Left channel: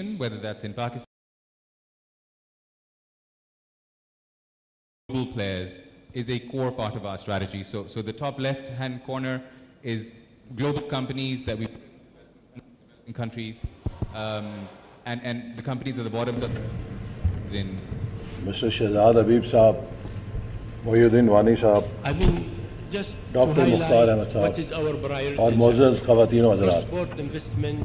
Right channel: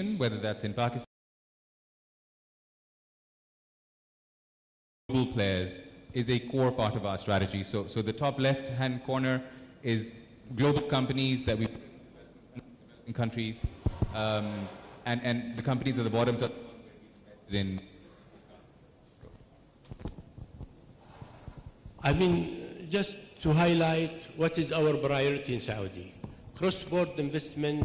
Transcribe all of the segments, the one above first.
innovation, whether that's in Pakistan, global players, is a core part of our strategy. So the top left-hand corner is global companies that we in countries, and the companies at the bottom are in. Mr. Shahzad Habib Saab, Mohyuddin Wani Saab, I mean, just to Dr. highlight what is our اور priority. معزز خواتین و حضرات، Cross-border investment,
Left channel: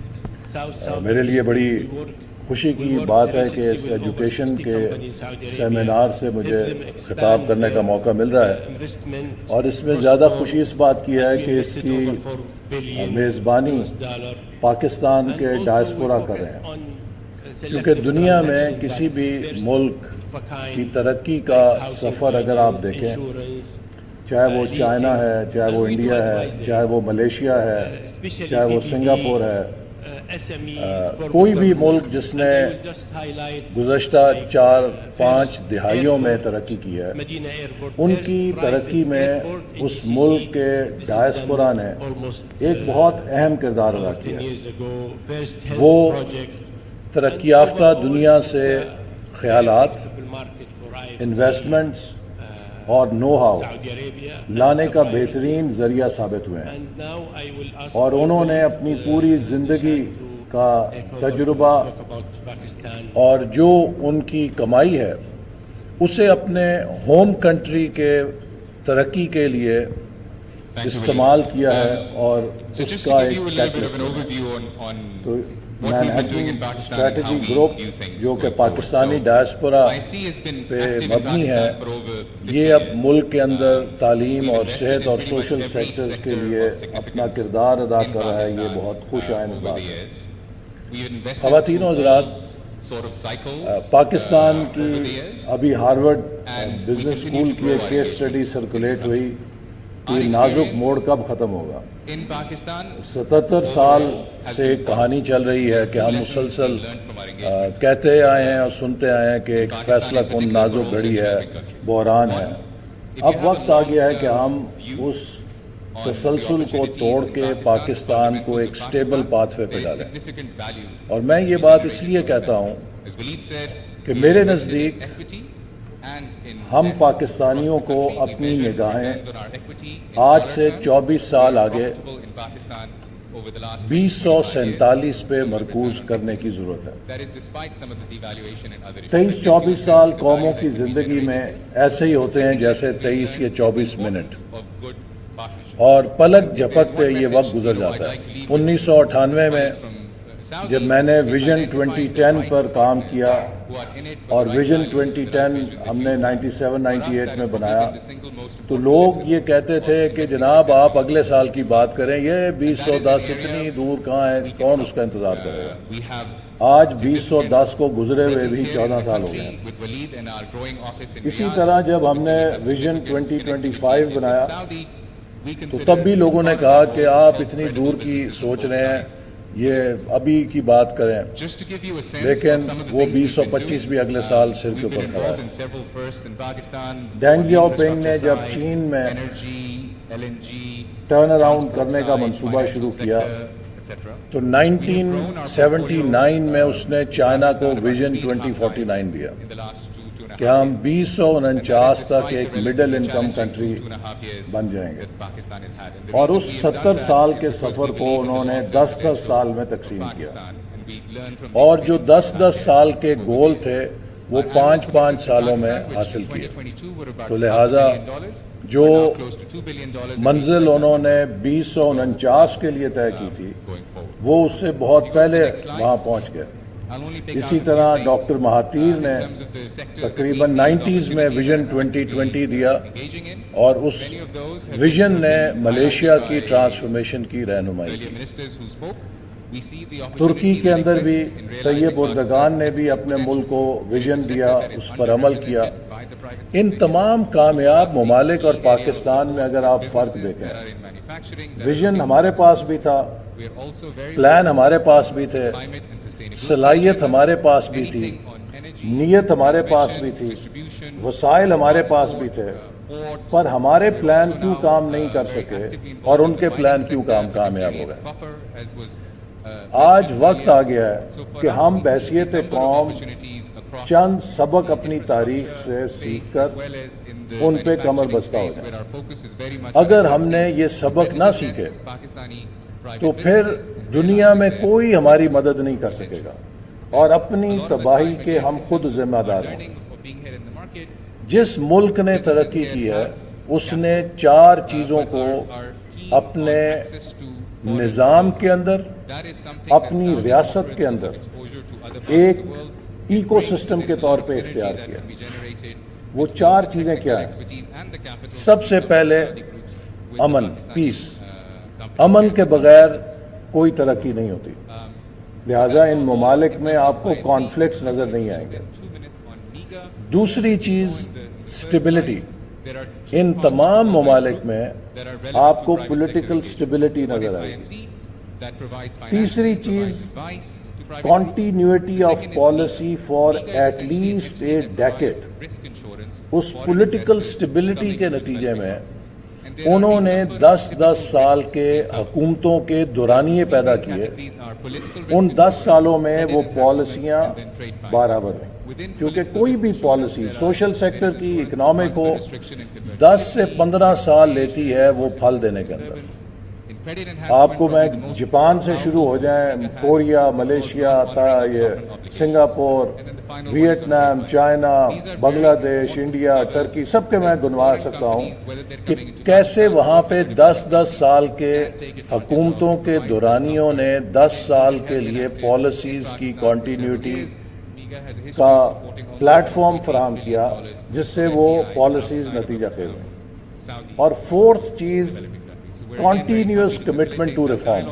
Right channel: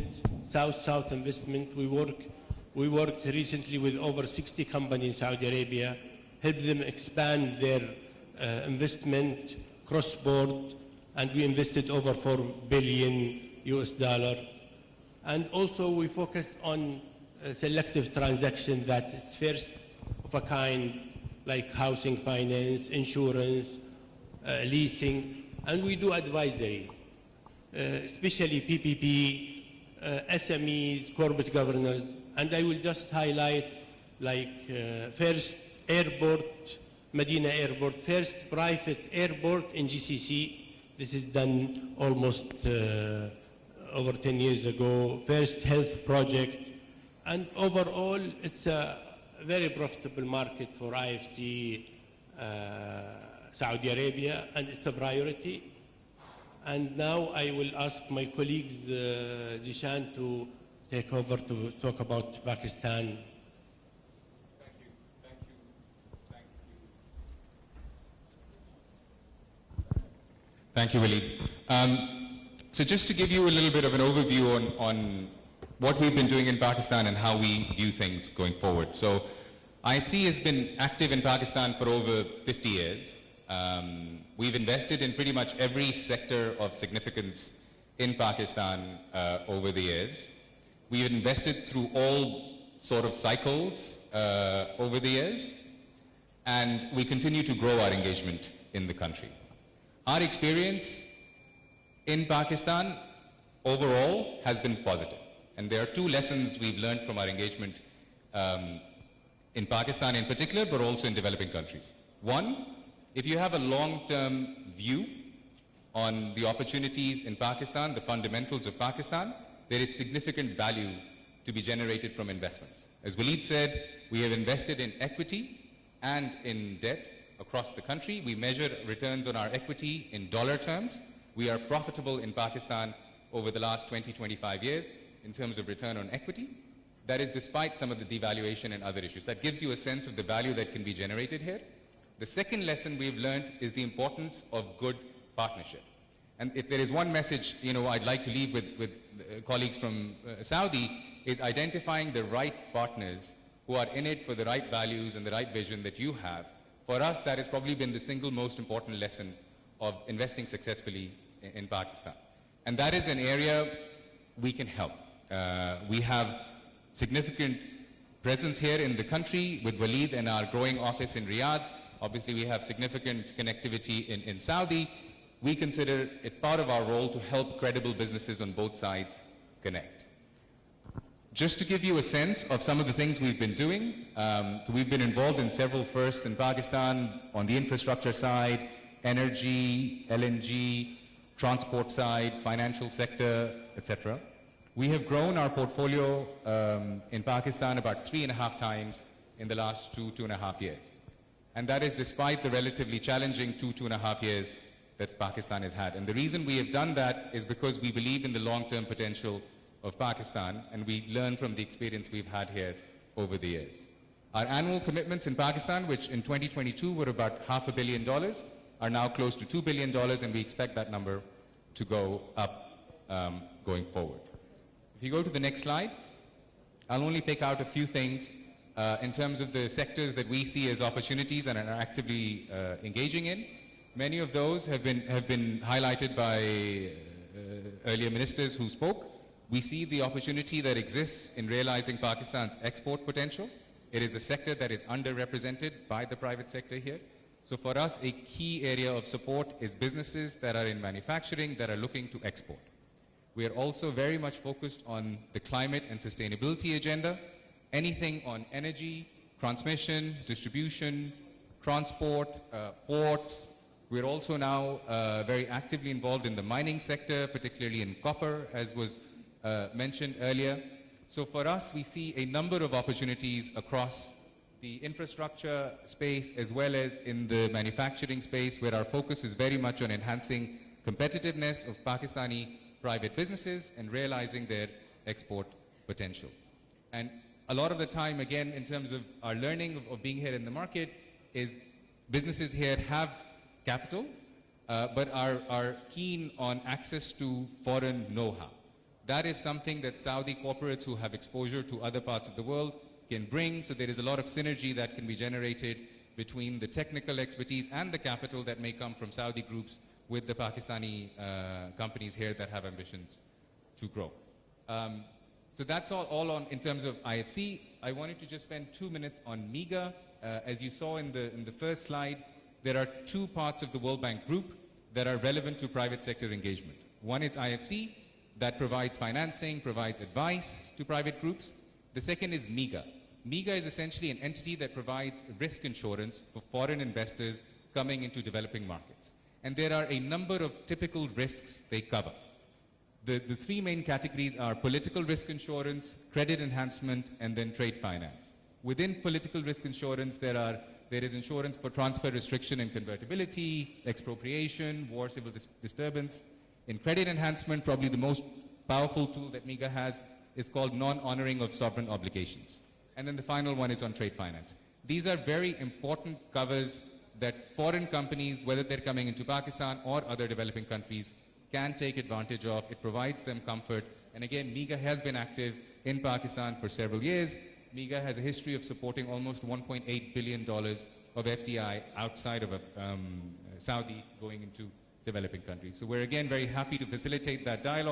South-South میرے لیے بڑی investment, we work خوشی We کی worked بات ہے کہ recently اس with over ایجوکیشن 60 کے companies in Saudi Arabia, seminar سے مجھے help them خطاب expand کرنے کا their, موقع مل رہا ہے، investment, اور اس میں زیادہ cross-border, خوشی اس بات کی ہے and we کہ اس invested کی over $4 billion میزبانی US. پاکستان And کے also we ڈائسپورا کر focus رہے ہیں، on کیونکہ selective دنیا میں transactions کسی that بھی is first Malik of a kind, کی ترقی like کا housing سفر اگر آپ finance, دیکھیں، insurance, چاہے وہ چائنا leasing, ہے، چاہے and وہ we do انڈیا ہے، advisory, چاہے وہ ملیشیا ہے، especially چاہے وہ PPP, سنگاپور ہے، SMEs, corporate کوئی بھی governance, ملک جس and نے I will just highlight گزشتہ like, 4-5 first دہائیوں میں airport, ترقی کی ہے، Medina Airport, ان first کی private ترقی میں airport in اس GCC. ملک کے This is ڈائسپورا done نے almost ایک بہت اہم کردار ادا over 10 کیا ہے۔ years ago. First health وہ project. ترقی And یافتہ overall, دنیا it's سے a very خیالات، profitable market for IFC, investments اور know how Saudi Arabia, and لانے it's a کا priority. بہترین ذریعہ ثابت ہوئے ہیں، And now I will ask اور my انہوں نے colleagues, اپنی پوری زندگی Nishan to کا take over to تجربہ talk about Pakistan. اور جو ان کی کمائی ہے اسے اپنے ہوم کنٹری کے ترقی کے لیے استعمال کیا ہے، اور So just to give you a little bit of an overview on what we've been doing in Pakistan and how we view things جو کہ going forward. Pakistani So diaspora IFC has been پہ active in مبنی ہے، Pakistan for over 50 یہ اب years. ملک کے اندر تعلیم We've اور invested صحت in اور pretty much social every sectors کے sector لیے of اپنا significance کردار ادا in کر رہا ہے، یہ Pakistan بہت خوش آئند over بات the ہے۔ years. We've invested خواتین و through حضرات، all sort of cycles Pakistan over the کی years. ابھی Harvard And we business continue school to grow کی our case engagement study in the circulate country. ہوئی Our کہ نازک experience موڑ کب ختم ہوگا۔ in Pakistan 77 سال overall has سے been کہانی positive. چل رہی ہے There are کہ two ہم lessons مسلسل we've learned from our engagement. کہتے آئے ہیں اور سنتے آئے ہیں کہ In ایک Pakistan فیصلہ in کن particular, but نازک also in گھڑی ہے، developing countries. بحران ہے۔ One, if اب you have a وقت آ گیا ہے کہ ہم long-term view us on the تسلسل کو opportunities توڑ in کے Pakistan, the پاکستان کو fundamentals ایک of اسٹیبل Pakistan, پاتھ پہ there is ڈالیں، significant value اور میں to یہ be بات اس generated لیے from کہتا ہوں investments. As Waleed said, کہ we میرے have invested نزدیک in equity and in ہم debt پاکستانیوں across the کو country. We اپنی measured نگاہیں returns on our equity in آج dollar سے terms. 24 سال We are آگے profitable in Pakistan over the last 2047 پہ in terms of مرکوز return on کرنے equity. کی ضرورت ہے۔ That is despite some of the devaluation and other issues. 23-24 سال قوموں کی زندگی میں ایسے ہی ہوتے ہیں جیسے 23 یا 24 منٹ، اور پلک جھپکتے یہ وقت گزر جاتا ہے۔ 1998 میں جب میں نے ویژن 2010 پر کام کیا اور ویژن 2010 ہم نے 97-98 میں بنایا، تو لوگ یہ کہتے تھے کہ جناب آپ اگلے سال کی بات کریں، یہ 2010 اتنی دور کہاں ہے، کون اس کا انتظار کرے گا۔ آج 2010 کو گزرے ہوئے بھی 14 سال ہو گئے۔ اسی طرح جب ہم نے ویژن 2025 بنایا تو تب بھی لوگوں نے کہا کہ آپ اتنی دور کی سوچ رہے ہیں، یہ ابھی کی بات کریں، لیکن وہ 2025 بھی اگلے سال سر کے اوپر ہے۔ دینگ زیاؤ پنگ نے جب چین میں ٹرن اراؤنڈ کرنے کا منصوبہ شروع کیا تو 1979 میں اس نے چائنا کو ویژن 2049 دیا کہ ہم 2049 تک ایک مڈل انکم کنٹری بن جائیں گے، اور اس 70 سال کے سفر کو انہوں نے 10-10 سال میں تقسیم کیا، اور جو 10-10 سال کے گول تھے وہ 5-5 سالوں میں حاصل کیے۔ تو لہٰذا جو منزل انہوں نے 2049 کے لیے طے کی تھی وہ اس سے بہت پہلے وہاں پہنچ گئے۔ اسی طرح ڈاکٹر مہاتیر نے تقریباً 90s میں ویژن 2020 دیا، اور اس ویژن نے ملیشیا کی ٹرانسفارمیشن کی رہنمائی کی۔ ترکی کے اندر بھی طیب اردگان نے بھی اپنے ملک کو ویژن دیا، اس پر عمل کیا۔ ان تمام کامیاب ممالک اور پاکستان میں اگر آپ فرق دیکھیں، ویژن ہمارے پاس بھی تھا، پلان ہمارے پاس بھی تھے، صلاحیت ہمارے پاس بھی تھی، نیت ہمارے پاس بھی تھی، وسائل ہمارے پاس بھی تھے، پر ہمارے پلان کیوں کام نہیں کر سکے اور ان کے پلان کیوں کامیاب ہو گئے؟ آج وقت آ گیا ہے کہ ہم بحیثیت قوم چند سبق اپنی تاریخ سے سیکھ کر ان پہ کمر بستہ ہو. اگر ہم نے یہ سبق نہ سیکھے تو پھر دنیا میں کوئی ہماری مدد نہیں کر سکے گا اور اپنی تباہی کے ہم خود ذمہ دار ہیں. جس ملک نے ترقی کی ہے اس نے 4 چیزوں کو اپنے نظام کے اندر، اپنی ریاست کے اندر ایک ایکو سسٹم کے طور پہ اختیار کیا. وہ 4 چیزیں کیا ہیں؟ سب سے پہلے امن، پیس. امن کے بغیر کوئی ترقی نہیں ہوتی. لہٰذا ان ممالک میں آپ کو کانفلکٹس نظر نہیں آئیں گے. دوسری چیز سٹیبلٹی. ان تمام ممالک میں آپ کو پولیٹیکل سٹیبلٹی نظر آئے گی. تیسری چیز continuity of policy for at least a decade. اس پولیٹیکل سٹیبلٹی کے نتیجے میں انہوں نے 10 سال کے حکومتوں کے دورانیے پیدا کیے. ان 10 سالوں میں وہ پالیسیاں برابر ہیں، کیونکہ کوئی بھی پالیسی سوشل سیکٹر کی، اکنامک ہو، 10 سے 15 سال لیتی ہے وہ پھل دینے کے اندر. آپ کو میں جاپان سے شروع ہو جائیں، Korea, Malaysia, Singapore, Vietnam, China, Bangladesh, India, ترکی، سب کے میں گنوا سکتا ہوں کہ کیسے وہاں پہ 10 سال کے حکومتوں کے دورانیوں نے 10 سال کے لیے پالیسیز کی کنٹینیوٹی کا پلیٹ فارم فراہم کیا جس سے وہ پالیسیز نتیجہ خیز. اور 4تھ چیز کنٹینیوس کمٹمنٹ ٹو ریفارم،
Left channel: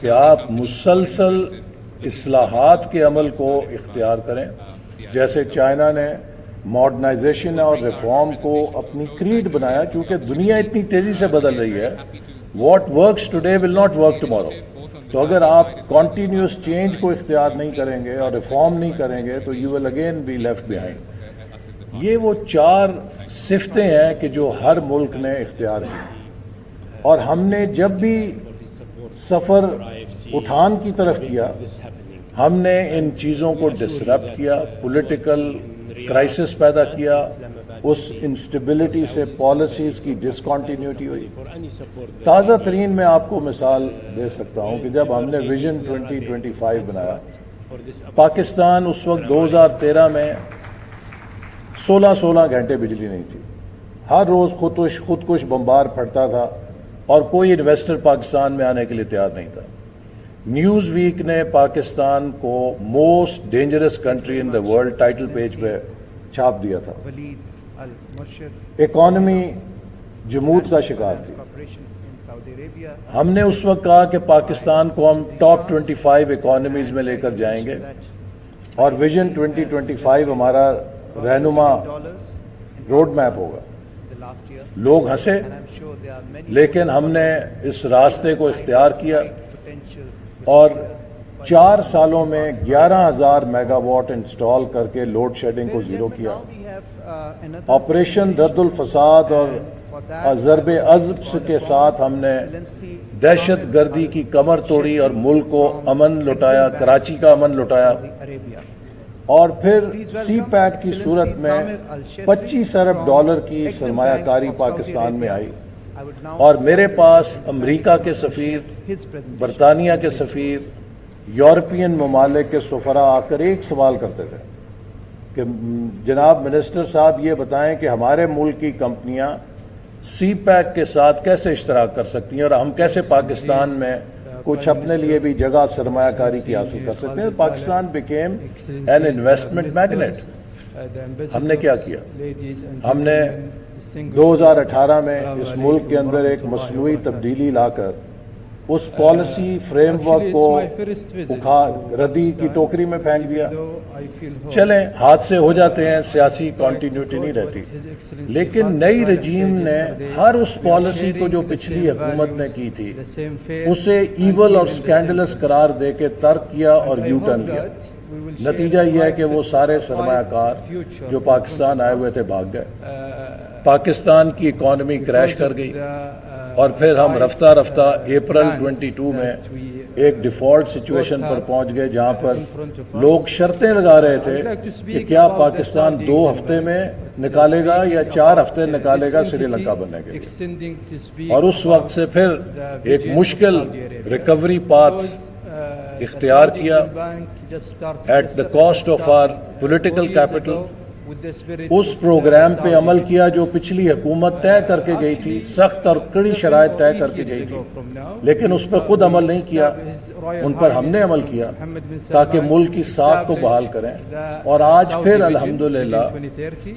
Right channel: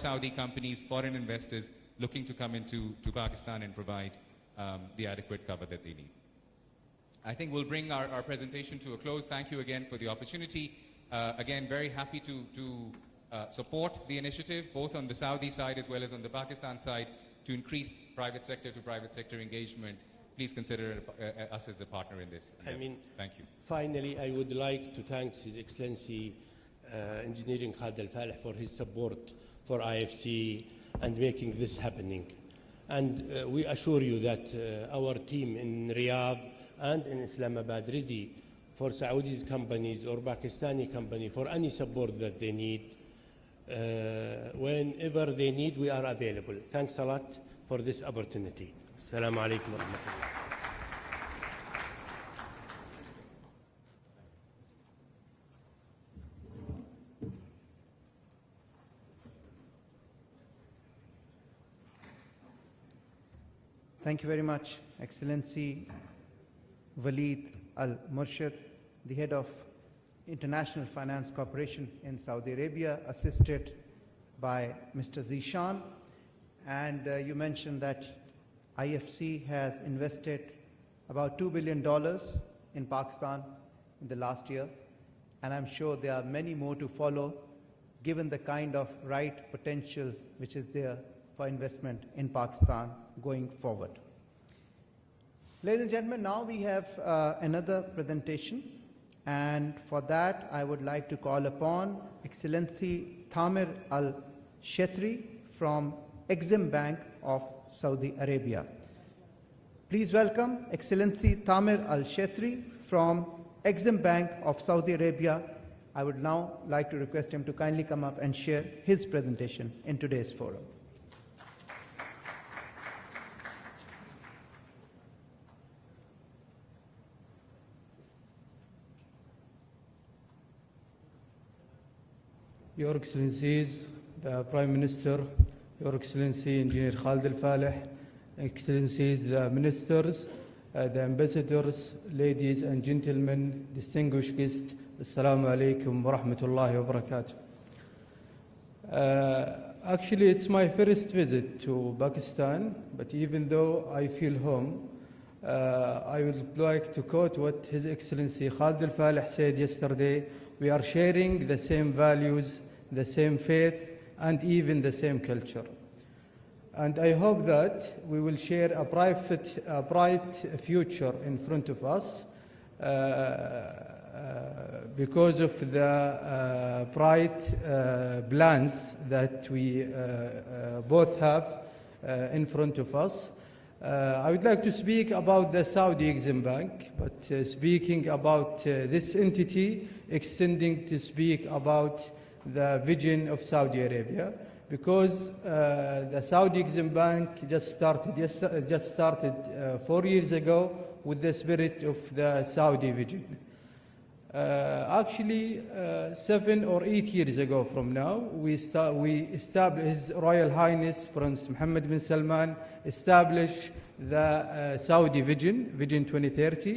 کہ آپ مسلسل اصلاحات کے عمل کو اختیار کریں. جیسے چائنا نے ماڈرنائزیشن اور ریفارم کو اپنی کریڈ بنایا، کیونکہ دنیا اتنی تیزی سے بدل رہی ہے. What works today will not work tomorrow. تو اگر آپ کنٹینیوس چینج کو اختیار نہیں کریں گے اور ریفارم نہیں کریں گے تو you will again be left behind. یہ وہ 4 صفتیں ہیں کہ جو ہر ملک نے اختیار کی. اور ہم نے جب بھی سفر اٹھان کی طرف کیا ہم نے ان چیزوں کو ڈسرپٹ کیا، پولیٹیکل کرائسس پیدا کیا، اس انسٹیبلٹی سے پالیسیز کی ڈسکنٹینیوٹی ہوئی. تازہ ترین میں آپ کو مثال دے سکتا ہوں کہ جب ہم نے ویژن 2025 بنایا، پاکستان اس وقت 2013 میں 16 گھنٹے بجلی نہیں تھی. ہر روز خودکش بمبار پھٹتا تھا اور کوئی انویسٹر پاکستان میں آنے کے لیے تیار نہیں تھا. نیوز ویک نے پاکستان کو most dangerous country in the world title page پہ چھاپ دیا تھا. اکانومی جمود کا شکار تھی. ہم نے اس وقت کہا کہ پاکستان کو ہم ٹاپ 25 اکانومیز میں لے کر جائیں گے اور ویژن 2025 ہمارا رہنما روڈ میپ ہوگا. لوگ ہنسے، لیکن ہم نے اس راستے کو اختیار کیا اور 4 سالوں میں 11,000 میگا واٹ انسٹال کر کے لوڈ شیڈنگ کو زیرو کیا. آپریشن رد الفساد اور ضرب عضب کے ساتھ ہم نے دہشت گردی کی کمر توڑی اور ملک کو امن لٹایا، کراچی کا امن لٹایا. اور پھر سی پیک کی صورت میں 25 ارب ڈالر کی سرمایہ کاری پاکستان میں آئی. اور میرے پاس امریکہ کے سفیر، برطانیہ کے سفیر، یورپین ممالک کے سفراء آ کر ایک سوال کرتے تھے کہ جناب منسٹر صاحب یہ بتائیں کہ ہمارے ملک کی کمپنیاں سی پیک کے ساتھ کیسے اشتراک کر سکتی ہیں اور ہم کیسے پاکستان میں کچھ اپنے لیے بھی جگہ سرمایہ کاری کی حاصل کر سکتے ہیں. Pakistan became an investment magnet. ہم نے کیا کیا؟ ہم نے 2018 میں اس ملک کے اندر ایک مصنوعی تبدیلی لا کر اس پالیسی فریم ورک کو ردی کی ٹوکری میں پھینک دیا. چلیں حادثے ہو جاتے ہیں، سیاسی کنٹینیوٹی نہیں رہتی، لیکن نئی رجیم نے ہر اس پالیسی کو جو پچھلی حکومت نے کی تھی اسے ایول اور سکینڈلس قرار دے کے ترک کیا اور یو ٹرن کیا. نتیجہ یہ ہے کہ وہ سارے سرمایہ کار جو پاکستان آئے ہوئے تھے بھاگ گئے، پاکستان کی اکانومی کریش کر گئی، اور پھر ہم رفتہ رفتہ اپریل 22 میں ایک ڈیفالٹ سچویشن پر پہنچ گئے جہاں پر لوگ شرطیں لگا رہے تھے کہ کیا پاکستان 2 ہفتے میں نکالے گا یا 4 ہفتے نکالے گا سری لنکا بنے گا، اور اس وقت سے پھر ایک مشکل ریکوری پاتھ اختیار کیا at the cost of our political capital. اس پروگرام پہ عمل کیا جو پچھلی حکومت طے کر کے گئی تھی، سخت اور کڑی شرائط طے کر کے گئی تھی، لیکن اس پر خود عمل نہیں کیا، ان پر ہم نے عمل کیا تاکہ ملک کی ساکھ کو بحال کریں، اور آج پھر الحمدللہ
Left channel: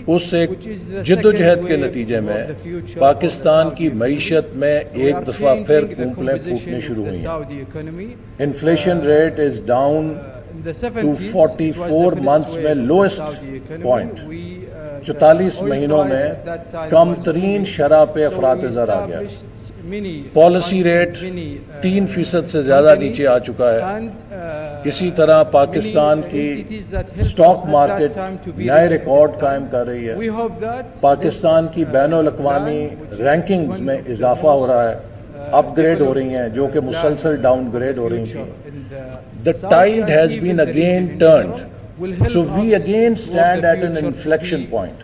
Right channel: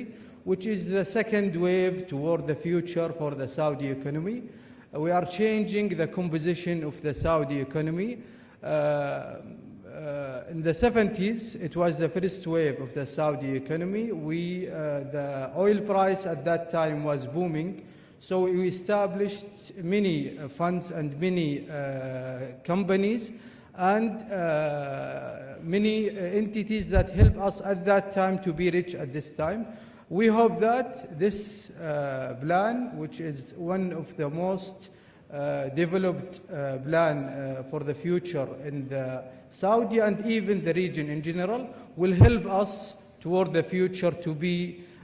اس ایک جدوجہد کے نتیجے میں پاکستان کی معیشت میں ایک دفعہ پھر پھوٹنے شروع ہوئی۔ Inflation rate is down to 44 months میں لوئسٹ پوائنٹ، 44 مہینوں میں کم ترین شرح پہ افراط زر آ گیا، پالیسی ریٹ 3% سے زیادہ نیچے آ چکا ہے۔ اسی طرح پاکستان کی سٹاک مارکیٹ نئے ریکارڈ قائم کر رہی ہے، پاکستان کی بین الاقوامی رینکنگز میں اضافہ ہو رہا ہے، اپ گریڈ ہو رہی ہیں جو کہ مسلسل ڈاؤن گریڈ ہو رہی ہیں۔ The tide has been again turned. So we again stand at an inflection point.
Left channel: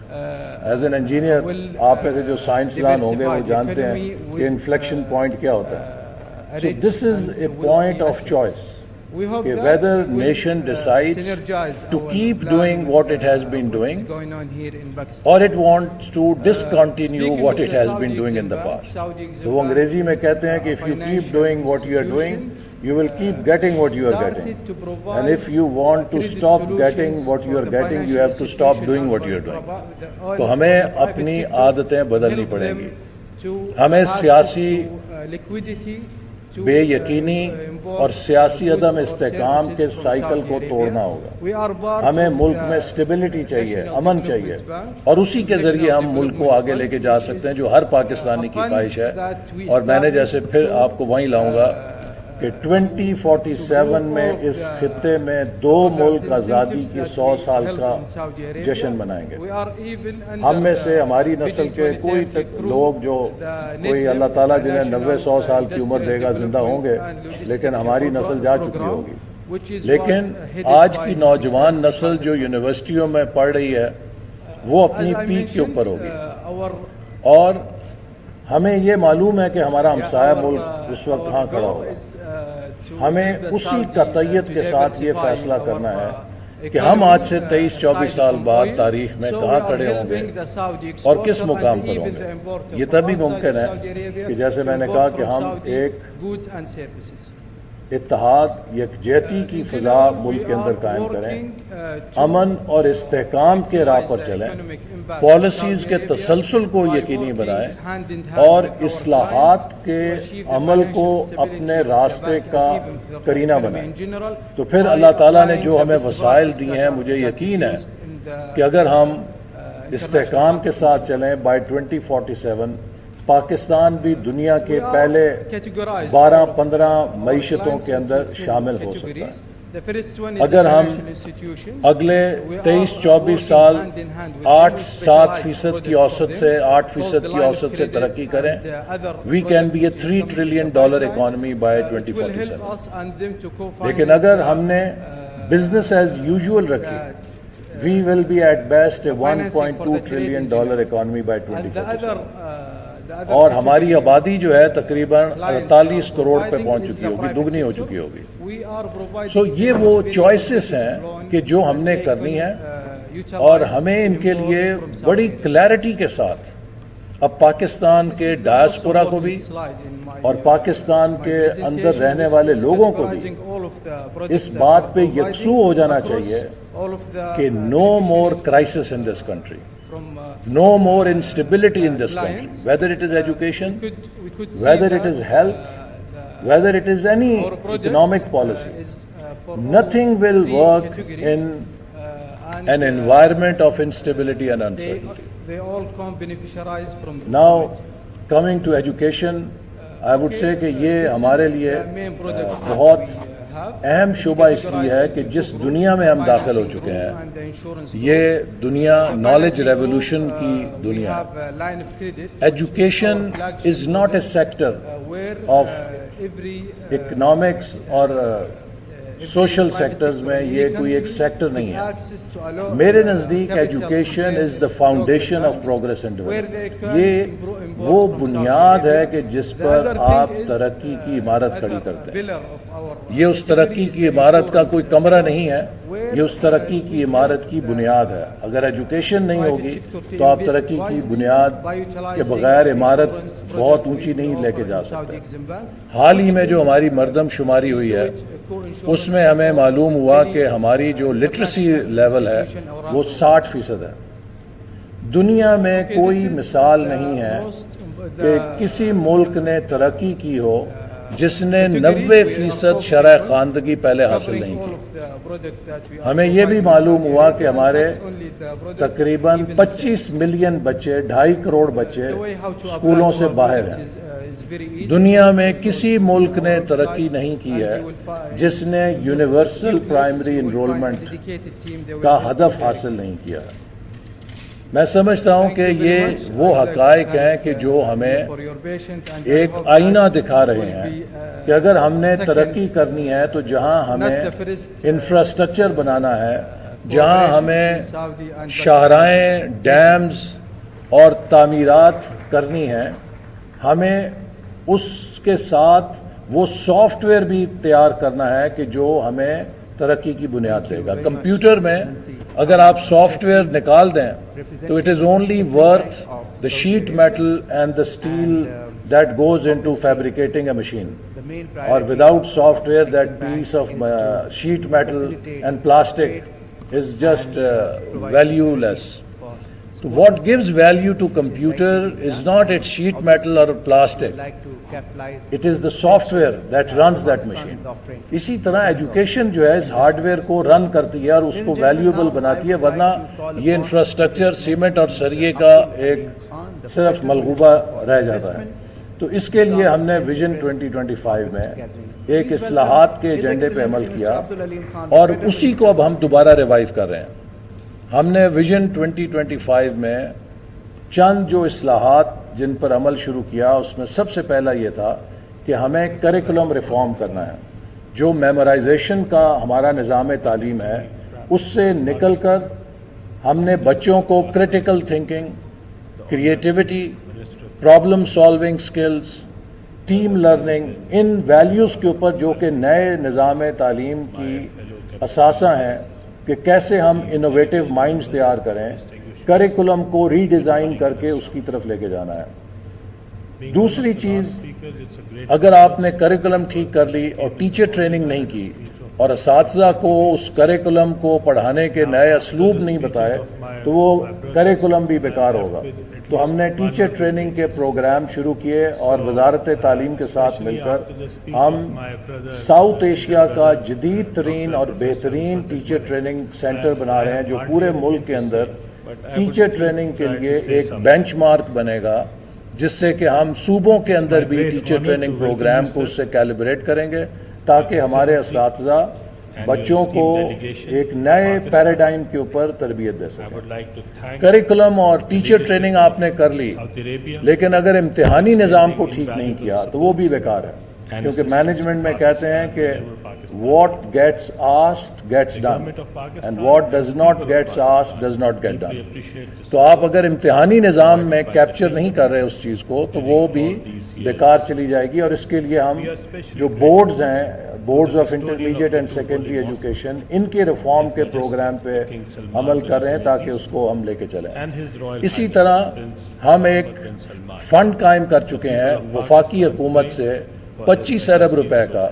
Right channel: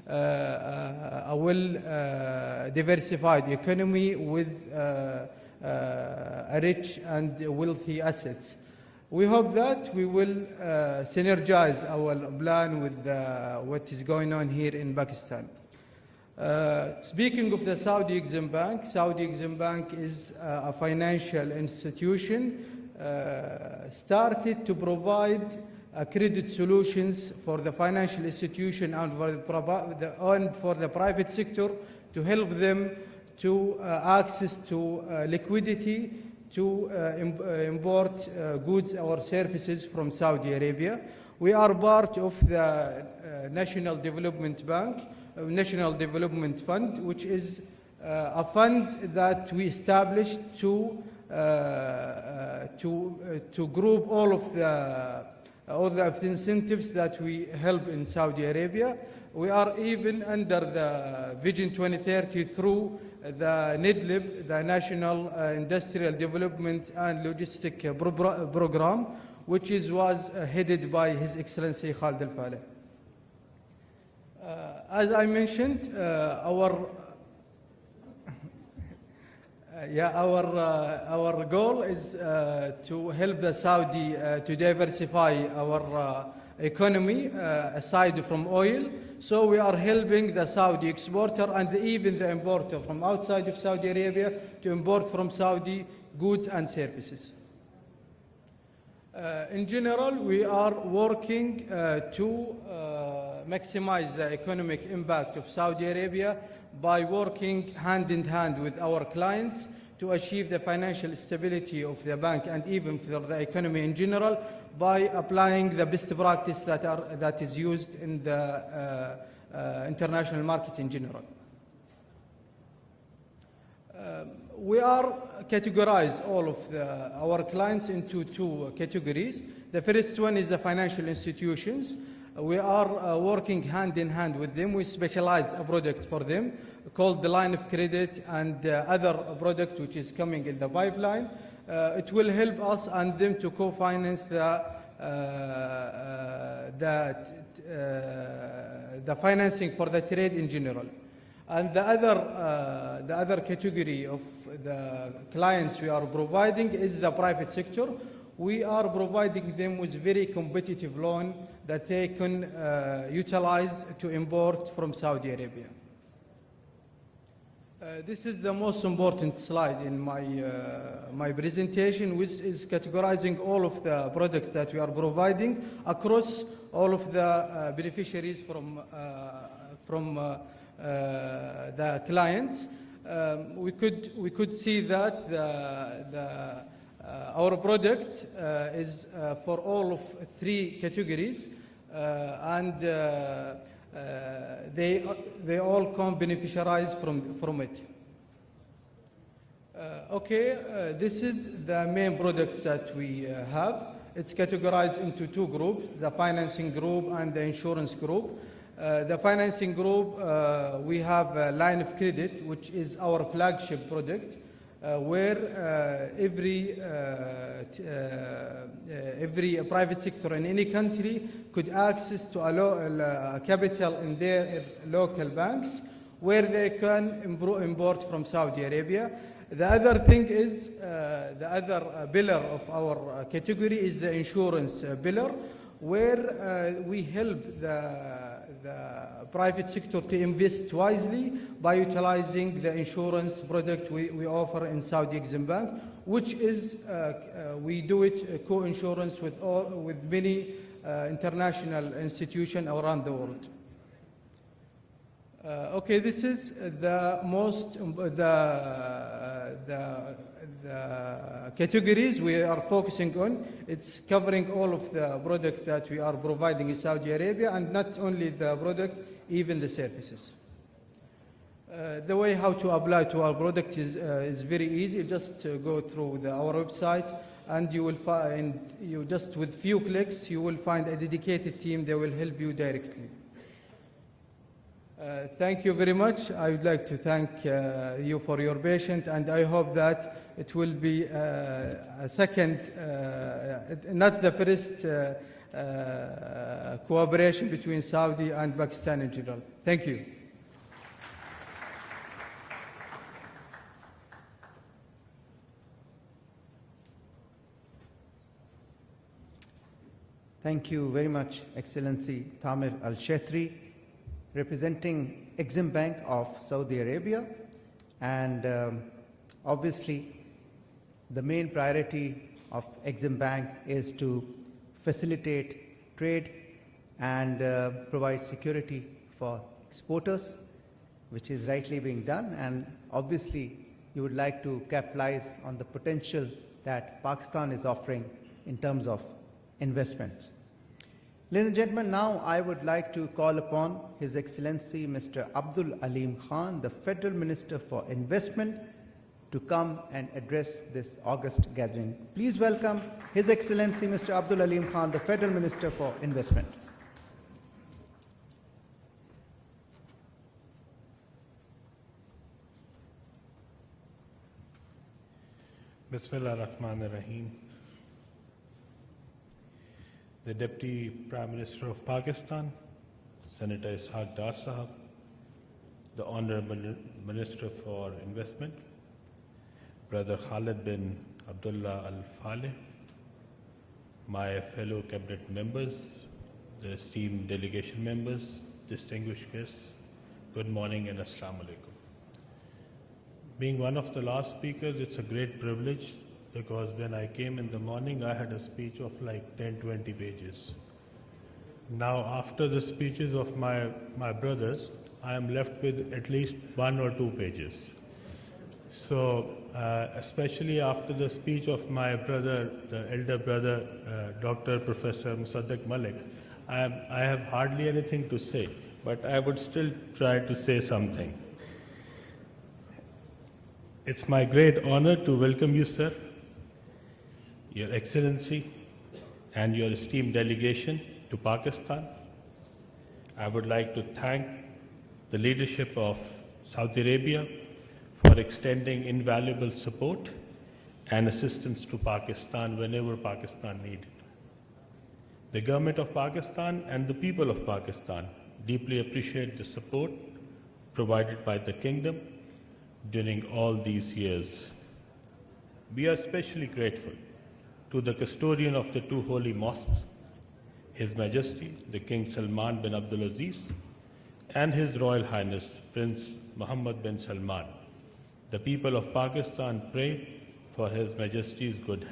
As an engineer, آپ میں سے جو سائنسدان ہوں گے وہ جانتے ہیں کہ inflection point کیا ہوتا ہے۔ So this is a point of choice. Whether nation decides to keep doing what it has been doing, or it wants to discontinue what it has been doing in the past. So وہ انگریزی میں کہتے ہیں کہ if you keep doing what you are doing, you will keep getting what you are getting. And if you want to stop getting what you are getting, you have to stop doing what you are doing. تو ہمیں اپنی عادتیں بدلنی پڑیں گی، ہمیں سیاسی بے یقینی اور سیاسی عدم استحکام کے سائیکل کو توڑنا ہوگا۔ ہمیں ملک میں اسٹیبلٹی چاہیے، امن چاہیے، اور اسی کے ذریعے ہم ملک کو آگے لے کے جا سکتے ہیں جو ہر پاکستانی کی خواہش ہے۔ اور میں نے جیسے پھر آپ کو وہیں لاؤں گا کہ 2047 میں اس خطے میں 2 ملک آزادی کی 100 سال کا جشن منائیں گے۔ ہم میں سے ہماری نسل کے کوئی لوگ جو کوئی اللہ تعالیٰ جنہیں 90-100 سال کی عمر دے گا زندہ ہوں گے، لیکن ہماری نسل جا چکی ہوگی۔ لیکن آج کی نوجوان نسل جو یونیورسٹیوں میں پڑھ رہی ہے وہ اپنی پیٹھ کے اوپر ہوگی، اور ہمیں یہ معلوم ہے کہ ہمارا ہمسایہ ملک اس وقت کہاں کھڑا ہوگا۔ ہمیں اسی قطعیت کے ساتھ یہ فیصلہ کرنا ہے کہ ہم آج سے 23-24 سال بعد تاریخ میں کہاں کھڑے ہوں گے اور کس مقام پر ہوں گے۔ یہ تبھی ممکن ہے کہ جیسے میں نے کہا کہ ہم ایک اتحاد، یکجہتی کی فضا ملک کے اندر قائم کریں، امن اور استحکام کے راہ پر چلیں، پالیسیز کے تسلسل کو یقینی بنائیں، اور اصلاحات کے عمل کو اپنے راستے کا کرینہ بنائیں۔ تو پھر اللہ تعالیٰ نے جو ہمیں وسائل دیے ہیں، مجھے یقین ہے کہ اگر ہم استحکام کے ساتھ چلیں بائی 2047 پاکستان بھی دنیا کے پہلے 12-15 معیشتوں کے اندر شامل ہو سکتا ہے۔ اگر ہم اگلے 23-24 سال 8-7% کی اوسط سے 8% کی اوسط سے ترقی کریں، we can be a $3 trillion economy by 2047۔ لیکن اگر ہم نے business as usual رکھی، we will be at best a $1.2 trillion economy by 2047۔ اور ہماری آبادی جو ہے تقریباً 48 کروڑ پہ پہنچ چکی ہوگی، دگنی ہو چکی ہوگی۔ سو یہ وہ چوائسز ہیں کہ جو ہم نے کرنی ہے، اور ہمیں ان کے لیے بڑی کلیئرٹی کے ساتھ اب پاکستان کے ڈائسپورا کو بھی اور پاکستان کے اندر رہنے والے لوگوں کو بھی اس بات پہ یکسو ہو جانا چاہیے کہ no more crisis in this country, no more instability in this country, whether it is education, whether it is health, whether it is any economic policy. Nothing will work in an environment of instability and uncertainty. They all come beneficiaries from the Now, coming to education, I would say کہ یہ ہمارے لیے بہت اہم شعبہ اس لیے ہے کہ جس دنیا میں ہم داخل ہو چکے ہیں یہ دنیا نالج ریولوشن کی دنیا ہے. Education is not a sector of economics اور سوشل سیکٹرز میں یہ کوئی ایک سیکٹر نہیں ہے. میرے نزدیک education is the foundation of progress and development. یہ وہ بنیاد ہے کہ جس پر آپ ترقی کی عمارت کھڑی کرتے ہیں. یہ اس ترقی کی عمارت کا کوئی کمرہ نہیں ہے, یہ اس ترقی کی عمارت کی بنیاد ہے. اگر ایجوکیشن نہیں ہوگی تو آپ ترقی کی بنیاد کے بغیر عمارت بہت اونچی نہیں لے کے جا سکتے. حال ہی میں جو ہماری مردم شماری ہوئی ہے اس میں ہمیں معلوم ہوا کہ ہماری جو لٹریسی لیول ہے وہ 60% ہے. دنیا میں کوئی مثال نہیں ہے کہ کسی ملک نے ترقی کی ہو جس نے 90% شرح خواندگی پہلے حاصل نہیں. ہمیں یہ بھی معلوم ہوا کہ ہمارے تقریباً 25 ملین بچے, 2.5 کروڑ بچے اسکولوں سے باہر ہیں. دنیا میں کسی ملک نے ترقی نہیں کی ہے جس نے یونیورسل پرائمری انرولمنٹ کا ہدف حاصل نہیں کیا. میں سمجھتا ہوں کہ یہ وہ حقائق ہیں کہ جو ہمیں ایک آئینہ دکھا رہے ہیں کہ اگر ہم نے ترقی کرنی ہے تو جہاں ہمیں انفراسٹرکچر بنانا ہے, جہاں ہمیں شاہراہیں, ڈیمز اور تعمیرات کرنی ہیں, ہمیں اس کے ساتھ وہ سافٹ ویئر بھی تیار کرنا ہے کہ جو ہمیں ترقی کی بنیاد دے گا. کمپیوٹر میں اگر آپ سافٹ ویئر نکال دیں تو it is only worth the sheet metal and the steel that goes into fabricating a machine, اور without software that piece of sheet metal and plastic is just valueless. What gives value to computer is not its sheet metal or plastic. It is the software that runs that machine. اسی طرح education جو ہے اس hard where کو رن کرتی ہے اور اس کو valuable بناتی ہے, ورنہ یہ انفراسٹرکچر سیمنٹ اور سریے کا ایک صرف ملغوبہ رہ جاتا ہے. تو اس کے لیے ہم نے ویژن 2025 میں ایک اصلاحات کے ایجنڈے پہ عمل کیا اور اسی کو اب ہم دوبارہ ریوائیو کر رہے ہیں. ہم نے ویژن 2025 میں چند جو اصلاحات جن پر عمل شروع کیا اس میں سب سے پہلا یہ تھا کہ ہمیں کریکولم ریفارم کرنا ہے. جو میمورائزیشن کا ہمارا نظام تعلیم ہے اس سے نکل کر ہم نے بچوں کو critical thinking, creativity, problem solving skills, team learning, ان ویلیوز کے اوپر جو کہ نئے نظام تعلیم کی اثاثہ ہیں کہ کیسے ہم انوویٹیو مائنڈز تیار کریں, کریکولم کو ری ڈیزائن کر کے اس کی طرف لے کے جانا ہے. دوسری چیز, اگر آپ نے کریکولم ٹھیک کر لی اور ٹیچر ٹریننگ نہیں کی اور اساتذہ کو اس کریکولم کو پڑھانے کے نئے اسلوب نہیں بتائے تو وہ کریکولم بھی بیکار ہوگا. تو ہم نے ٹیچر ٹریننگ کے پروگرام شروع کیے اور وزارت تعلیم کے ساتھ مل کر ہم ساؤتھ ایشیا کا جدید ترین اور بہترین ٹیچر ٹریننگ سینٹر بنا رہے ہیں جو پورے ملک کے اندر ٹیچر ٹریننگ کے لیے ایک بینچ مارک بنے گا, جس سے کہ ہم صوبوں کے اندر بھی ٹیچر ٹریننگ پروگرام کو اس سے کیلیبریٹ کریں گے تاکہ ہمارے اساتذہ بچوں کو ایک نئے پیراڈائم کے اوپر تربیت دے سکیں. کریکولم اور ٹیچر ٹریننگ آپ نے کر لی, لیکن اگر امتحانی نظام کو ٹھیک نہیں کیا تو وہ بھی بیکار ہے, کیونکہ مینجمنٹ میں کہتے ہیں کہ what gets asked gets done and what does not gets asked does not get done. تو آپ اگر امتحانی نظام میں کیپچر نہیں کر رہے اس چیز کو تو وہ بھی بیکار چلی جائے گی. اور اس کے لیے ہم جو بورڈز ہیں, boards of intermediate and secondary education, ان کے ریفارم کے پروگرام پہ عمل کر رہے ہیں تاکہ اس کو ہم لے کے چلیں. اسی طرح ہم ایک فنڈ قائم کر چکے ہیں وفاقی حکومت سے 25 ارب روپے کا,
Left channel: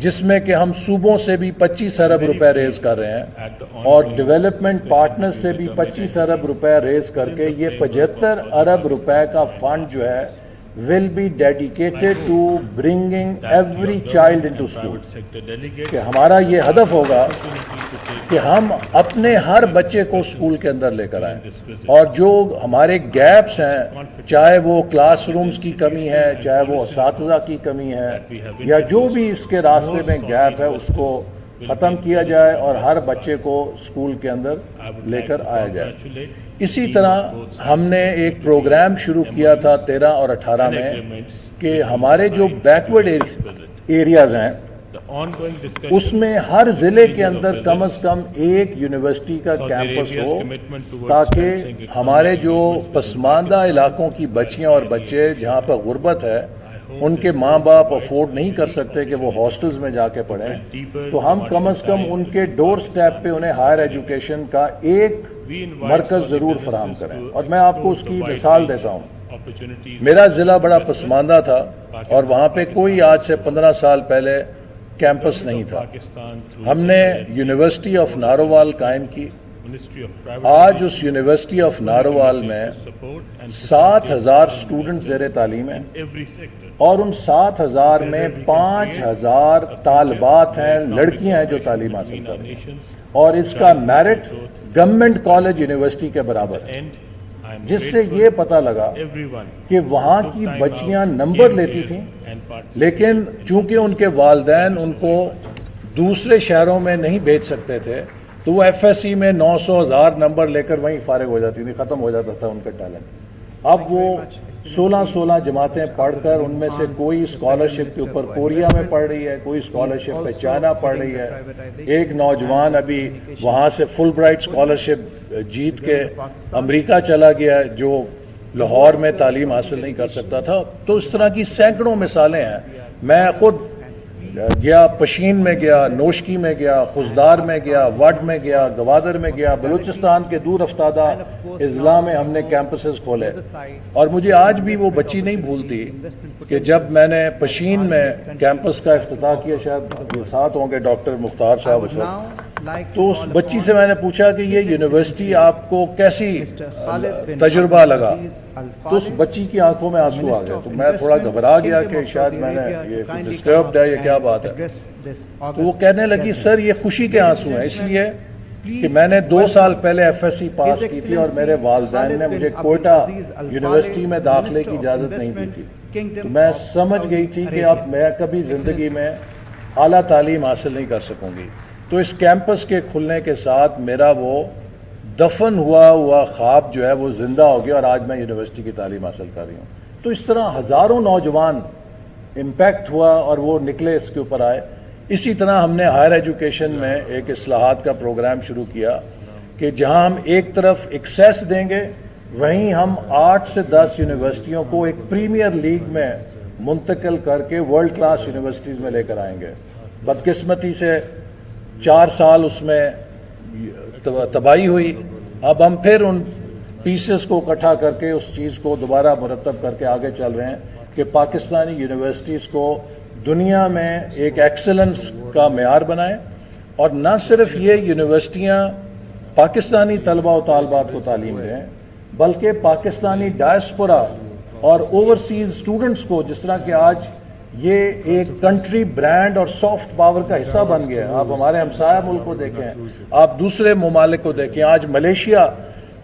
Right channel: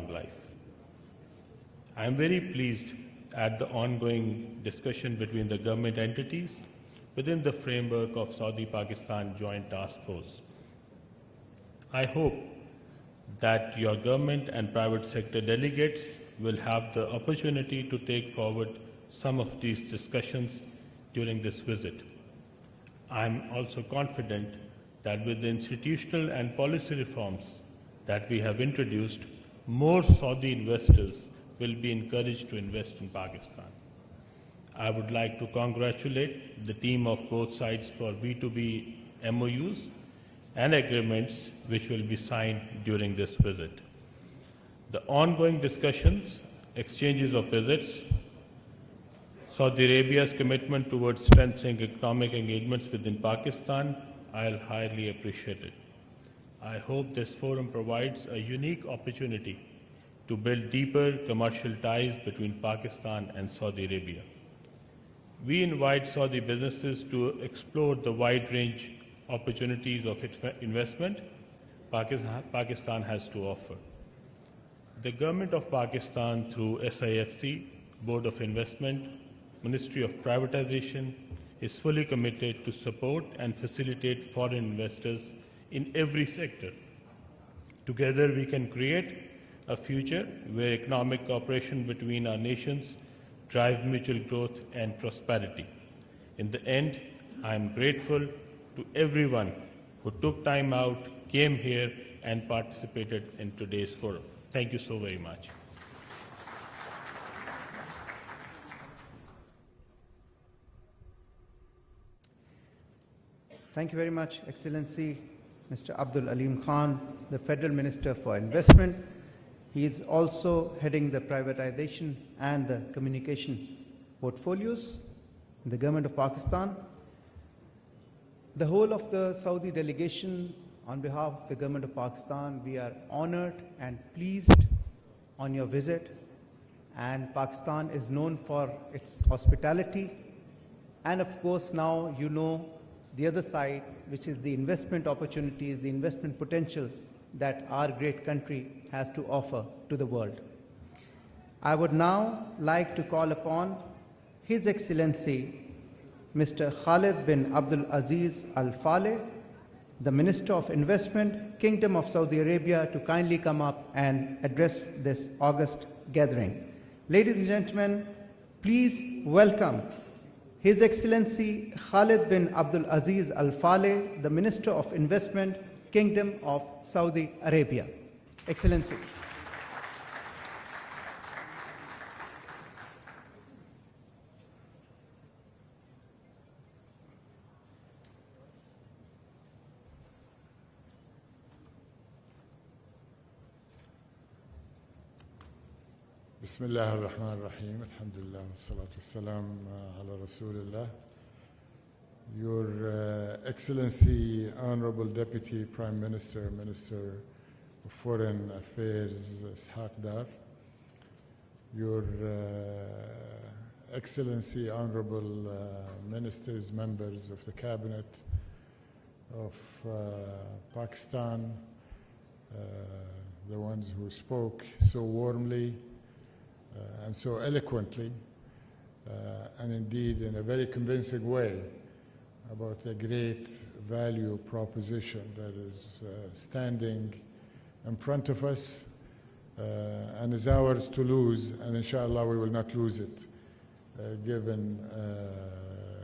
جس میں کہ ہم صوبوں سے بھی 25 ارب روپے ریز کر رہے ہیں اور ڈیولپمنٹ پارٹنر سے بھی 25 ارب روپے ریز کر کے یہ 75 ارب روپے کا فنڈ جو ہے will be dedicated to bringing every child into school. کہ ہمارا یہ ہدف ہوگا کہ ہم اپنے ہر بچے کو اسکول کے اندر لے کر آئیں، اور جو ہمارے گیپس ہیں، چاہے وہ کلاس رومز کی کمی ہے، چاہے وہ اساتذہ کی کمی ہے، یا جو بھی اس کے راستے میں گیپ ہے، اس کو ختم کیا جائے اور ہر بچے کو اسکول کے اندر لے کر آیا جائے۔ اسی طرح ہم نے ایک پروگرام شروع کیا تھا 13 اور 18 میں کہ ہمارے جو بیکورڈ ایریاز ہیں اس میں ہر ضلع کے اندر کم از کم ایک یونیورسٹی کا کیمپس ہو، تاکہ ہمارے جو پسماندہ علاقوں کی بچیاں اور بچے جہاں پر غربت ہے، ان کے ماں باپ افورڈ نہیں کر سکتے کہ وہ ہاسٹلز میں جا کے پڑھیں، تو ہم کم از کم ان کے ڈور سٹیپ پہ انہیں ہائر ایجوکیشن کا ایک مرکز ضرور فراہم کریں۔ اور میں آپ کو اس کی مثال دیتا ہوں، میرا ضلع بڑا پسماندہ تھا اور وہاں پہ کوئی آج سے 15 سال پہلے کیمپس نہیں تھا۔ ہم نے یونیورسٹی آف نارووال قائم کی۔ آج اس یونیورسٹی آف نارووال میں 7,000 اسٹوڈنٹ زیر تعلیم ہیں، اور ان 7,000 میں 5,000 طالبات ہیں، لڑکیاں ہیں جو تعلیم حاصل کرتی ہیں، اور اس کا میرٹ گورنمنٹ کالج یونیورسٹی کے برابر ہے، جس سے یہ پتہ لگا کہ وہاں کی بچیاں نمبر لیتی تھیں، لیکن چونکہ ان کے والدین ان کو دوسرے شہروں میں نہیں بھیج سکتے تھے، تو وہ ایف ایس سی میں 900,000 نمبر لے کر وہیں فارغ ہو جاتی تھی، ختم ہو جاتا تھا ان کا ٹیلنٹ۔ اب وہ 16 جماعتیں پڑھ کر ان میں سے کوئی اسکالرشپ کے اوپر کوریا میں پڑھ رہی ہے، کوئی اسکالرشپ پہ چائنا پڑھ رہی ہے، ایک نوجوان ابھی وہاں سے فل برائٹ اسکالرشپ جیت کے امریکہ چلا گیا ہے، جو لاہور میں تعلیم حاصل نہیں کر سکتا تھا۔ تو اس طرح کی سینکڑوں مثالیں ہیں۔ میں خود گیا، پشین میں گیا، نوشکی میں گیا، خزدار میں گیا، وڈ میں گیا، گوادر میں گیا، بلوچستان کے دور افتادہ اضلاع میں ہم نے کیمپسز کھولے، اور مجھے آج بھی وہ بچی نہیں بھولتی کہ جب میں نے پشین میں کیمپس کا افتتاح کیا، شاید ساتھ ہوں گے ڈاکٹر مختار صاحب، تو اس بچی سے میں نے پوچھا کہ یہ یونیورسٹی آپ کو کیسی تجربہ لگا، تو اس بچی کی آنکھوں میں آنسو آ گئے، میں تھوڑا گھبرا گیا کہ شاید میں نے ڈسٹربڈ ہے، یہ کیا بات ہے۔ وہ کہنے لگی سر یہ خوشی کے آنسو ہیں، اس لیے کہ میں نے 2 سال پہلے ایف ایس سی پاس کی تھی اور میرے والدین نے مجھے کوئٹہ یونیورسٹی میں داخلے کی اجازت نہیں دی تھی۔ میں سمجھ گئی تھی کہ اب میں کبھی زندگی میں اعلیٰ تعلیم حاصل نہیں کر سکوں گی۔ تو اس کیمپس کے کھلنے کے ساتھ میرا وہ دفن ہوا خواب جو ہے وہ زندہ ہو گیا، اور آج میں یونیورسٹی کی تعلیم حاصل کر رہی ہوں۔ تو اس طرح ہزاروں نوجوان امپیکٹ ہوا اور وہ نکلے، اس کے اوپر آئے۔ اسی طرح ہم نے ہائر ایجوکیشن میں ایک اصلاحات کا پروگرام شروع کیا کہ جہاں ہم ایک طرف ایکسیس دیں گے، وہیں ہم 8 سے 10 یونیورسٹیوں کو ایک پریمیئر لیگ میں منتقل کر کے ورلڈ کلاس یونیورسٹیز میں لے کر آئیں گے۔ بدقسمتی سے 4 سال اس میں تباہی ہوئی، اب ہم پھر ان پیسز کو اکٹھا کر کے اس چیز کو دوبارہ مرتب کر کے آگے چل رہے ہیں کہ پاکستانی یونیورسٹیز کو دنیا میں ایک ایکسلنس کا معیار بنائیں، اور نہ صرف یہ یونیورسٹیاں پاکستانی طلبہ و طالبات کو تعلیم دیں، بلکہ پاکستانی ڈائسپورا اور اوورسیز اسٹوڈنٹس کو، جس طرح کہ آج یہ ایک کنٹری برانڈ اور سافٹ پاور کا حصہ بن گیا ہے۔ آپ ہمارے ہمسایہ ملک کو دیکھیں، آپ دوسرے ممالک کو دیکھیں، آج ملیشیا،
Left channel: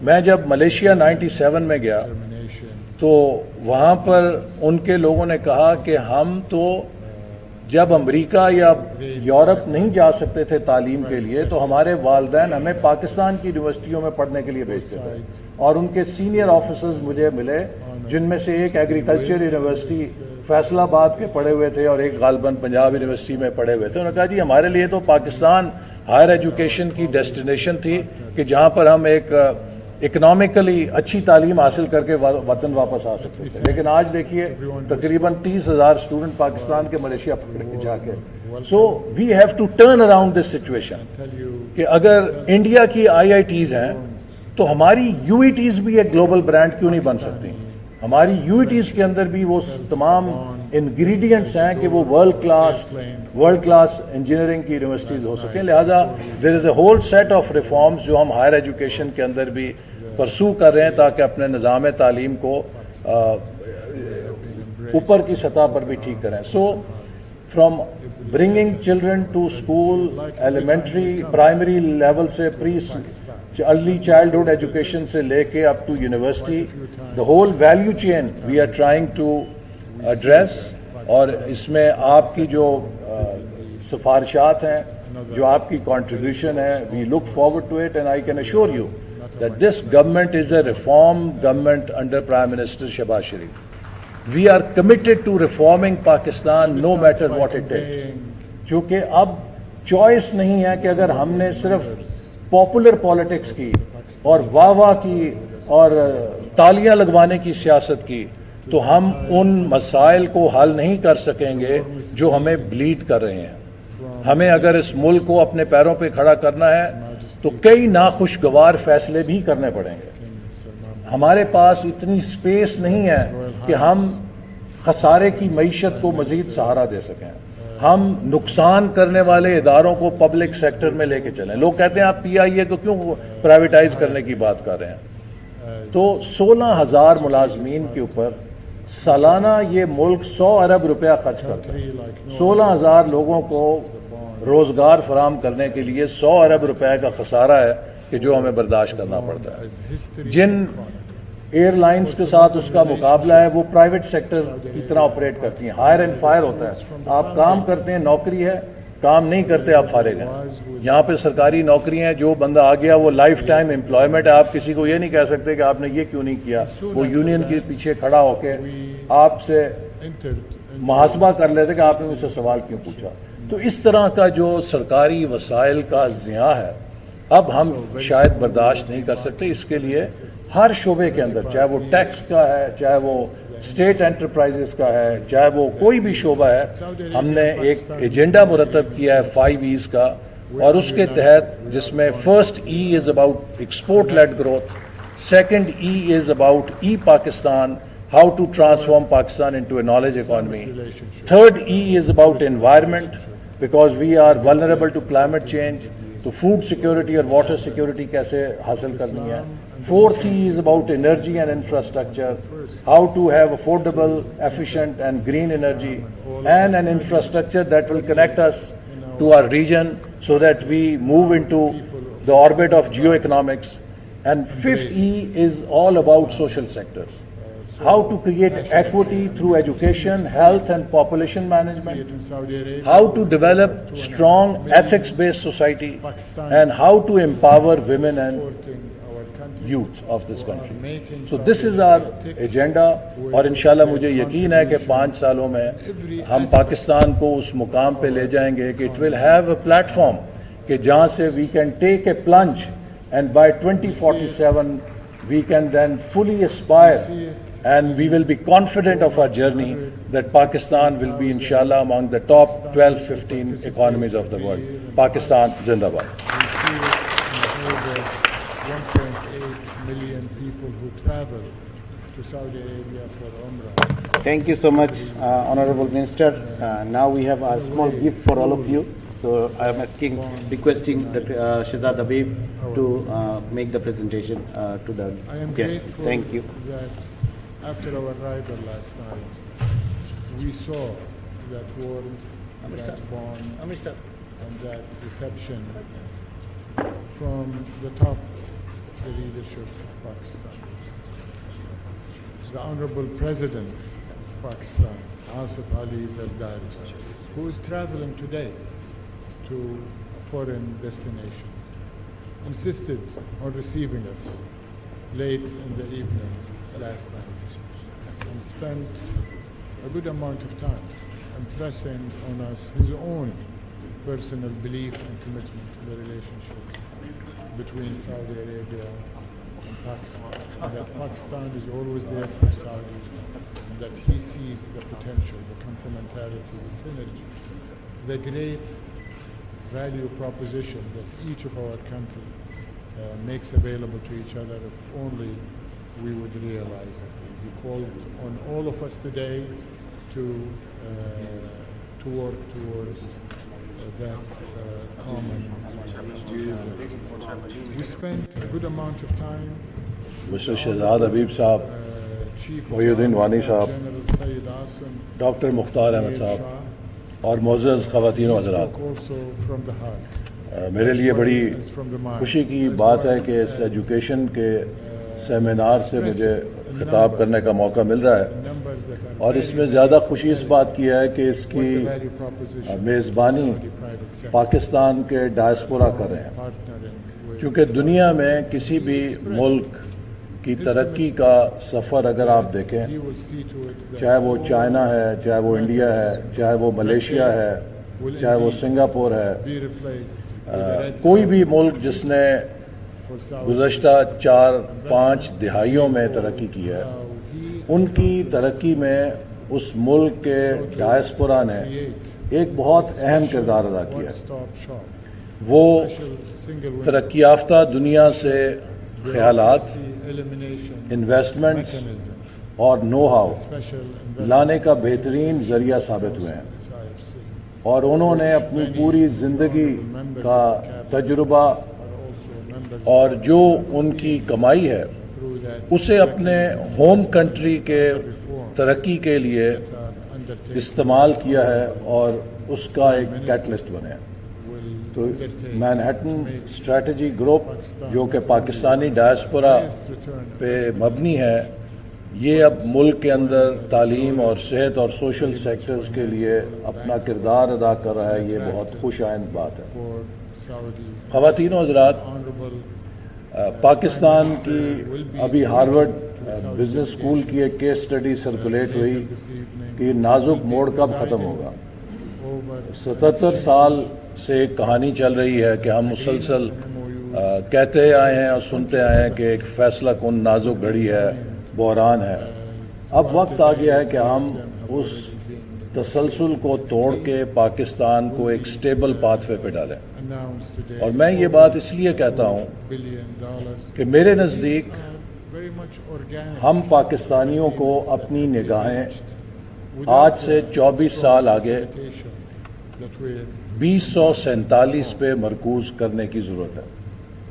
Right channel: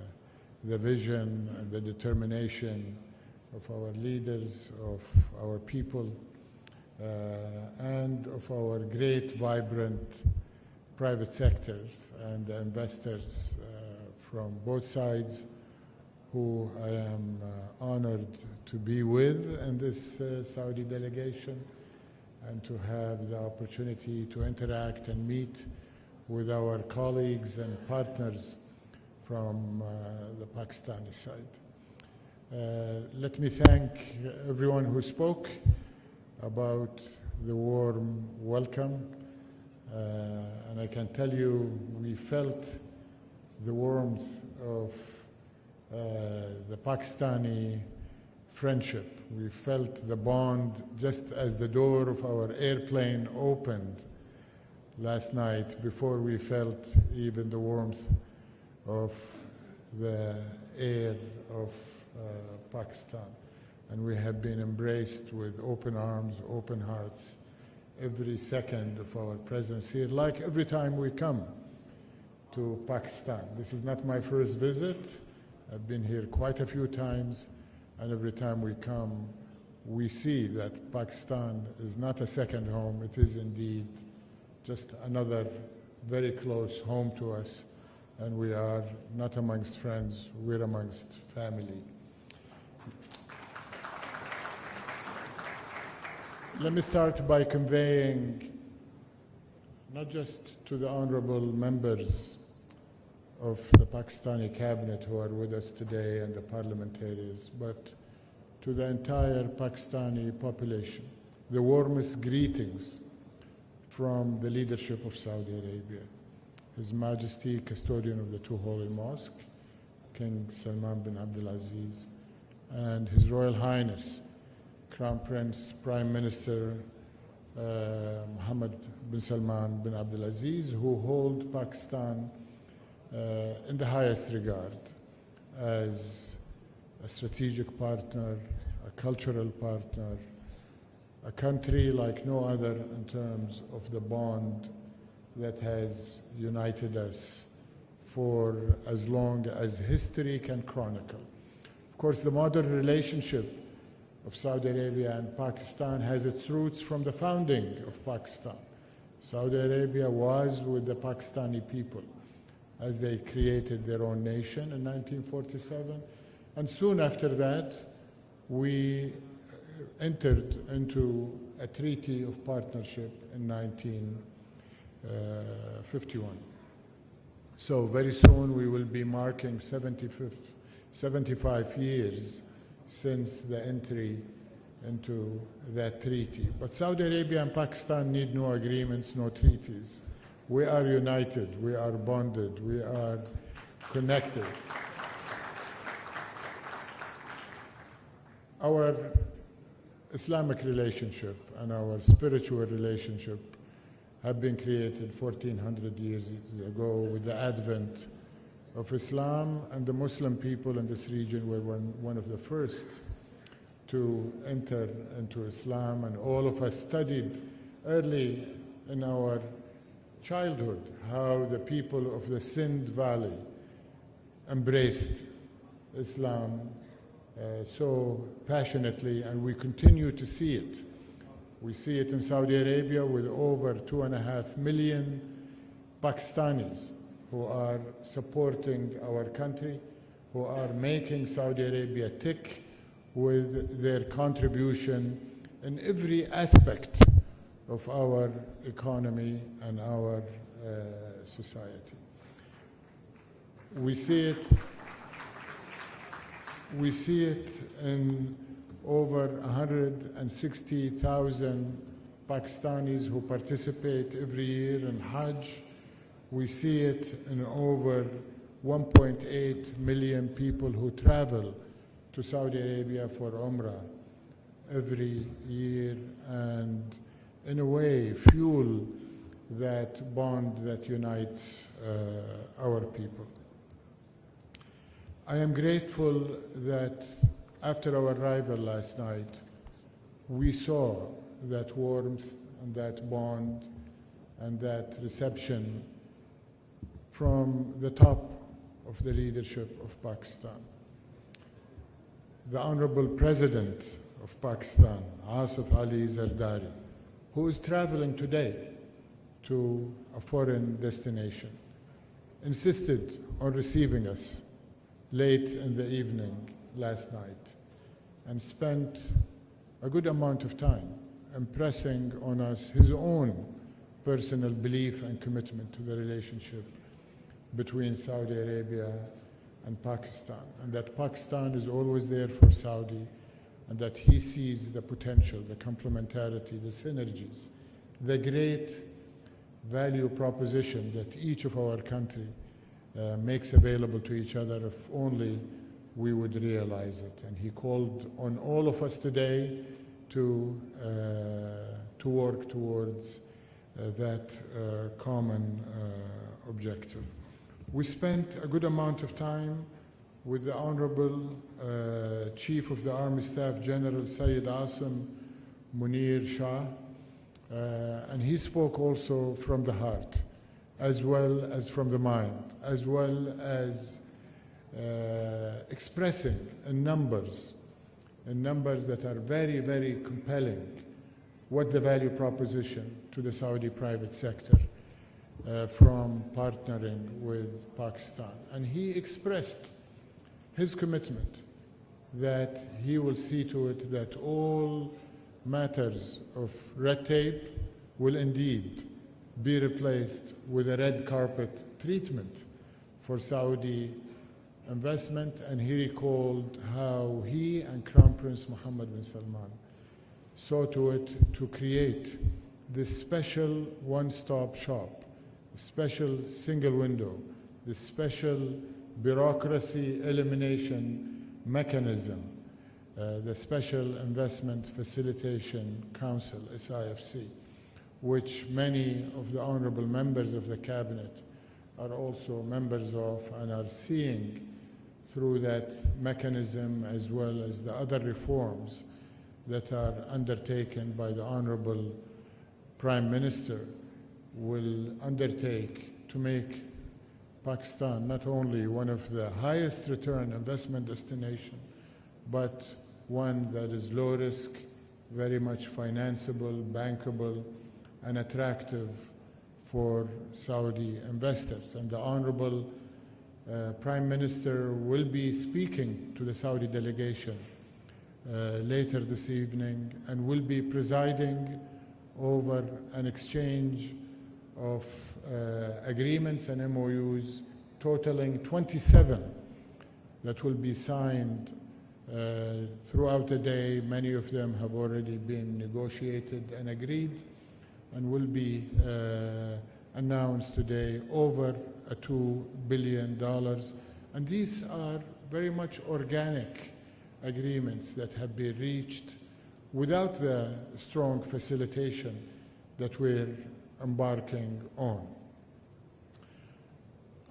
میں جب ملیشیا 97 میں گیا تو وہاں پر ان کے لوگوں نے کہا کہ ہم تو جب امریکہ یا یورپ نہیں جا سکتے تھے تعلیم کے لیے، تو ہمارے والدین ہمیں پاکستان کی یونیورسٹیوں میں پڑھنے کے لیے بھیجتے تھے، اور ان کے سینئر آفیسرز مجھے ملے، جن میں سے ایک ایگریکلچر یونیورسٹی فیصل آباد کے پڑھے ہوئے تھے اور ایک غالباً پنجاب یونیورسٹی میں پڑھے ہوئے تھے۔ انہوں نے کہا جی ہمارے لیے تو پاکستان ہائر ایجوکیشن کی ڈیسٹینیشن تھی کہ جہاں پر ہم ایک اکنامکلی اچھی تعلیم حاصل کر کے وطن واپس آ سکتے تھے، لیکن آج دیکھیے تقریباً 30,000 اسٹوڈنٹ پاکستان کے ملیشیا پکڑ کے جا کے۔ So we have to turn around this situation کہ اگر انڈیا کی IITs ہیں تو ہماری UETs بھی ایک گلوبل برانڈ کیوں نہیں بن سکتی؟ ہماری UETs کے اندر بھی وہ تمام انگریڈینٹس ہیں کہ وہ ورلڈ کلاس انجینئرنگ کی یونیورسٹیز ہو سکیں۔ لہٰذا there is a whole set of reforms جو ہم ہائر ایجوکیشن کے اندر بھی پرسو کر رہے ہیں تاکہ اپنے نظام تعلیم کو اوپر کی سطح پر بھی ٹھیک کریں. So from bringing children to school, elementary primary level سے ارلی چائلڈہڈ ایجوکیشن سے لے کے up to university, the whole value chain we are trying to address. اور اس میں آپ کی جو سفارشات ہیں, جو آپ کی کنٹریبیوشن ہے, we look forward to it, and I can assure you that this government is a reform government under Prime Minister Shehbaz Sharif. We are committed to reforming Pakistan no matter what it takes. چونکہ اب choice نہیں ہے کہ اگر ہم نے صرف popular politics کی اور واہ واہ کی اور تالیاں لگوانے کی سیاست کی, تو ہم ان مسائل کو حل نہیں کر سکیں گے جو ہمیں بلیڈ کر رہے ہیں. ہمیں اگر اس ملک کو اپنے پیروں پہ کھڑا کرنا ہے تو کئی ناخوشگوار فیصلے بھی کرنے پڑیں گے. ہمارے پاس اتنی سپیس نہیں ہے کہ ہم خسارے کی معیشت کو مزید سہارا دے سکیں. ہم نقصان کرنے والے اداروں کو پبلک سیکٹر میں لے کے چلیں. لوگ کہتے ہیں آپ پی آئی اے کو کیوں پرائیویٹائز کرنے کی بات کر رہے ہیں؟ تو 16,000 ملازمین کے اوپر سالانہ یہ ملک 100 ارب روپیہ خرچ کرتا ہے. 16,000 لوگوں کو روزگار فراہم کرنے کے لیے 100 ارب روپے کا خسارہ ہے کہ جو ہمیں برداشت کرنا پڑتا ہے. جن ایئر لائنز کے ساتھ اس کا مقابلہ ہے وہ پرائیویٹ سیکٹر کی طرح آپریٹ کرتی ہیں. ہائر اینڈ فائر ہوتا ہے. آپ کام کرتے ہیں, نوکری ہے, کام نہیں کرتے آپ فارغ ہیں. یہاں پہ سرکاری نوکریاں ہیں, جو بندہ آ گیا وہ لائف ٹائم امپلائمنٹ ہے. آپ کسی کو یہ نہیں کہہ سکتے کہ آپ نے یہ کیوں نہیں کیا. وہ یونین کے پیچھے کھڑا ہو کے آپ سے محاسبہ کر لیتے کہ آپ نے مجھ سے سوال کیوں پوچھا. تو اس طرح کا جو سرکاری وسائل کا ضیاع ہے اب ہم شاید برداشت نہیں کر سکتے. اس کے لیے ہر شعبے کے اندر, چاہے وہ ٹیکس کا ہے, چاہے وہ اسٹیٹ انٹرپرائزز کا ہے, چاہے وہ کوئی بھی شعبہ ہے, ہم نے ایک ایجنڈا مرتب کیا ہے 5 E's کا. اور اس کے تحت جس میں first E is about export led growth, second E is about E Pakistan, how to transform Pakistan into a knowledge economy. Third E is about environment, because we are vulnerable to climate change, to food security or water security kaise hasil karni hai. Fourth E is about energy and infrastructure, how to have affordable, efficient and green energy, and an infrastructure that will connect us to our region so that we move into the orbit of geoeconomics. And fifth E is all about social sectors. How to create equity through education, health and population management, how to develop strong ethics-based society, and how to empower women and youth of this country. So this is our agenda, اور انشاءاللہ مجھے یقین ہے کہ 5 سالوں میں ہم پاکستان کو اس مقام پہ لے جائیں گے کہ it will have a platform کہ جہاں سے we can take a plunge, and by 2047 we can then fully aspire, and we will be confident of our journey that Pakistan will be inshallah among the top 12-15 economies of the world. Pakistan Zindabad. We see it in over 1.8 million people who travel to Saudi Arabia for Umrah. Thank you so much, Honorable Minister. Now we have a small gift for all of you. So I am requesting Shehzad Habib to make the presentation to the guests. I am grateful Thank you. that after our arrival last night, we saw that warmth, that bond, and that reception from the top of the leadership of Pakistan. The Honorable President of Pakistan, Asif Ali Zardari, who is traveling today to a foreign destination, insisted on receiving us late in the evening last night and spent a good amount of time impressing on us his own personal belief and commitment to the relationship between Saudi Arabia and Pakistan, and that Pakistan is always there for Saudi, and that he sees the potential, the complementarity, the synergies, the great value proposition that each of our country makes available to each other if only we would realize it. And he called on all of us today to work towards that common objective. We spent a good amount of time with Mr. Shehzad Habib Sahab Chief of Waheed the uddin Army Wani Staff صاحب، General Syed Asim doctor Mukhtar Ahmed Mir صاحب Shah. اور معزز خواتین و He حضرات، spoke also from the heart, میرے as لیے well بڑی as from the mind, خوشی کی as بات ہے well کہ اس as, ایجوکیشن کے سیمینار سے مجھے expressive in خطاب کرنے numbers, کا موقع مل رہا ہے، in numbers that are اور اس very, میں very زیادہ خوشی اس compelling. بات کی ہے کہ اس What کی the value proposition to the میزبانی Saudi private sector پاکستان کے ڈائسپورا کر رہے ہیں، partnering with کیونکہ دنیا میں Pakistan. کسی He بھی expressed ملک کی his ترقی commitment کا سفر اگر آپ that دیکھیں، he will see to it that چاہے وہ all چائنا ہے، چاہے وہ انڈیا ہے، matters چاہے وہ of ملیشیا red ہے، tape will چاہے وہ indeed سنگاپور ہے، be replaced with a red کوئی بھی carpet ملک جس نے for Saudi گزشتہ 4-5 investment. دہائیوں میں Recall ترقی کی ہے، how he ان and کی Congress ترقی میں اس ملک کے sought to ڈائسپورا نے create ایک بہت this اہم special کردار ادا کیا ہے۔ one-stop shop, وہ special single window, ترقی یافتہ دنیا سے خیالات، bureaucracy elimination انویسٹمنٹس mechanism, اور نو ہاؤ the special لانے investment کا بہترین facilitation ذریعہ ثابت ہوئے ہیں، council, SIFC, اور انہوں نے which اپنی many پوری of the زندگی honorable members کا of the cabinet تجربہ are also members اور of جو have ان کی seen کمائی ہے through that اسے اپنے mechanism home as well country as کے other reforms ترقی کے لیے that are undertaken استعمال by کیا ہے honorable اور اس کا Prime ایک Minister کیٹلسٹ بنے ہیں۔ will تو undertake Manhattan to make strategy group Pakistan جو کہ not only Pakistani one of the diaspora highest return پہ investment مبنی ہے، destinations, یہ اب ملک کے اندر one that is تعلیم low اور risk, صحت اور سوشل very much سیکٹرز کے لیے financeable, اپنا bankable, کردار ادا کر رہا ہے، and یہ بہت attractive خوش آئند بات ہے۔ for Saudi خواتین و investors. حضرات، The honorable پاکستان Prime کی Minister will be ابھی speaking Harvard to the Saudi business school کی ایک کیس اسٹڈی سرکولیٹ later ہوئی this evening. کہ یہ He نازک will be موڑ کب ختم presiding ہوگا۔ over an 77 سال exchange سے ایک کہانی چل رہی ہے کہ ہم agreements مسلسل and MOUs کہتے آئے ہیں اور سنتے آئے ہیں کہ ایک فیصلہ کن نازک گھڑی ہے، بحران ہے۔ اب throughout وقت the آ day. گیا ہے کہ Many ہم of them have us already been تسلسل negotiated کو and توڑ agreed. کے پاکستان کو Will ایک be, سٹیبل پاتھ وے پہ ڈالیں۔ announced today اور میں یہ over بات اس لیے کہتا ہوں $2 billion. کہ میرے These نزدیک are very much organic ہم پاکستانیوں کو agreements that اپنی have been نگاہیں reached without آج سے the 24 strong سال آگے facilitation that we're 2047 embarking پہ on. مرکوز کرنے کی ضرورت ہے۔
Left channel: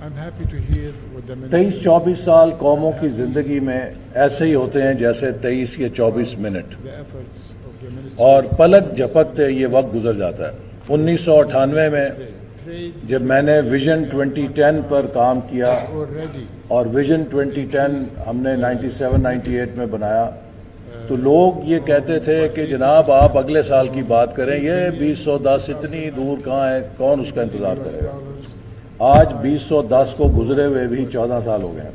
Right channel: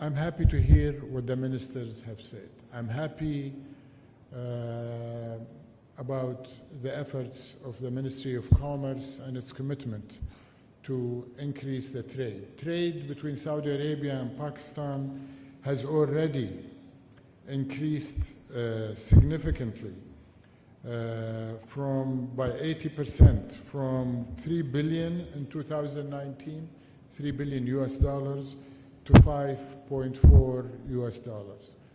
I'm happy to hear what the minister 23-24 said. سال قوموں I'm کی happy زندگی میں ایسے ہی ہوتے ہیں جیسے 23 یا 24 about minute, the efforts of the Ministry اور of پلک Commerce جھپکتے and its یہ وقت گزر جاتا ہے۔ to 1998 میں increase the trade جب between میں نے Saudi vision Arabia and 2010 per Pakistan کام کیا has already اور ویژن 2010 ہم نے 97-98 میں بنایا، تو لوگ یہ کہتے تھے کہ جناب آپ اگلے سال کی بات کریں، یہ 2010 اتنی دور کہاں ہے، کون اس کا انتظار کرے گا۔ آج 2010 کو گزرے ہوئے بھی 14 سال ہو گئے ہیں۔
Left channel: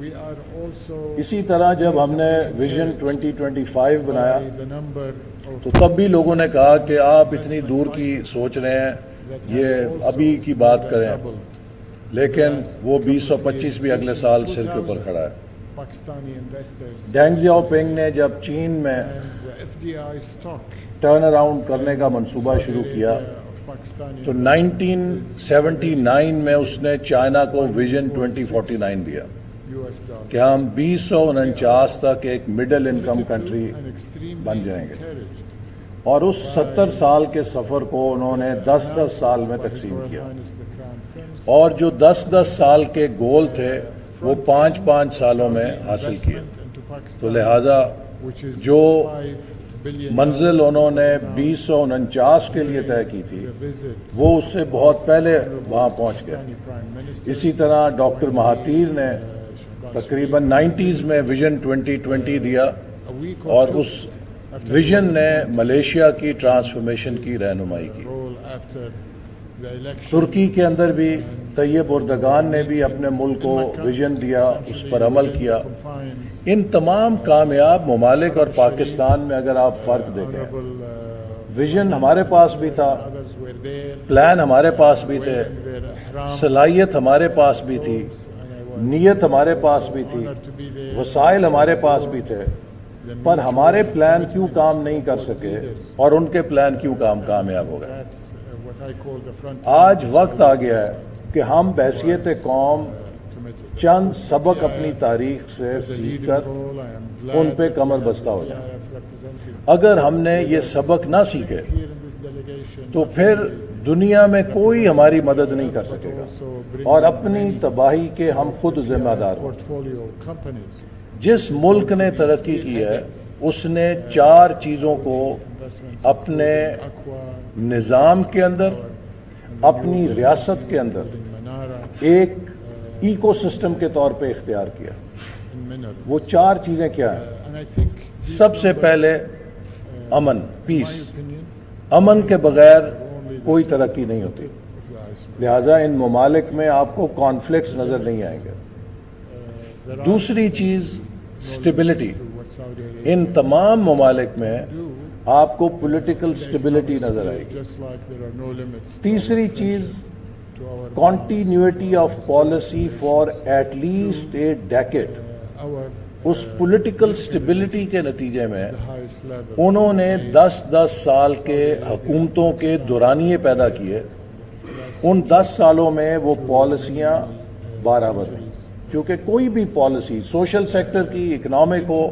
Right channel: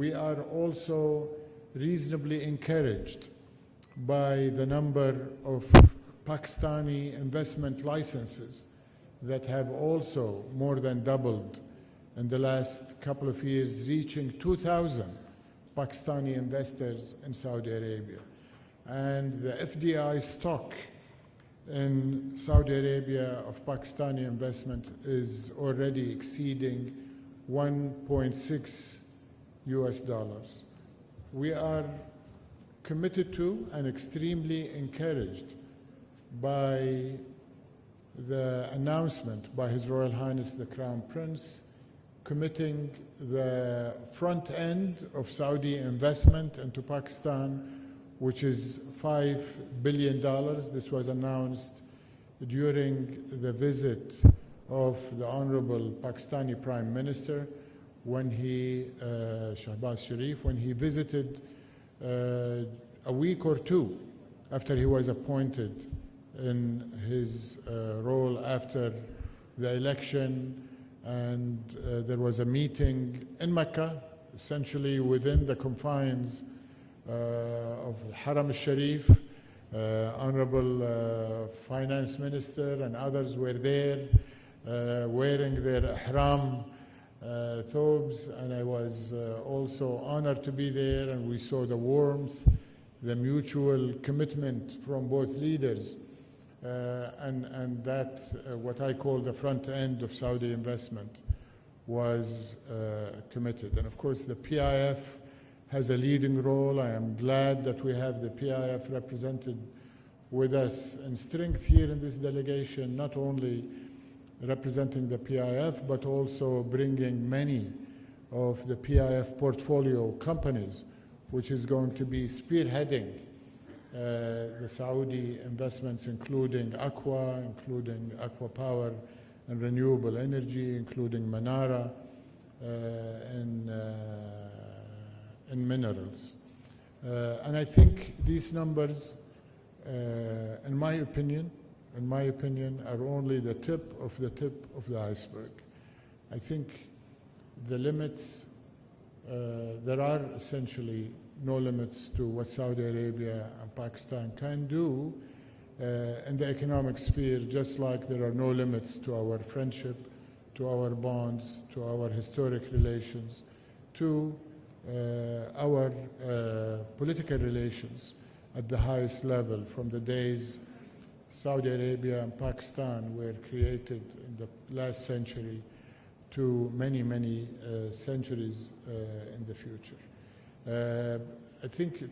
We are also اسی طرح جب ہم نے reasonably ویژن encouraged 2025 بنایا by the number of تو تب بھی لوگوں نے کہا کہ آپ اتنی investment دور کی licenses سوچ رہے ہیں، that have یہ also ابھی کی more بات than کریں، doubled in the لیکن last وہ couple of 2025 years, بھی اگلے reaching سال سر کے اوپر 2,000 کھڑا ہے۔ Pakistani investors ڈینگ in زیاؤ Saudi پنگ نے Arabia. جب چین میں And the FDI stock turn around کرنے کا in منصوبہ Saudi شروع کیا Arabia of Pakistani تو investment is 1979 میں اس نے چائنا کو ویژن 1.6 2049 دیا US dollars. کہ ہم 2049 تک ایک middle income Committed to country and extremely بن جائیں گے، encouraged اور اس 70 سال کے سفر کو انہوں نے 10-10 سال میں by His تقسیم Royal کیا، Highness the Crown Prince. اور جو 10-10 سال کے گول تھے وہ front 5-5 end of سالوں میں Saudi حاصل کیے۔ investment into تو Pakistan, لہٰذا which is جو $5 billion. منزل This انہوں was نے announced 2049 کے لیے during طے کی تھی، the visit وہ اس سے بہت of پہلے Honorable وہاں پہنچ گئے۔ Pakistani Prime Minister. اسی طرح ڈاکٹر when he, مہاتیر نے Shahbaz تقریباً Sharif, when he 90s میں visited, ویژن 2020 دیا، a week or اور two اس after he ویژن was نے appointed, ملیشیا کی ٹرانسفارمیشن کی his, رہنمائی کی۔ role after the election. ترکی کے اندر بھی And, Tayyip there was a Erdogan نے بھی meeting اپنے ملک in کو Mecca, ویژن دیا، اس essentially پر عمل within کیا۔ the confines. ان تمام کامیاب ممالک اور Arab پاکستان میں اگر آپ فرق دیکھیں، Honorable Vision Finance ہمارے پاس بھی Minister تھا، and others were there, plan ہمارے پاس بھی تھے، wearing their ihram صلاحیت ہمارے پاس بھی تھی، robes, and I was نیت ہمارے پاس also بھی تھی، honored to be there, وسائل and ہمارے saw پاس the بھی words, تھے، the پر ہمارے mutual پلان کیوں commitment کام نہیں from کر both سکے leaders. اور ان کے پلان کیوں کامیاب ہو گئے۔ That, what I call the front end آج of وقت Saudi آ گیا ہے investment کہ ہم بحیثیت was, قوم committed. Of چند course, the سبق اپنی PIF تاریخ سے has a سیکھ leading کر role. I am in glad پہ that we کمر have بستہ the ہو جائیں۔ PIF represented اگر ہم نے with یہ us. سبق نہ The سیکھے strength here in this delegation, تو not پھر only دنیا میں کوئی representing ہماری the مدد PIF, نہیں کر but سکے گا، also bringing اور اپنی many تباہی کے ہم of خود the ذمہ PIF دار ہیں۔ portfolio companies جس ملک نے ترقی کی ہے اس نے 4 چیزوں کو اپنے نظام کے اندر، اپنی ریاست کے اندر ایک ایکو سسٹم کے طور پہ اختیار کیا. وہ 4 چیزیں کیا ہیں؟ سب سے پہلے امن، پیس. امن کے بغیر کوئی ترقی نہیں ہوتی. لہٰذا ان ممالک میں آپ کو کانفلکٹس نظر نہیں آئیں گے. دوسری چیز اسٹیبلٹی. ان تمام ممالک میں آپ کو پولیٹیکل اسٹیبلٹی نظر آئے گی. تیسری چیز continuity of policy for at least a decade. اس پولیٹیکل اسٹیبلٹی کے نتیجے میں انہوں نے 10 سال کے حکومتوں کے دورانیے پیدا کیے. ان 10 سالوں میں وہ پالیسیاں 12 بدلیں. کیونکہ کوئی بھی پالیسی سوشل سیکٹر کی، اکنامک ہو،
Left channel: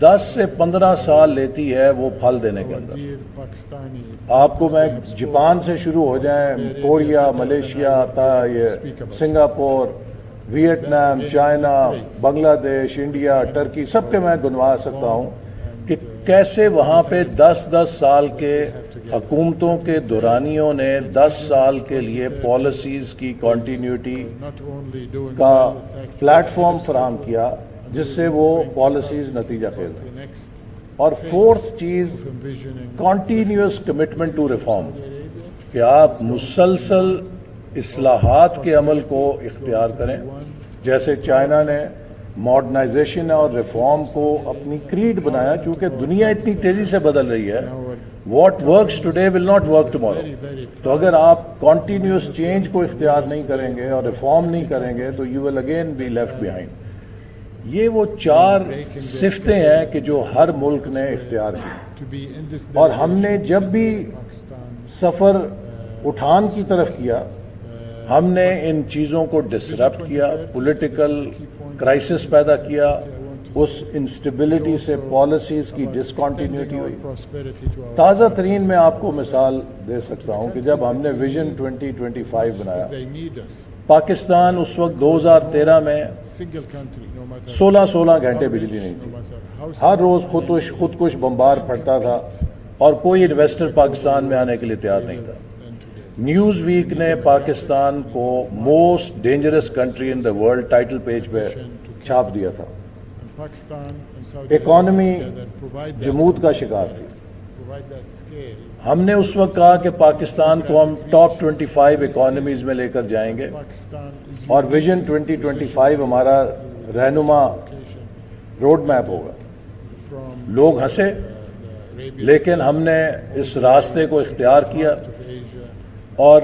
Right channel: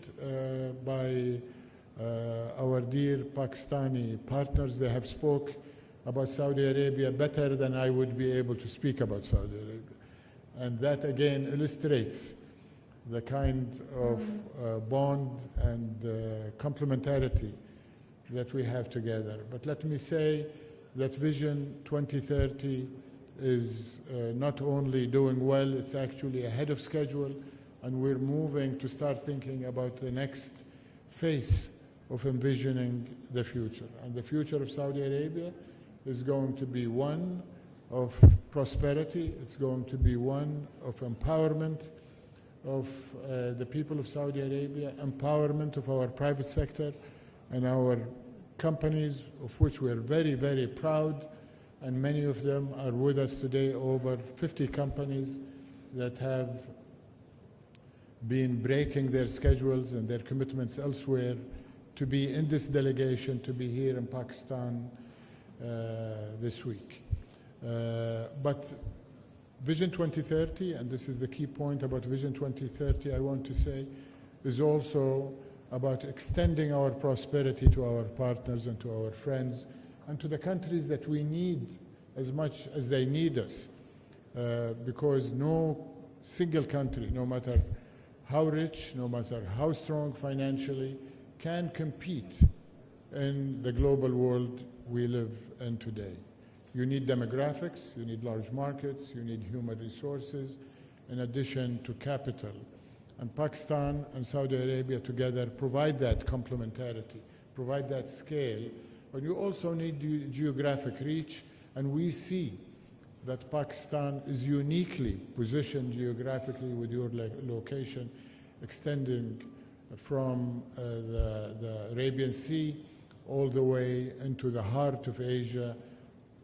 10 سے 15 سال لیتی ہے وہ پھل دینے کے اندر. آپ کو میں جاپان سے شروع ہو جائیں، Korea, Malaysia, Singapore, Vietnam, China, Bangladesh, India, Turkey, سب کے میں گنوا سکتا ہوں کہ کیسے وہاں پہ 10 سال کے حکومتوں کے دورانیوں نے 10 سال کے لیے پالیسیز کی کنٹینیوٹی کا پلیٹ فارم فراہم کیا جس سے وہ پالیسیز نتیجہ خیز. اور 4th چیز کنٹینیوس کمٹمنٹ ٹو ریفارم، کہ آپ مسلسل اصلاحات کے عمل کو اختیار کریں. جیسے چائنا نے ماڈرنائزیشن اور ریفارم کو اپنی کریڈ بنایا، کیونکہ دنیا اتنی تیزی سے بدل رہی ہے. What works today will not work tomorrow. تو اگر آپ کنٹینیوس چینج کو اختیار نہیں کریں گے اور ریفارم نہیں کریں گے تو you will again be left behind. یہ وہ 4 صفتیں ہیں کہ جو ہر ملک نے اختیار کی. اور ہم نے جب بھی سفر اٹھان کی طرف کیا، ہم نے ان چیزوں کو ڈسرپٹ کیا، پولیٹیکل کرائسس پیدا کیا، اس انسٹیبلٹی سے پالیسیز کی ڈسکنٹینیوٹی ہوئی. تازہ ترین میں آپ کو مثال دے سکتا ہوں کہ جب ہم نے ویژن 2025 بنایا، پاکستان اس وقت 2013 میں 16 گھنٹے بجلی نہیں تھی. ہر روز خودکش بمبار پھٹتا تھا اور کوئی انویسٹر پاکستان میں آنے کے لیے تیار نہیں تھا. نیوز ویک نے پاکستان کو most dangerous country in the world title page پہ چھاپ دیا تھا. اکانومی جمود کا شکار تھی. ہم نے اس وقت کہا کہ پاکستان کو ہم ٹاپ 25 اکانومیز میں لے کر جائیں گے، اور ویژن 2025 ہمارا رہنما روڈ میپ ہوگا. لوگ ہنسے، لیکن ہم نے اس راستے کو اختیار کیا اور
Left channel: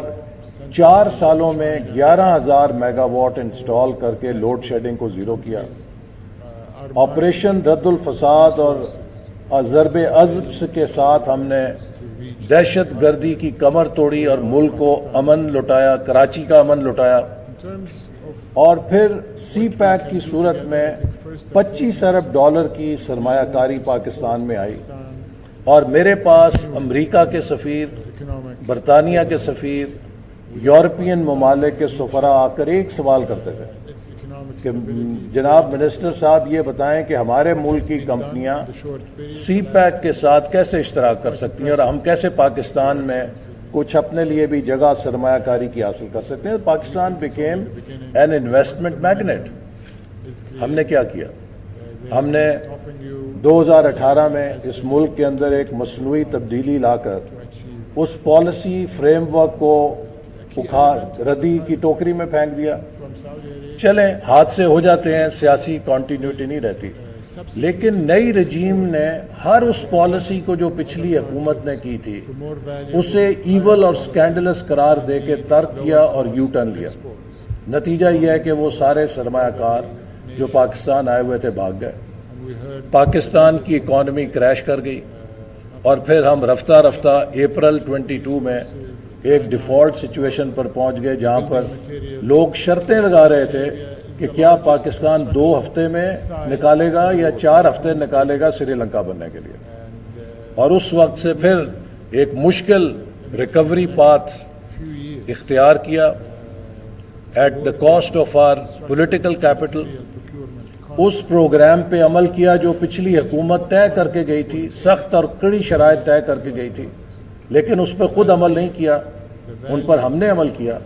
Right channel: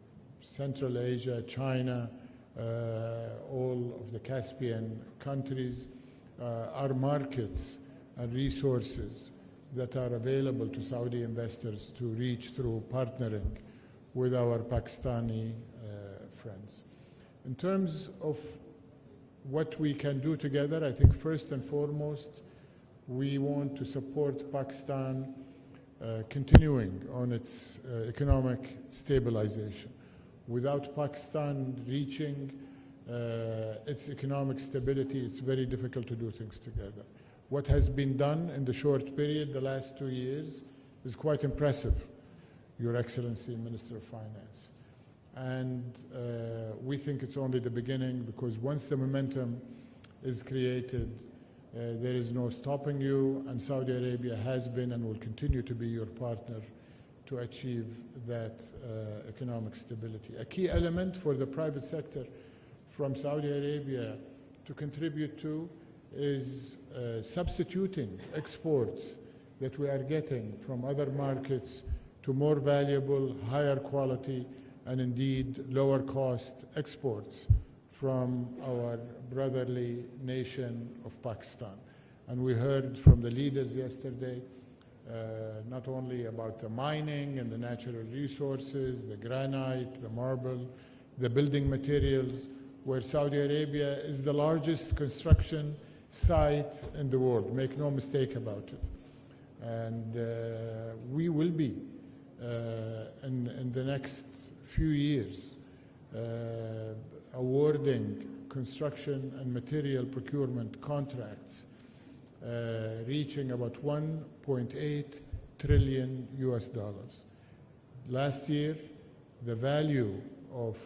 4 سالوں میں 11,000 میگا واٹ انسٹال کر کے لوڈ شیڈنگ کو زیرو کیا. آپریشن رد الفساد اور ضرب عضب کے ساتھ ہم نے دہشت گردی کی کمر توڑی اور ملک کو امن لوٹایا، کراچی کا امن لوٹایا. اور پھر سی پیک کی صورت میں $25 ارب کی سرمایہ کاری پاکستان میں آئی، اور میرے پاس امریکہ کے سفیر، برطانیہ کے سفیر، یورپین ممالک کے سفراء آ کر ایک سوال کرتے تھے کہ جناب منسٹر صاحب یہ بتائیں کہ ہمارے ملک کی کمپنیاں سی پیک کے ساتھ کیسے اشتراک کر سکتی ہیں اور ہم کیسے پاکستان میں کچھ اپنے لیے بھی جگہ سرمایہ کاری کی حاصل کر سکتے ہیں. Pakistan became an investment magnet. ہم نے کیا کیا؟ ہم نے 2018 میں اس ملک کے اندر ایک مصنوعی تبدیلی لا کر اس پالیسی فریم ورک کو ردی کی ٹوکری میں پھینک دیا. چلیں حادثے ہو جاتے ہیں، سیاسی کنٹینیوٹی نہیں رہتی، لیکن نئی رجیم نے ہر اس پالیسی کو جو پچھلی حکومت نے کی تھی اسے ایول اور سکینڈلس قرار دے کے ترک کیا اور یو ٹرن لیا. نتیجہ یہ ہے کہ وہ سارے سرمایہ کار جو پاکستان آئے ہوئے تھے بھاگ گئے. پاکستان کی اکانومی کریش کر گئی، اور پھر ہم رفتہ رفتہ اپریل 22 میں ایک ڈیفالٹ سچویشن پر پہنچ گئے جہاں پر لوگ شرطیں لگا رہے تھے کہ کیا پاکستان 2 ہفتے میں نکالے گا یا 4 ہفتے نکالے گا سری لنکا بننے کے لیے. اور اس وقت سے پھر ایک مشکل ریکوری پاتھ اختیار کیا. at the cost of our political capital. اس پروگرام پہ عمل کیا جو پچھلی حکومت طے کر کے گئی تھی, سخت اور کڑی شرائط طے کر کے گئی تھی, لیکن اس پہ خود عمل نہیں کیا, ان پر ہم نے عمل کیا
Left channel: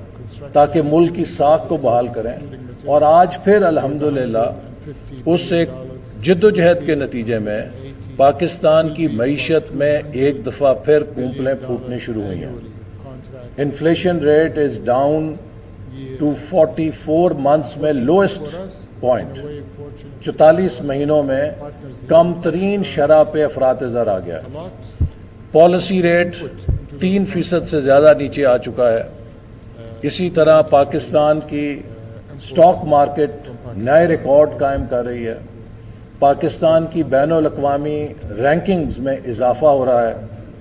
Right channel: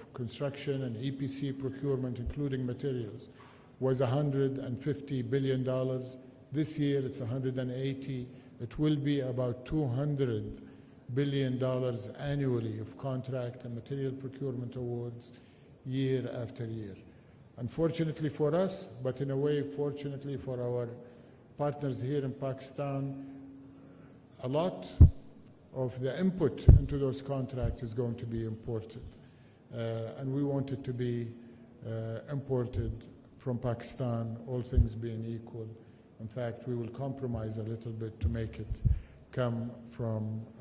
تاکہ ملک کی ساکھ کو بحال کریں. اور آج پھر الحمدللہ اس ایک جد و جہد کے نتیجے میں پاکستان کی معیشت میں ایک دفعہ پھر پھوپلیں پھوٹنی شروع ہوئی ہیں. Inflation rate is down to 44 months میں lowest point, 44 مہینوں میں کم ترین شرح پہ افراط زر آ گیا. پالیسی ریٹ 3% سے زیادہ نیچے آ چکا ہے. اسی طرح پاکستان کی سٹاک مارکیٹ نئے ریکارڈ قائم کر رہی ہے. پاکستان کی بین الاقوامی رینکنگز میں اضافہ ہو رہا ہے,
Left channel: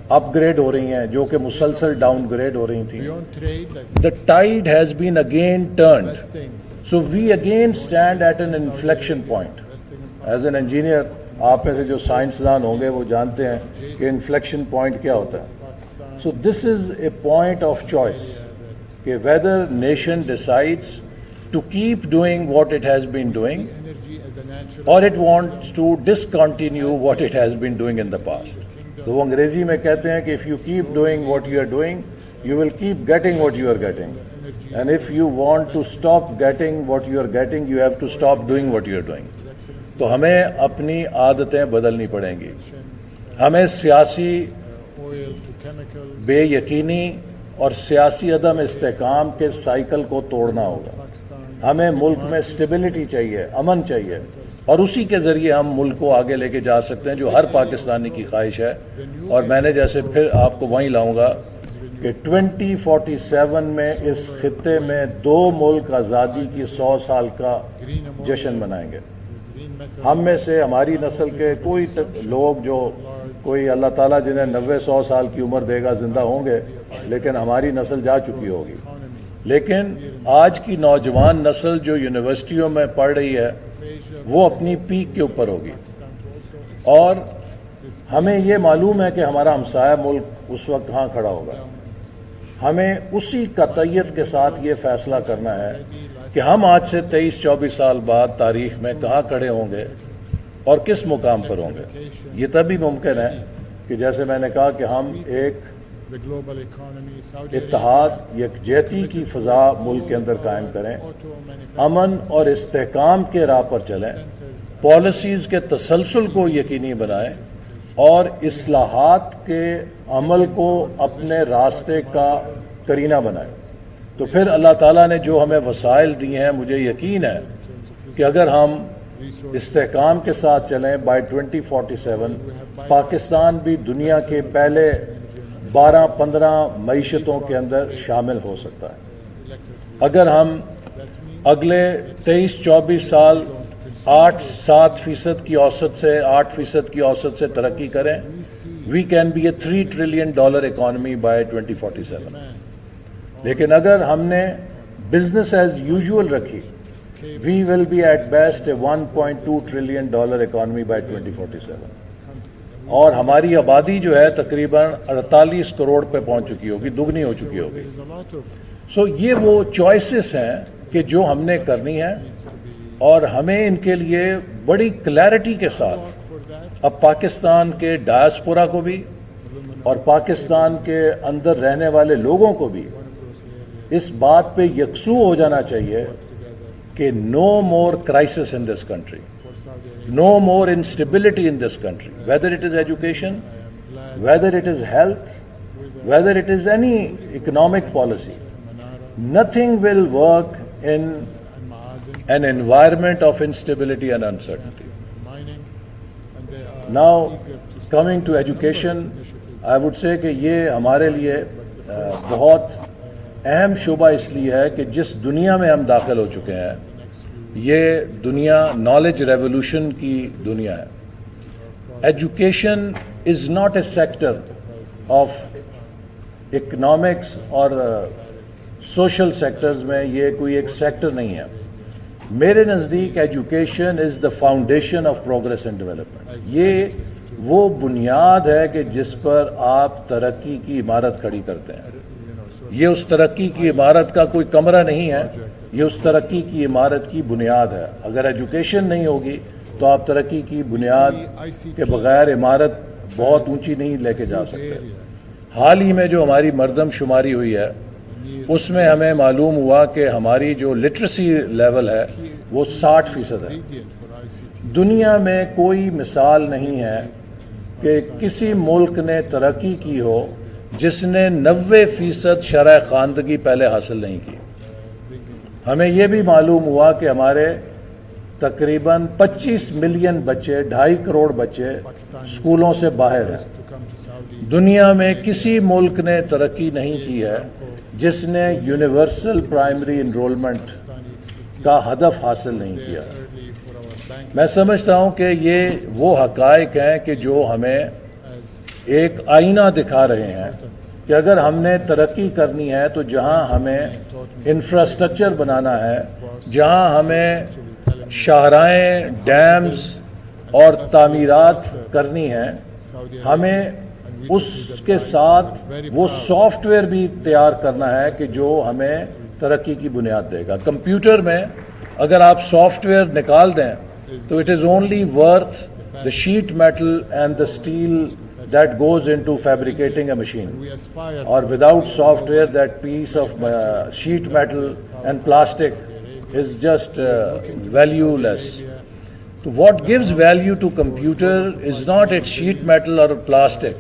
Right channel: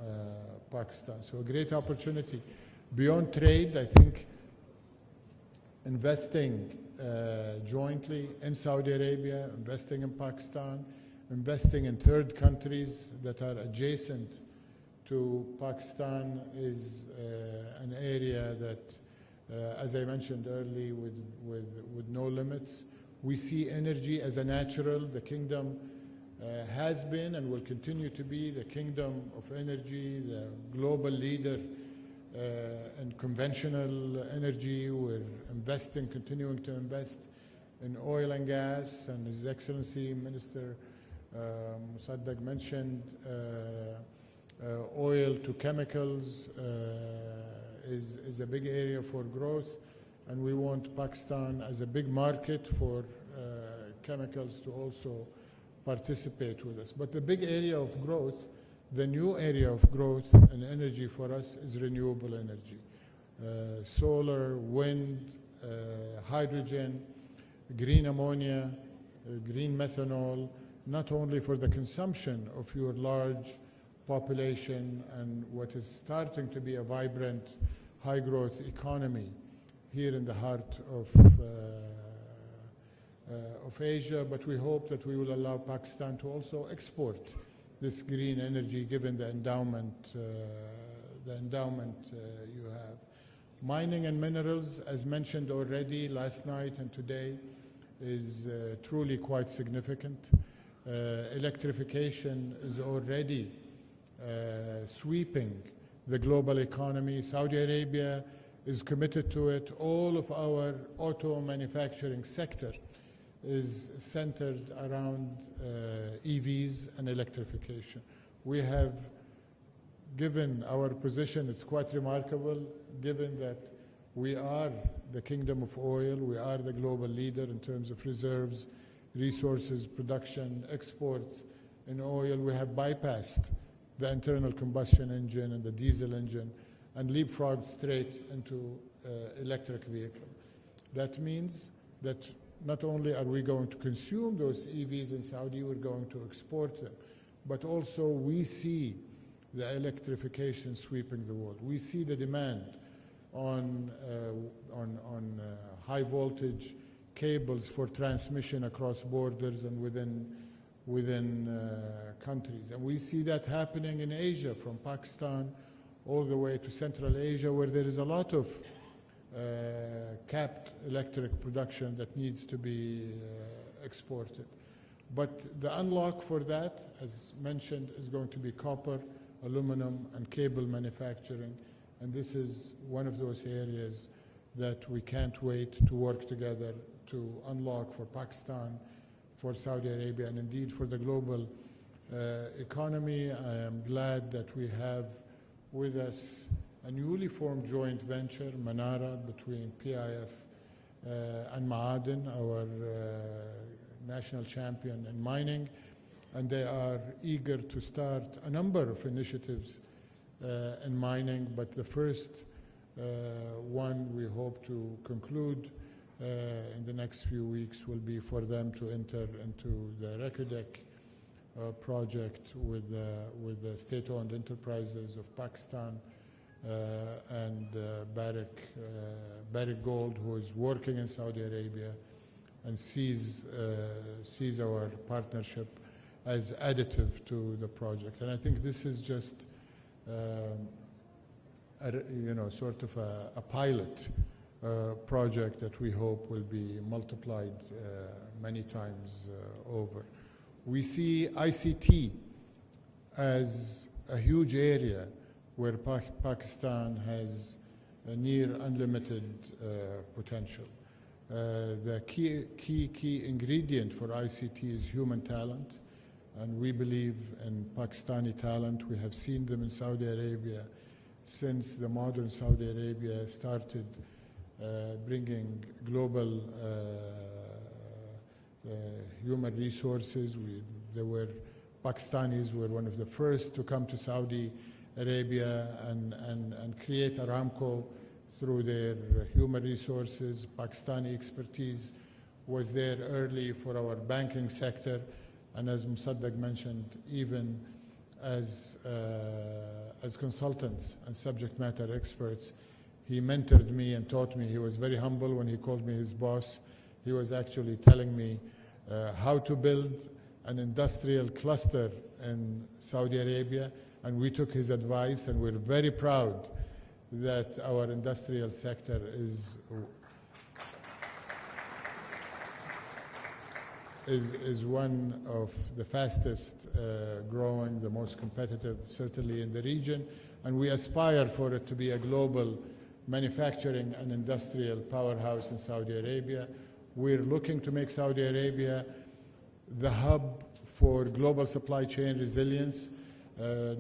اپ گریڈ ہو رہی ہیں جو کہ مسلسل ڈاؤن گریڈ ہو رہی تھیں. The tide has been again turned. So we again stand at an inflection point. As an engineer, آپ میں سے جو سائنسدان ہوں گے وہ جانتے ہیں کہ inflection point کیا ہوتا ہے. So this is a point of choice کہ whether nation decides to keep doing what it has been doing or it wants to discontinue what it has been doing in the past. تو وہ انگریزی میں کہتے ہیں کہ if you keep doing what you are doing, you will keep getting what you are getting. And if you want to stop getting what you are getting, you have to stop doing what you are doing. تو ہمیں اپنی عادتیں بدلنی پڑیں گی. ہمیں سیاسی بے یقینی اور سیاسی عدم استحکام کے سائیکل کو توڑنا ہوگا. ہمیں ملک میں اسٹیبلٹی چاہیے, امن چاہیے, اور اسی کے ذریعے ہم ملک کو آگے لے کے جا سکتے ہیں جو ہر پاکستانی کی خواہش ہے. اور میں نے جیسے پھر آپ کو وہیں لاؤں گا کہ 2047 میں اس خطے میں 2 ملک آزادی کی 100 سال کا جشن منائیں گے. ہم میں سے ہماری نسل کے کوئی لوگ جو کوئی اللہ تعالیٰ جنہیں 90-100 سال کی عمر دے گا زندہ ہوں گے, لیکن ہماری نسل جا چکی ہوگی. لیکن آج کی نوجوان نسل جو یونیورسٹیوں میں پڑھ رہی ہے وہ اپنی پیک کے اوپر ہوگی. اور ہمیں یہ معلوم ہے کہ ہمارا ہمسایہ ملک اس وقت کہاں کھڑا ہوگا. ہمیں اسی قطعیت کے ساتھ یہ فیصلہ کرنا ہے کہ ہم آج سے 23-24 سال بعد تاریخ میں کہاں کھڑے ہوں گے اور کس مقام پر ہوں گے. یہ تبھی ممکن ہے کہ جیسے میں نے کہا کہ ہم ایک اتحاد یکجہتی کی فضا ملک کے اندر قائم کریں, امن اور استحکام کے راہ پر چلیں, پالیسیز کے تسلسل کو یقینی بنائیں اور اصلاحات کے عمل کو اپنے راستے کا کرینہ بنائیں. تو پھر اللہ تعالیٰ نے جو ہمیں وسائل دیے ہیں, مجھے یقین ہے کہ اگر ہم استحکام کے ساتھ چلیں بائی 2047 پاکستان بھی دنیا کے پہلے 12-15 معیشتوں کے اندر شامل ہو سکتا ہے. اگر ہم اگلے 23-24 سال 8-7% کی اوسط سے 8% کی اوسط سے ترقی کریں, we can be a $3 trillion economy by 2047. لیکن اگر ہم نے بزنس ایز یوزول رکھی, we will be at best a $1.2 trillion economy by 2047. اور ہماری آبادی جو ہے تقریباً 48 کروڑ پہ پہنچ چکی ہوگی, دگنی ہو چکی ہوگی. سو یہ وہ چوائسز ہیں کہ جو ہم نے کرنی ہے, اور ہمیں ان کے لیے بڑی کلیئرٹی کے ساتھ اب پاکستان کے ڈائسپورا کو بھی اور پاکستان کے اندر رہنے والے لوگوں کو بھی اس بات پہ یکسو ہو جانا چاہیے کہ no more crisis in this country, no more instability in this country, whether it is education, whether it is health, whether it is any economic policy. Nothing will work in an environment of instability and uncertainty. Now, coming to education, I would say کہ یہ ہمارے لیے بہت اہم شعبہ اس لیے ہے کہ جس دنیا میں ہم داخل ہو چکے ہیں, یہ دنیا نالج ریولوشن کی دنیا ہے. Education is not a sector of economics اور سوشل سیکٹرز میں, یہ کوئی ایک سیکٹر نہیں ہے. میرے نزدیک education is the foundation of progress and development. یہ وہ بنیاد ہے کہ جس پر آپ ترقی کی عمارت کھڑی کرتے ہیں. یہ اس ترقی کی عمارت کا کوئی کمرہ نہیں ہے, یہ اس ترقی کی عمارت کی بنیاد ہے. اگر ایجوکیشن نہیں ہوگی تو آپ ترقی کی بنیاد کے بغیر عمارت بہت اونچی نہیں لے کے جا سکتے. حال ہی میں جو ہماری مردم شماری ہوئی ہے اس میں ہمیں معلوم ہوا کہ ہماری جو لٹریسی لیول ہے وہ 60% ہے. دنیا میں کوئی مثال نہیں ہے کہ کسی ملک نے ترقی کی ہو جس نے 90% شرح خواندگی پہلے حاصل نہیں کی. ہمیں یہ بھی معلوم ہوا کہ ہمارے تقریباً 25 ملین بچے 2.5 کروڑ بچے اسکولوں سے باہر ہیں. دنیا میں کسی ملک نے ترقی نہیں کی ہے جس نے یونیورسل پرائمری انرولمنٹ کا ہدف حاصل نہیں کیا. میں سمجھتا ہوں کہ یہ وہ حقائق ہیں کہ جو ہمیں ایک آئینہ دکھا رہے ہیں کہ اگر ہم نے ترقی کرنی ہے تو جہاں ہمیں انفراسٹرکچر بنانا ہے, جہاں ہمیں شاہراہیں, ڈیمز اور تعمیرات کرنی ہیں, ہمیں اس کے ساتھ وہ سافٹ ویئر بھی تیار کرنا ہے کہ جو ہمیں ترقی کی بنیاد دے گا. کمپیوٹر میں اگر آپ سافٹ ویئر نکال دیں so it is only worth the sheet metal and the steel that goes into fabricating a machine, or without software that piece of sheet metal and plastic is just valueless. So what gives value to computer is not its sheet metal or plastic,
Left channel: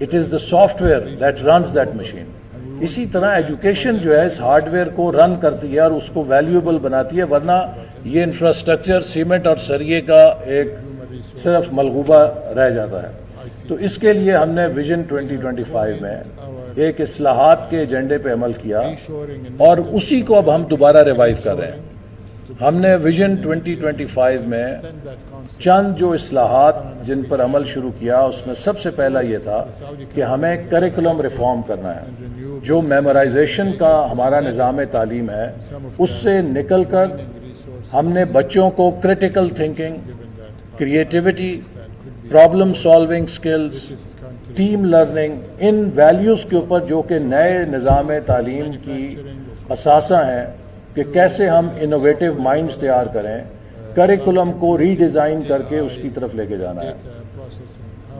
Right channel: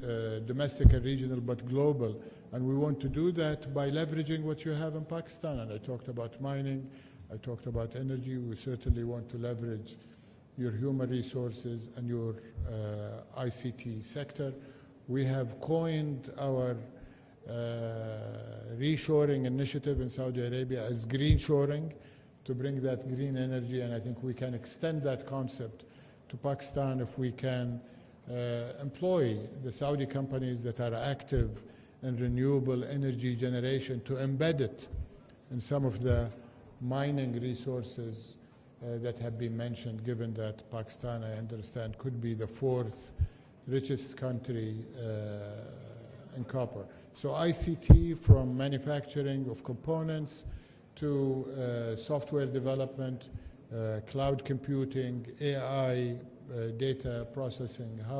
it is the software that runs that machine. اسی طرح education جو ہے اس hard where کو رن کرتی ہے اور اس کو valuable بناتی ہے, ورنہ یہ انفراسٹرکچر سیمنٹ اور سریے کا ایک صرف ملغوبہ رہ جاتا ہے. تو اس کے لیے ہم نے ویژن 2025 میں ایک اصلاحات کے ایجنڈے پہ عمل کیا اور اسی کو اب ہم دوبارہ ریوائیو کر رہے ہیں. ہم نے ویژن 2025 میں چند جو اصلاحات جن پر عمل شروع کیا اس میں سب سے پہلا یہ تھا کہ ہمیں کریکولم ریفارم کرنا ہے. جو میمورائزیشن کا ہمارا نظام تعلیم ہے اس سے نکل کر ہم نے بچوں کو critical thinking, creativity, problem solving skills, team learning, ان ویلیوز کے اوپر جو کہ نئے نظام تعلیم کی اثاثہ ہیں کہ کیسے ہم انوویٹیو مائنڈز تیار کریں, کریکولم کو ری ڈیزائن کر کے اس کی طرف لے کے جانا ہے.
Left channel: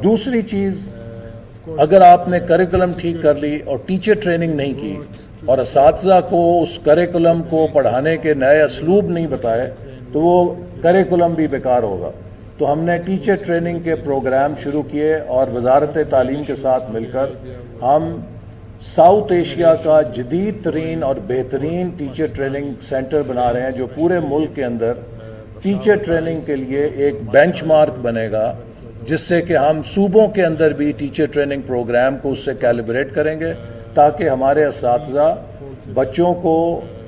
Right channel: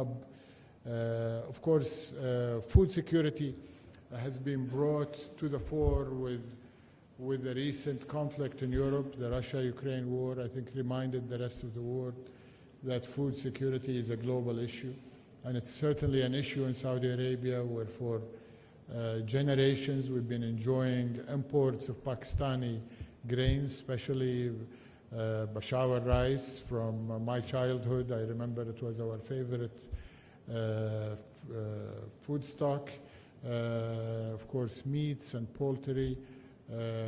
دوسری چیز, اگر آپ نے کریکولم ٹھیک کر لی اور ٹیچر ٹریننگ نہیں کی اور اساتذہ کو اس کریکولم کو پڑھانے کے نئے اسلوب نہیں بتائے تو وہ کریکولم بھی بیکار ہوگا. تو ہم نے ٹیچر ٹریننگ کے پروگرام شروع کیے اور وزارت تعلیم کے ساتھ مل کر ہم ساؤتھ ایشیا کا جدید ترین اور بہترین ٹیچر ٹریننگ سینٹر بنا رہے ہیں جو پورے ملک کے اندر ٹیچر ٹریننگ کے لیے ایک بینچ مارک بنے گا, جس سے کہ ہم صوبوں کے اندر بھی ٹیچر ٹریننگ پروگرام کو اس سے کیلیبریٹ کریں گے تاکہ ہمارے اساتذہ بچوں کو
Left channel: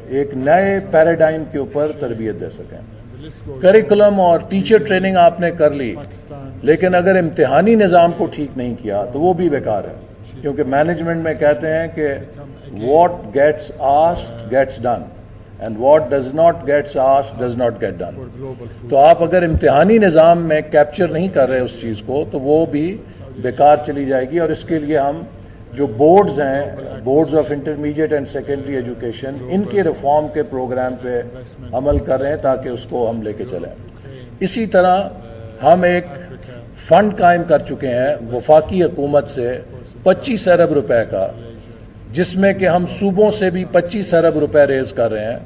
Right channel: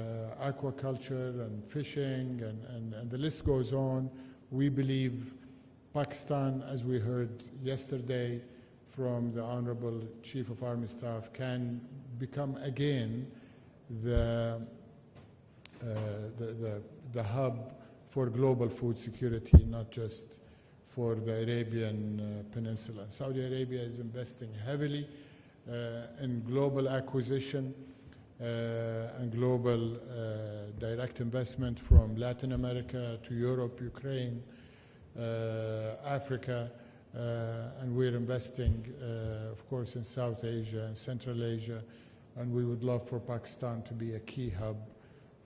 ایک نئے پیراڈائم کے اوپر تربیت دے سکیں. کریکولم اور ٹیچر ٹریننگ آپ نے کر لی, لیکن اگر امتحانی نظام کو ٹھیک نہیں کیا تو وہ بھی بیکار ہے, کیونکہ مینجمنٹ میں کہتے ہیں کہ what gets asked gets done and what does not gets asked does not get done. تو آپ اگر امتحانی نظام میں کیپچر نہیں کر رہے اس چیز کو تو وہ بھی بیکار چلی جائے گی. اور اس کے لیے ہم جو بورڈز ہیں, boards of intermediate and secondary education, ان کے ریفارم کے پروگرام پہ عمل کر رہے ہیں تاکہ اس کو ہم لے کے چلیں. اسی طرح ہم ایک فنڈ قائم کر چکے ہیں وفاقی حکومت سے 25 ارب روپے کا, جس میں کہ ہم صوبوں سے بھی 25 ارب روپے ریز کر رہے ہیں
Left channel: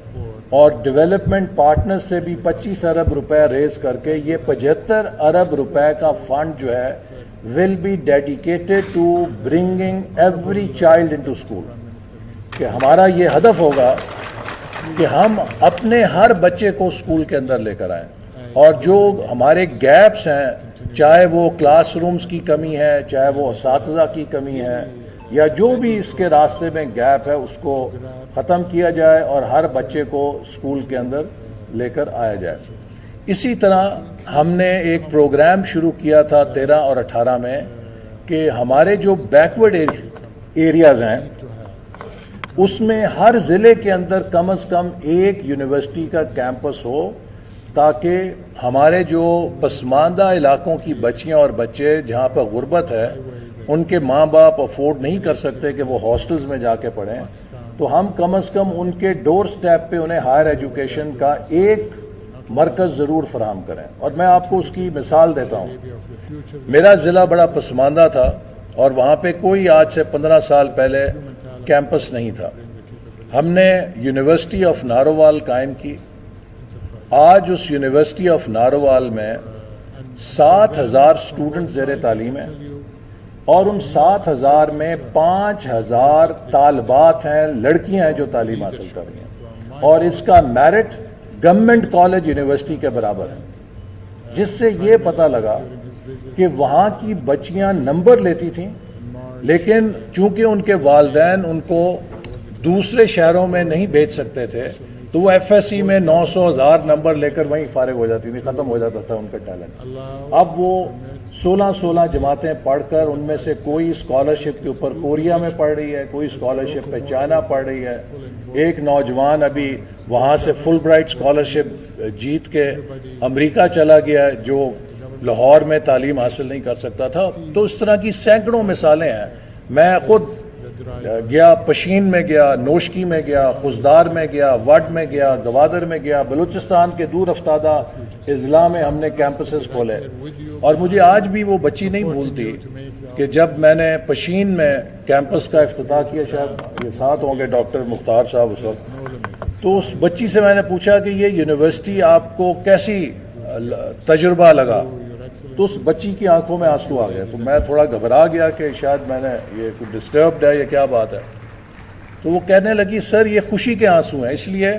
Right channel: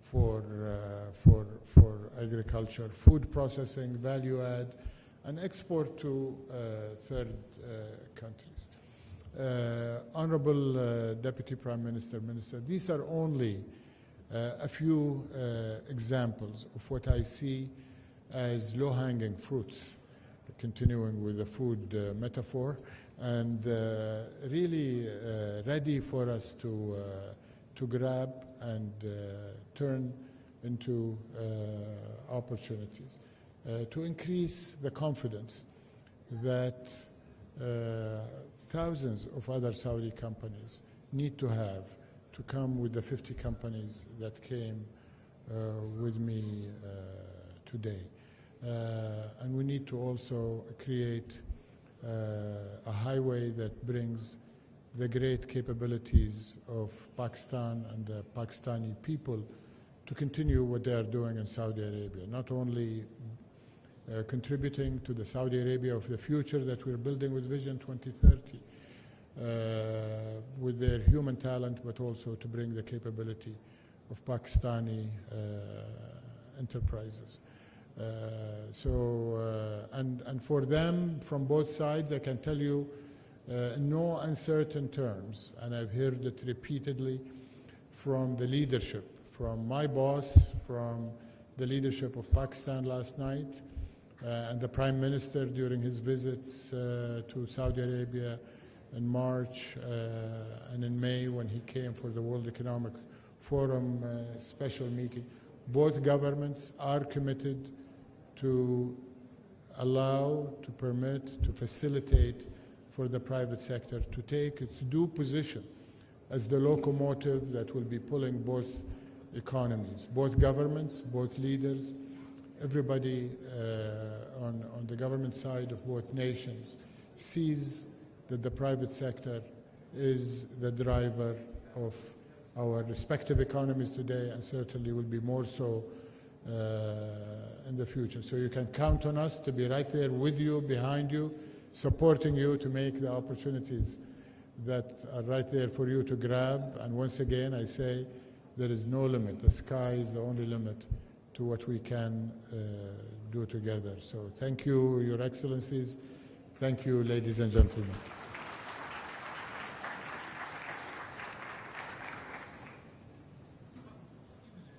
اور ڈیولپمنٹ پارٹنر سے بھی 25 ارب روپے ریز کر کے یہ 75 ارب روپے کا فنڈ جو ہے will be dedicated to bringing every child into school. کہ ہمارا یہ ہدف ہوگا کہ ہم اپنے ہر بچے کو اسکول کے اندر لے کر آئیں, اور جو ہمارے گیپس ہیں, چاہے وہ کلاس رومز کی کمی ہے, چاہے وہ اساتذہ کی کمی ہے, یا جو بھی اس کے راستے میں گیپ ہے, اس کو ختم کیا جائے اور ہر بچے کو اسکول کے اندر لے کر آیا جائے. اسی طرح ہم نے ایک پروگرام شروع کیا تھا 13 اور 18 میں کہ ہمارے جو بیکورڈ ایریاز ہیں اس میں ہر ضلع کے اندر کم از کم ایک یونیورسٹی کا کیمپس ہو تاکہ ہمارے جو پسماندہ علاقوں کی بچیاں اور بچے جہاں پر غربت ہے ان کے ماں باپ افورڈ نہیں کر سکتے کہ وہ ہاسٹلز میں جا کے پڑھیں تو ہم کم از کم ان کے ڈور سٹیپ پہ انہیں ہائر ایجوکیشن کا ایک مرکز ضرور فراہم کریں. اور میں آپ کو اس کی مثال دیتا ہوں. میرا ضلع بڑا پسماندہ تھا اور وہاں پہ کوئی آج سے 15 سال پہلے کیمپس نہیں تھا. ہم نے یونیورسٹی آف نارووال قائم کی. آج اس یونیورسٹی آف نارووال میں 7,000 اسٹوڈنٹ زیر تعلیم ہیں اور ان 7,000 میں 5,000 طالبات ہیں, لڑکیاں ہیں جو تعلیم حاصل کر رہی ہیں اور اس کا میرٹ گورنمنٹ کالج یونیورسٹی کے برابر ہے, جس سے یہ پتہ لگا کہ وہاں کی بچیاں نمبر لیتی تھیں لیکن چونکہ ان کے والدین ان کو دوسرے شہروں میں نہیں بھیج سکتے تھے تو وہ ایف ایس سی میں 900,000 نمبر لے کر وہیں فارغ ہو جاتی تھی, ختم ہو جاتا تھا ان کا ٹیلنٹ. اب وہ 16 جماعتیں پڑھ کر ان میں سے کوئی اسکالرشپ کے اوپر کوریا میں پڑھ رہی ہے, کوئی اسکالرشپ پہ چائنا پڑھ رہی ہے. ایک نوجوان ابھی وہاں سے فل برائٹ اسکالرشپ جیت کے امریکہ چلا گیا جو لاہور میں تعلیم حاصل نہیں کر سکتا تھا. تو اس طرح کی سینکڑوں مثالیں ہیں. میں خود گیا, پشین میں گیا, نوشکی میں گیا, خزدار میں گیا, وڈ میں گیا, گوادر میں گیا, بلوچستان کے دور افتادہ اضلاع میں ہم نے کیمپسز کھولے. اور مجھے آج بھی وہ بچی نہیں بھولتی کہ جب میں نے پشین میں کیمپس کا افتتاح کیا, شاید ساتھ ہوں گے ڈاکٹر مختار صاحب اس وقت, تو اس بچی سے میں نے پوچھا کہ یہ یونیورسٹی آپ کو کیسی تجربہ لگا, تو اس بچی کی آنکھوں میں آنسو آ گئے. تو میں تھوڑا گھبرا گیا کہ شاید میں نے یہ کوئی ڈسٹربڈ ہے, یہ کیا بات ہے. تو وہ کہنے لگی سر یہ خوشی کے آنسو ہیں, اس لیے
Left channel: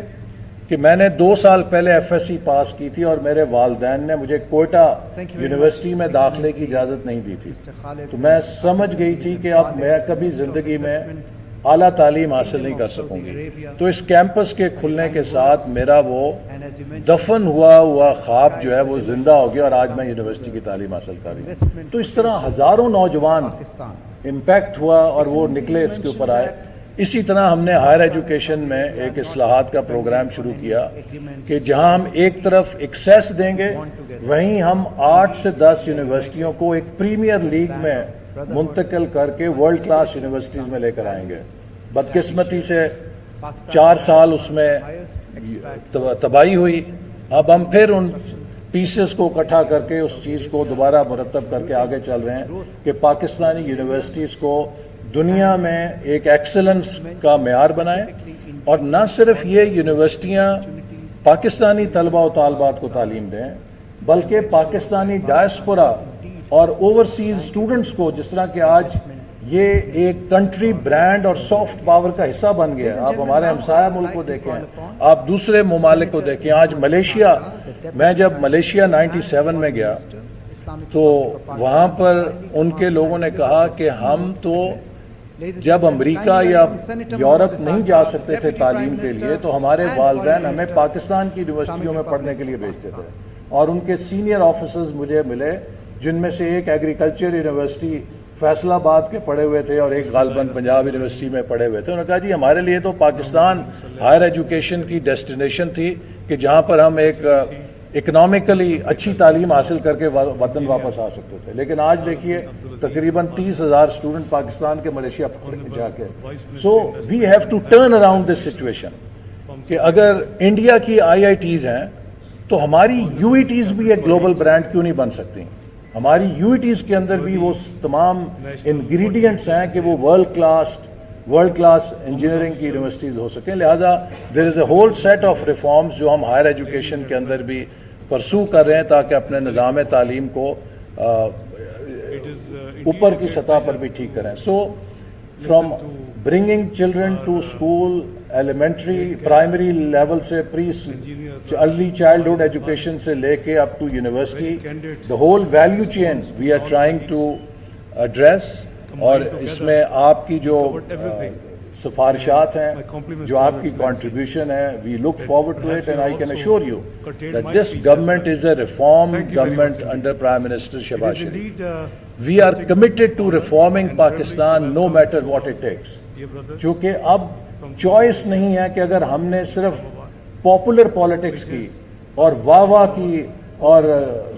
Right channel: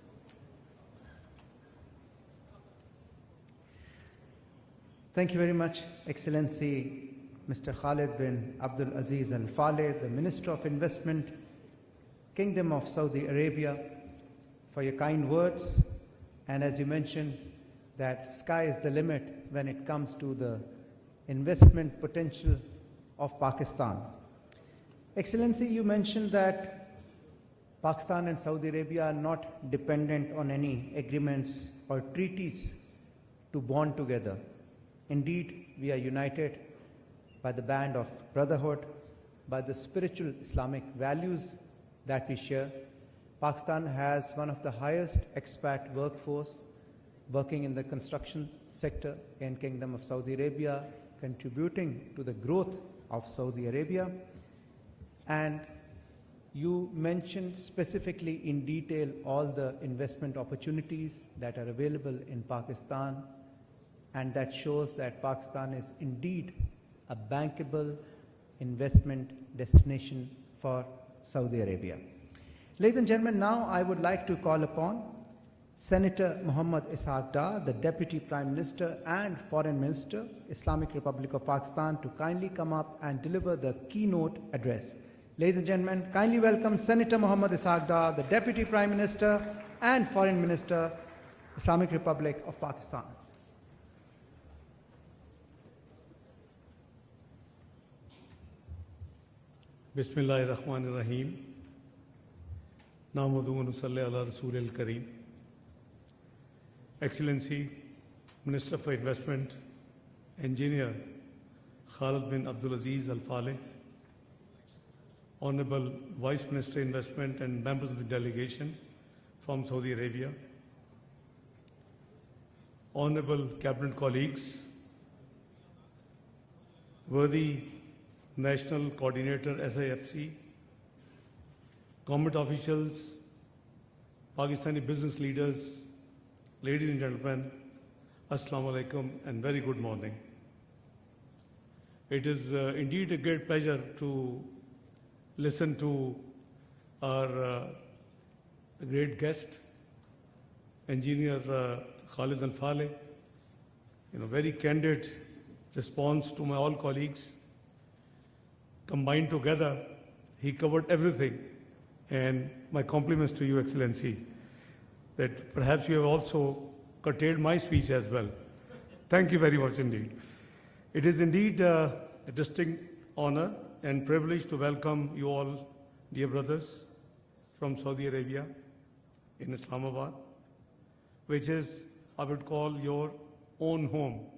کہ میں نے 2 سال پہلے ایف ایس سی پاس کی تھی اور میرے والدین نے مجھے کوئٹہ یونیورسٹی میں داخلے کی اجازت نہیں دی تھی. تو میں سمجھ گئی تھی کہ اب میں کبھی زندگی میں اعلیٰ تعلیم حاصل نہیں کر سکوں گی. تو اس کیمپس کے کھلنے کے ساتھ میرا وہ دفن ہوا خواب جو ہے وہ زندہ ہو گیا اور آج میں یونیورسٹی کی تعلیم حاصل کر رہی ہوں. تو اس طرح ہزاروں نوجوان امپیکٹ ہوا اور وہ نکلے اس کے اوپر آئے. اسی طرح ہم نے ہائر ایجوکیشن میں ایک اصلاحات کا پروگرام شروع کیا کہ جہاں ہم ایک طرف ایکسیس دیں گے وہیں ہم 8 سے 10 یونیورسٹیوں کو ایک پریمیئر لیگ میں منتقل کر کے ورلڈ کلاس یونیورسٹیز میں لے کر آئیں گے. بدقسمتی سے 4 سال اس میں تباہی ہوئی. اب ہم پھر ان پیسز کو اکٹھا کر کے اس چیز کو دوبارہ مرتب کر کے آگے چل رہے ہیں کہ پاکستانی یونیورسٹیز کو دنیا میں ایک ایکسلنس کا معیار بنائیں. اور نہ صرف یہ یونیورسٹیاں پاکستانی طلبہ و طالبات کو تعلیم دیں بلکہ پاکستانی ڈائسپورا اور اوورسیز اسٹوڈنٹس کو, جس طرح کہ آج یہ ایک کنٹری برانڈ اور سافٹ پاور کا حصہ بن گیا. آپ ہمارے ہمسایہ ملک کو دیکھیں, آپ دوسرے ممالک کو دیکھیں. آج ملیشیا, میں جب ملیشیا 97 میں گیا تو وہاں پر ان کے لوگوں نے کہا کہ ہم تو جب امریکہ یا یورپ نہیں جا سکتے تھے تعلیم کے لیے تو ہمارے والدین ہمیں پاکستان کی یونیورسٹیوں میں پڑھنے کے لیے بھیجتے تھے. اور ان کے سینئر آفیسرز مجھے ملے جن میں سے ایک ایگریکلچر یونیورسٹی فیصل آباد کے پڑھے ہوئے تھے اور ایک غالباً پنجاب یونیورسٹی میں پڑھے ہوئے تھے. انہوں نے کہا جی ہمارے لیے تو پاکستان ہائر ایجوکیشن کی ڈیسٹینیشن تھی کہ جہاں پر ہم ایک اکنامکلی اچھی تعلیم حاصل کر کے وطن واپس آ سکتے تھے. لیکن آج دیکھیے تقریباً 30,000 اسٹوڈنٹ پاکستان کے ملیشیا جا کے. So we have to turn around this situation کہ اگر انڈیا کی IITs ہیں تو ہماری UETs بھی ایک گلوبل برانڈ کیوں نہیں بن سکتی. ہماری UETs کے اندر بھی وہ تمام انگریڈینٹس ہیں کہ وہ ورلڈ کلاس انجینئرنگ کی یونیورسٹیز ہو سکیں. لہٰذا there is a whole set of reforms جو ہم ہائر ایجوکیشن کے اندر بھی پرسو کر رہے ہیں تاکہ اپنے نظام تعلیم کو اوپر کی سطح پر بھی ٹھیک کریں. So from bringing children to school, elementary primary level سے ارلی چائلڈہڈ ایجوکیشن سے لے کے up to university, the whole value chain we are trying to address. اور اس میں آپ کی جو سفارشات ہیں, جو آپ کی کنٹریبیوشن ہے, we look forward to it and I can assure you that this government is a reform government under Prime Minister Shehbaz Sharif. We are committed to reforming Pakistan no matter what it takes. چونکہ اب choice نہیں ہے کہ اگر ہم نے صرف popular politics کی اور واہ واہ کی اور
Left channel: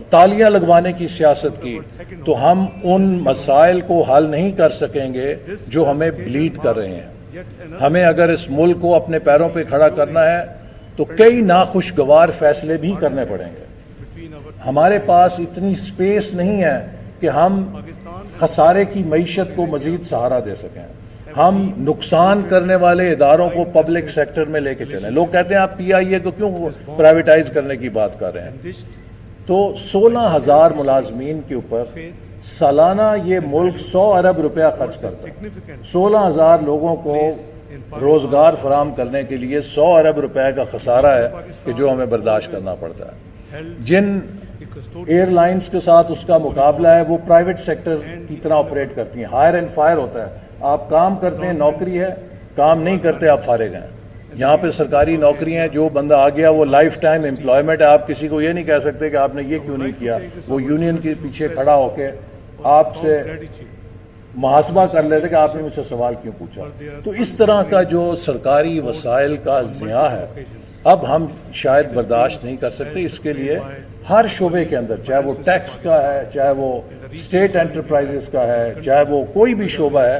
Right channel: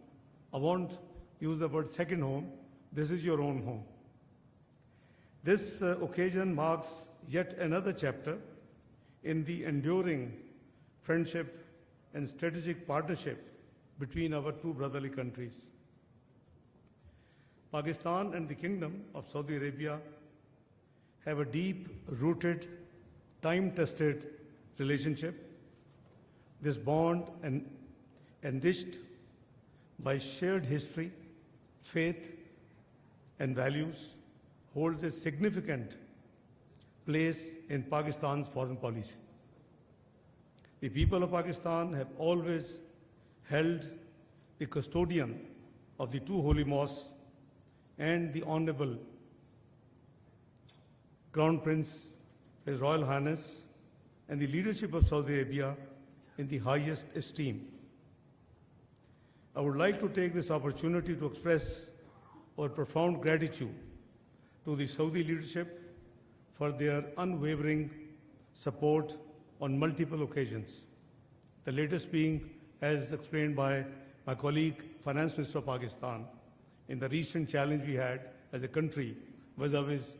تالیاں لگوانے کی سیاست کی تو ہم ان مسائل کو حل نہیں کر سکیں گے جو ہمیں بلیڈ کر رہے ہیں. ہمیں اگر اس ملک کو اپنے پیروں پہ کھڑا کرنا ہے تو کئی ناخوشگوار فیصلے بھی کرنے پڑیں گے. ہمارے پاس اتنی سپیس نہیں ہے کہ ہم خسارے کی معیشت کو مزید سہارا دے سکیں. ہم نقصان کرنے والے اداروں کو پبلک سیکٹر میں لے کے چلیں. لوگ کہتے ہیں آپ پی آئی اے کو کیوں پرائیویٹائز کرنے کی بات کر رہے ہیں؟ تو 16,000 ملازمین کے اوپر سالانہ یہ ملک 100 ارب روپیہ خرچ کرتا ہے. 16,000 لوگوں کو روزگار فراہم کرنے کے لیے 100 ارب روپے کا خسارہ ہے کہ جو ہمیں برداشت کرنا پڑتا ہے. جن ایئر لائنز کے ساتھ اس کا مقابلہ ہے وہ پرائیویٹ سیکٹر کی طرح آپریٹ کرتی ہیں. ہائر اینڈ فائر ہوتا ہے. آپ کام کرتے ہیں نوکری ہے, کام نہیں کرتے آپ فارغ ہیں. یہاں پہ سرکاری نوکریاں جو بندہ آ گیا وہ لائف ٹائم امپلائمنٹ ہے. آپ کسی کو یہ نہیں کہہ سکتے کہ آپ نے یہ کیوں نہیں کیا. وہ یونین کے پیچھے کھڑا ہو کے آپ سے محاسبہ کر لیتے کہ آپ نے مجھ سے سوال کیوں پوچھا. تو اس طرح کا جو سرکاری وسائل کا ضیاع ہے اب ہم شاید برداشت نہیں کر سکتے. اس کے لیے ہر شعبے کے اندر, چاہے وہ ٹیکس کا ہے, چاہے وہ اسٹیٹ انٹرپرائزز کا ہے, چاہے وہ کوئی بھی شعبہ ہے,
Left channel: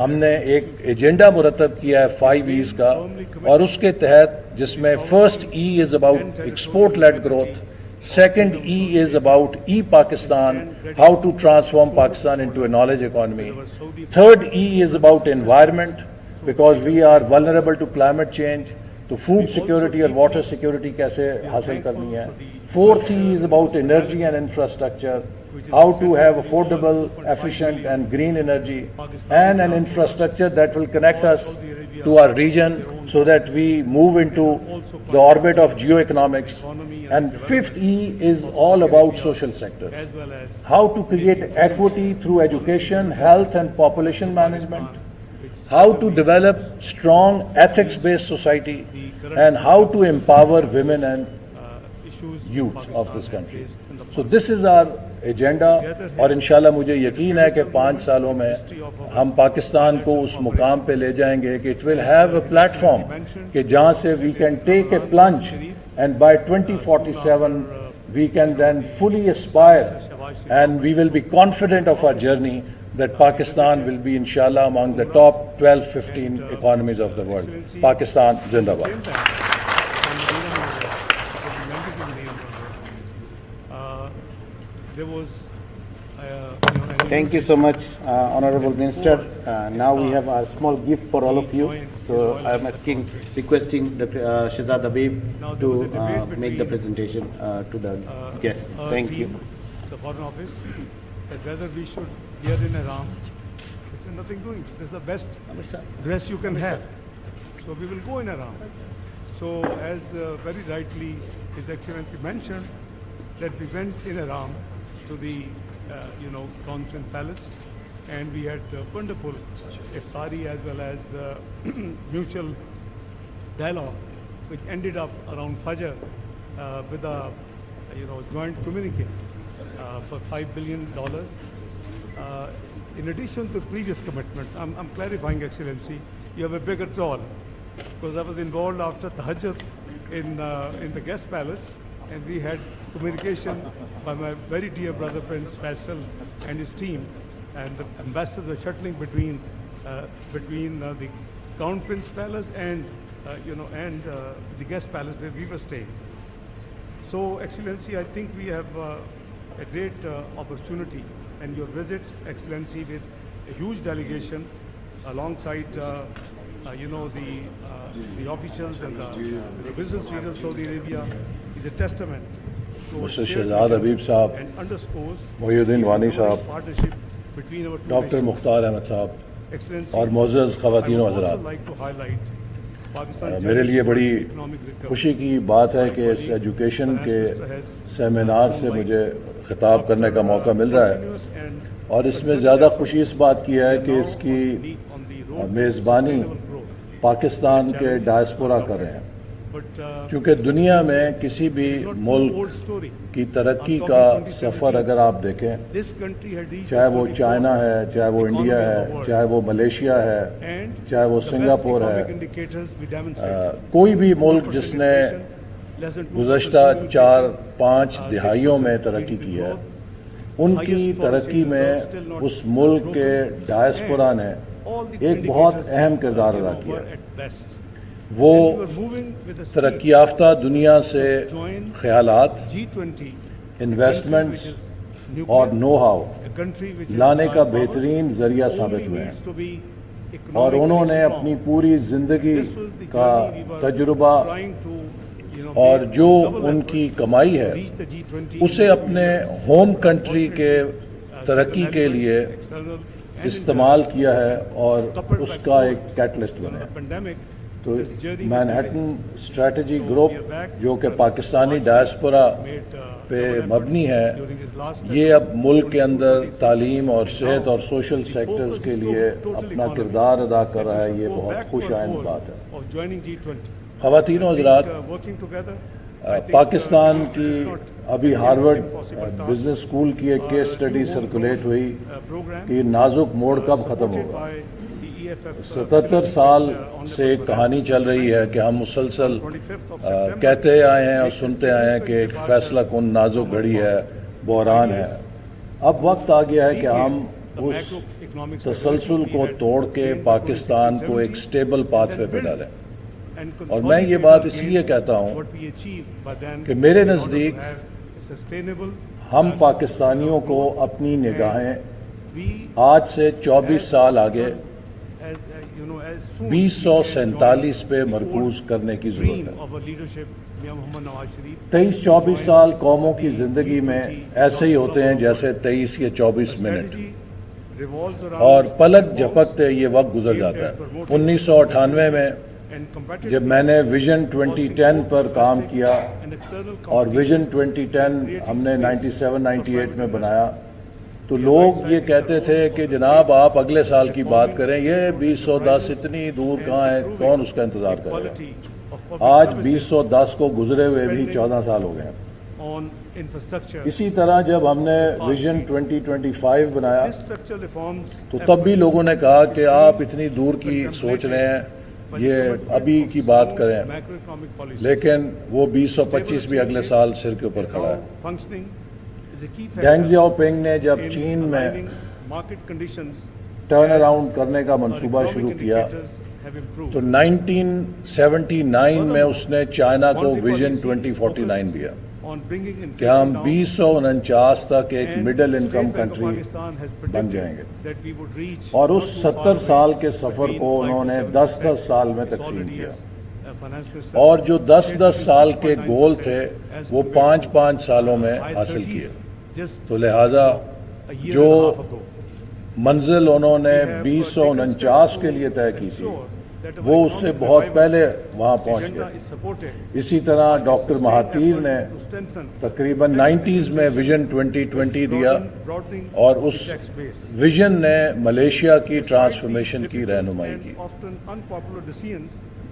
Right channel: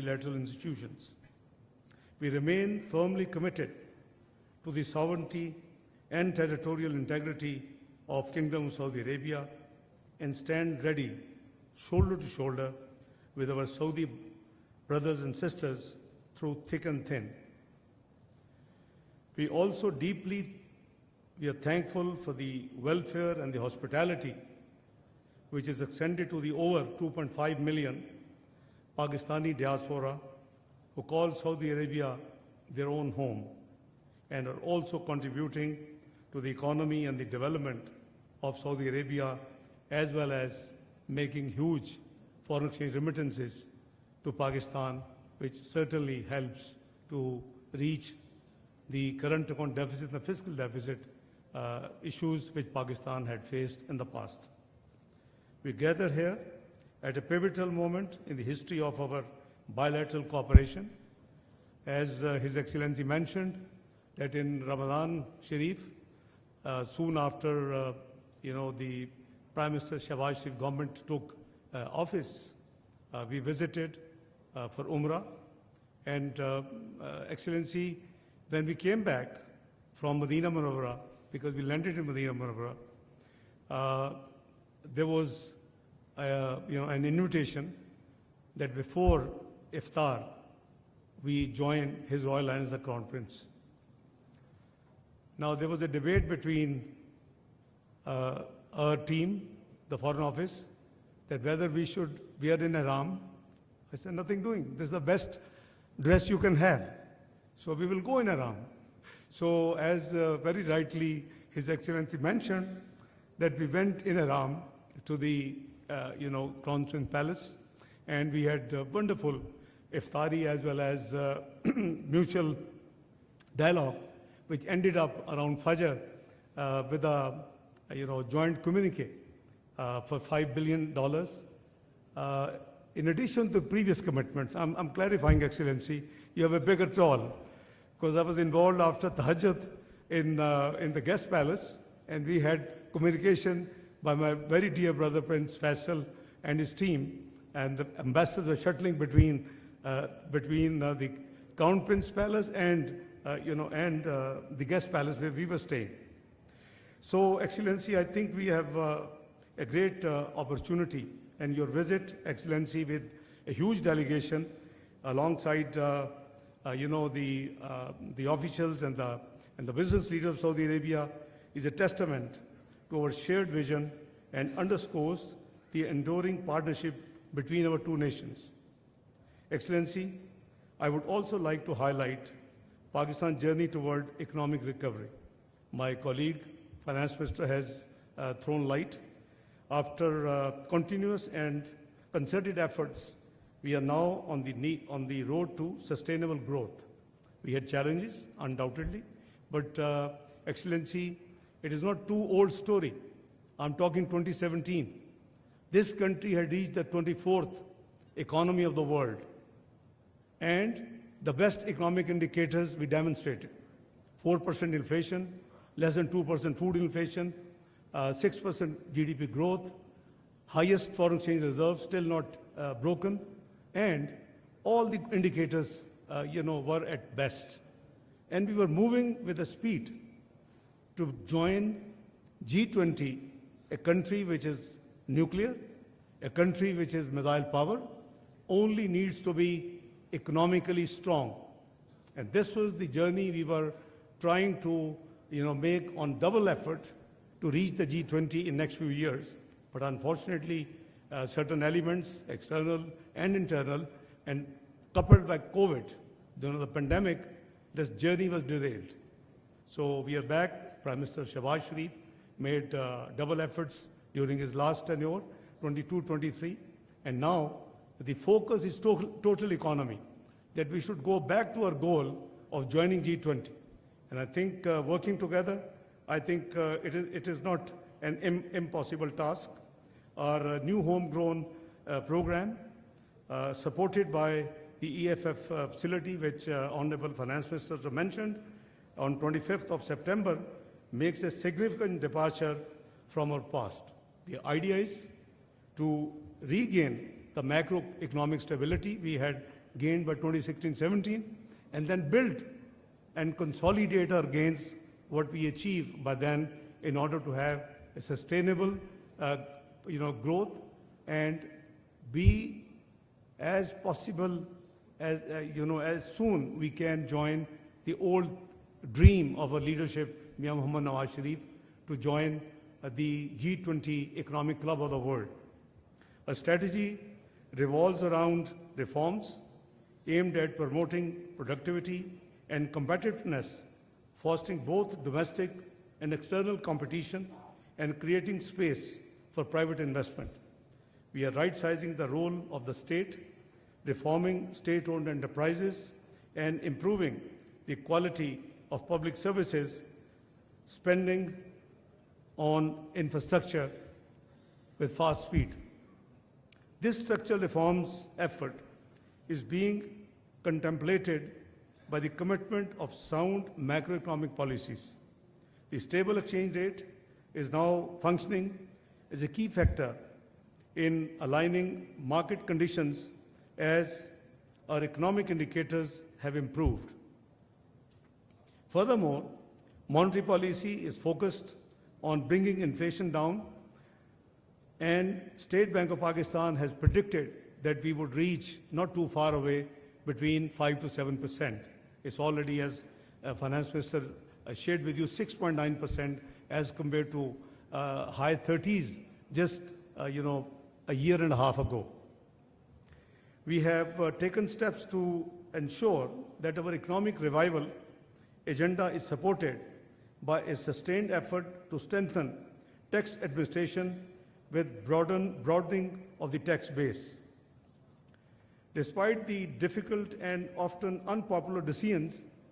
ہم نے ایک ایجنڈا مرتب کیا ہے 5 E's کا, اور اس کے تحت جس میں first E is about export led growth, second E is about E-Pakistan, how to transform Pakistan into a knowledge economy. Third E is about environment, because we are vulnerable to climate change. تو food security اور water security کیسے حاصل کرنی ہے. Fourth E is about energy and infrastructure, how to have affordable, efficient and green energy and an infrastructure that will connect us to our region so that we move into the orbit of geoeconomics. And fifth E is all about social sector, how to create equity through education, health and population management, how to develop strong ethics-based society, and how to empower women and youth of this country. So this is our agenda, اور انشاءاللہ مجھے یقین ہے کہ 5 سالوں میں ہم پاکستان کو اس مقام پہ لے جائیں گے کہ it will have a platform کہ جہاں سے we can take a plunge, and by 2047 we can then fully aspire and we will be confident of our journey that Pakistan will be inshallah among the top 12-15 economies of the world. Pakistan Zindabad. Came back from Medina Munawwara, because we landed in Medina Munawwara. There was an Thank you so much, Honorable Minister. Now we have a small gift for all of you. So I am requesting Dr. Shehzad Habib to make the presentation to the guests. Thank you. The Foreign Office, that whether we should wear in Ihram. There's nothing doing. This is the best dress you can have. So we will go in Ihram. So as very rightly His Excellency mentioned, that we went in Ihram to the Conference Palace, and we had wonderful iftari as well as mutual dialogue, which ended up around Fajr with a joint communique for $5 billion. In addition to previous commitments, I'm clarifying, Excellency, you have a bigger role, because I was involved after Tahajjud in the guest palace, and we had communication by my very dear brother Prince Faisal and his team, and the ambassadors were shuttling between the Crown Prince Palace and the guest palace where we were staying. So, Excellency, I think we have a great opportunity, and your visit, Excellency, with a huge delegation alongside the officials and the business leaders of Saudi Arabia is a testament to our shared vision and underscores the enduring partnership between our two nations. Excellency, I would also like to highlight میرے لیے بڑی خوشی کی بات ہے کہ اس education کے seminar سے مجھے خطاب کرنے کا موقع مل رہا ہے، اور اس میں زیادہ خوشی اس بات کی ہے کہ اس کی میزبانی پاکستان کے ڈائسپورا کر رہے ہیں. کیونکہ دنیا میں کسی بھی ملک کی ترقی کا سفر اگر آپ دیکھیں، چاہے وہ چائنا ہے، چاہے وہ انڈیا ہے، چاہے وہ ملیشیا ہے، چاہے وہ سنگاپور ہے، کوئی بھی ملک جس نے گزشتہ 4-5 دہائیوں میں ترقی کی ہے، ان کی ترقی میں اس ملک کے ڈائسپورا نے ایک بہت اہم کردار ادا کیا۔ وہ ترقی یافتہ دنیا سے خیالات، انویسٹمنٹس اور نو ہاؤ لانے کا بہترین ذریعہ ثابت ہوئے ہیں، اور انہوں نے اپنی پوری زندگی کا تجربہ اور جو ان کی کمائی ہے اسے اپنے ہوم کنٹری کے ترقی کے لیے استعمال کیا ہے اور اس کا ایک کیٹلسٹ بنا ہے۔ تو مینہٹن اسٹریٹجی گروپ جو کہ پاکستانی ڈائسپورا پہ مبنی ہے، یہ اب ملک کے اندر تعلیم اور صحت اور سوشل سیکٹرز کے لیے اپنا کردار ادا کر رہا ہے۔ یہ بہت خوش آئند بات ہے۔ خواتین و حضرات، پاکستان کی ابھی ہارورڈ بزنس اسکول کی ایک کیس سٹڈی سرکولیٹ ہوئی کہ یہ نازک موڑ کب ختم ہوگا۔ 77 سال سے ایک کہانی چل رہی ہے کہ ہم مسلسل کہتے آئے ہیں اور سنتے آئے ہیں کہ ایک فیصلہ کن نازک گھڑی ہے، بحران ہے۔ اب وقت آ گیا ہے کہ ہم اس تسلسل کو توڑ کے پاکستان کو ایک سٹیبل پاتھ پہ ڈالیں۔ اور میں یہ بات اس لیے کہتا ہوں کہ میرے نزدیک ہم پاکستانیوں کو اپنی نگاہیں آج سے 24 سال آگے 2047 پہ مرکوز کرنے کی ضرورت ہے۔ 23-24 سال قوموں کی زندگی میں ایسے ہی ہوتے ہیں جیسے 23 یا 24 منٹ، اور پلک جھپکتے یہ وقت گزر جاتا ہے۔ 1998 میں جب میں نے ویژن 2010 پر کام کیا اور ویژن 2010 ہم نے 97-98 میں بنایا، تو لوگ یہ کہتے تھے کہ جناب آپ اگلے سال کی بات کریں، یہ 2010 اتنی دور کہاں ہے، کون اس کا انتظار کرے گا۔ آج 2010 کو گزرے ہوئے بھی 14 سال ہو گئے ہیں۔ اسی طرح جب ہم نے ویژن 2025 بنایا تو تب بھی لوگوں نے کہا کہ آپ اتنی دور کی سوچ رہے ہیں، یہ ابھی کی بات کریں، لیکن وہ 2025 بھی اگلے سال سر کے اوپر کھڑا ہے۔ ڈینگ زیاؤ پنگ نے جب چین میں ٹرن اراؤنڈ کرنے کا منصوبہ شروع کیا تو 1979 میں اس نے چائنا کو ویژن 2049 دیا کہ ہم 2049 تک ایک مڈل انکم کنٹری بن جائیں گے، اور اس 70 سال کے سفر کو انہوں نے 10-10 سال میں تقسیم کیا، اور جو 10-10 سال کے گول تھے وہ 5-5 سالوں میں حاصل کیے۔ تو لہٰذا جو منزل انہوں نے 2049 کے لیے طے کی تھی وہ اس سے بہت پہلے وہاں پہنچ گئے۔ اسی طرح ڈاکٹر مہاتیر نے تقریباً 90s میں ویژن 2020 دیا، اور اس ویژن نے ملیشیا کی ٹرانسفارمیشن کی رہنمائی کی۔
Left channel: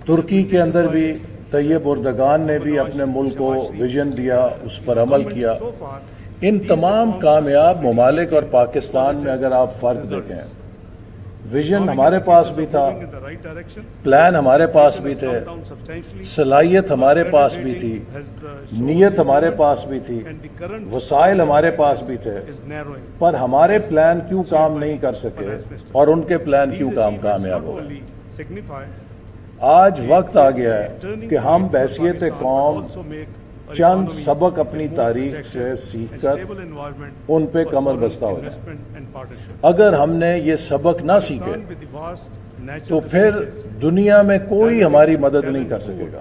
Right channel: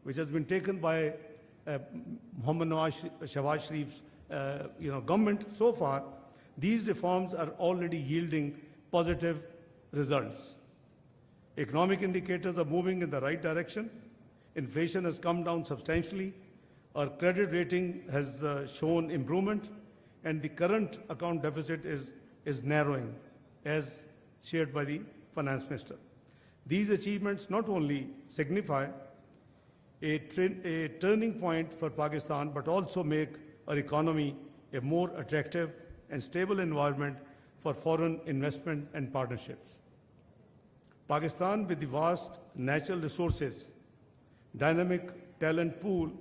ترکی کے اندر بھی طیب اردگان نے بھی اپنے ملک کو ویژن دیا، اس پر عمل کیا۔ ان تمام کامیاب ممالک اور پاکستان میں اگر آپ فرق دیکھیں، ویژن ہمارے پاس بھی تھا، پلان ہمارے پاس بھی تھے، صلاحیت ہمارے پاس بھی تھی، نیت ہمارے پاس بھی تھی، وسائل ہمارے پاس بھی تھے، پر ہمارے پلان کیوں کام نہیں کر سکے اور ان کے پلان کیوں کامیاب ہوئے۔ آج وقت آ گیا ہے کہ ہم بحیثیت قوم چند سبق اپنی تاریخ سے سیکھ کر ان پہ کمر بستہ ہو جائیں۔ اگر ہم نے یہ سبق نہ سیکھے تو پھر دنیا میں کوئی ہماری مدد نہیں کر سکے گا،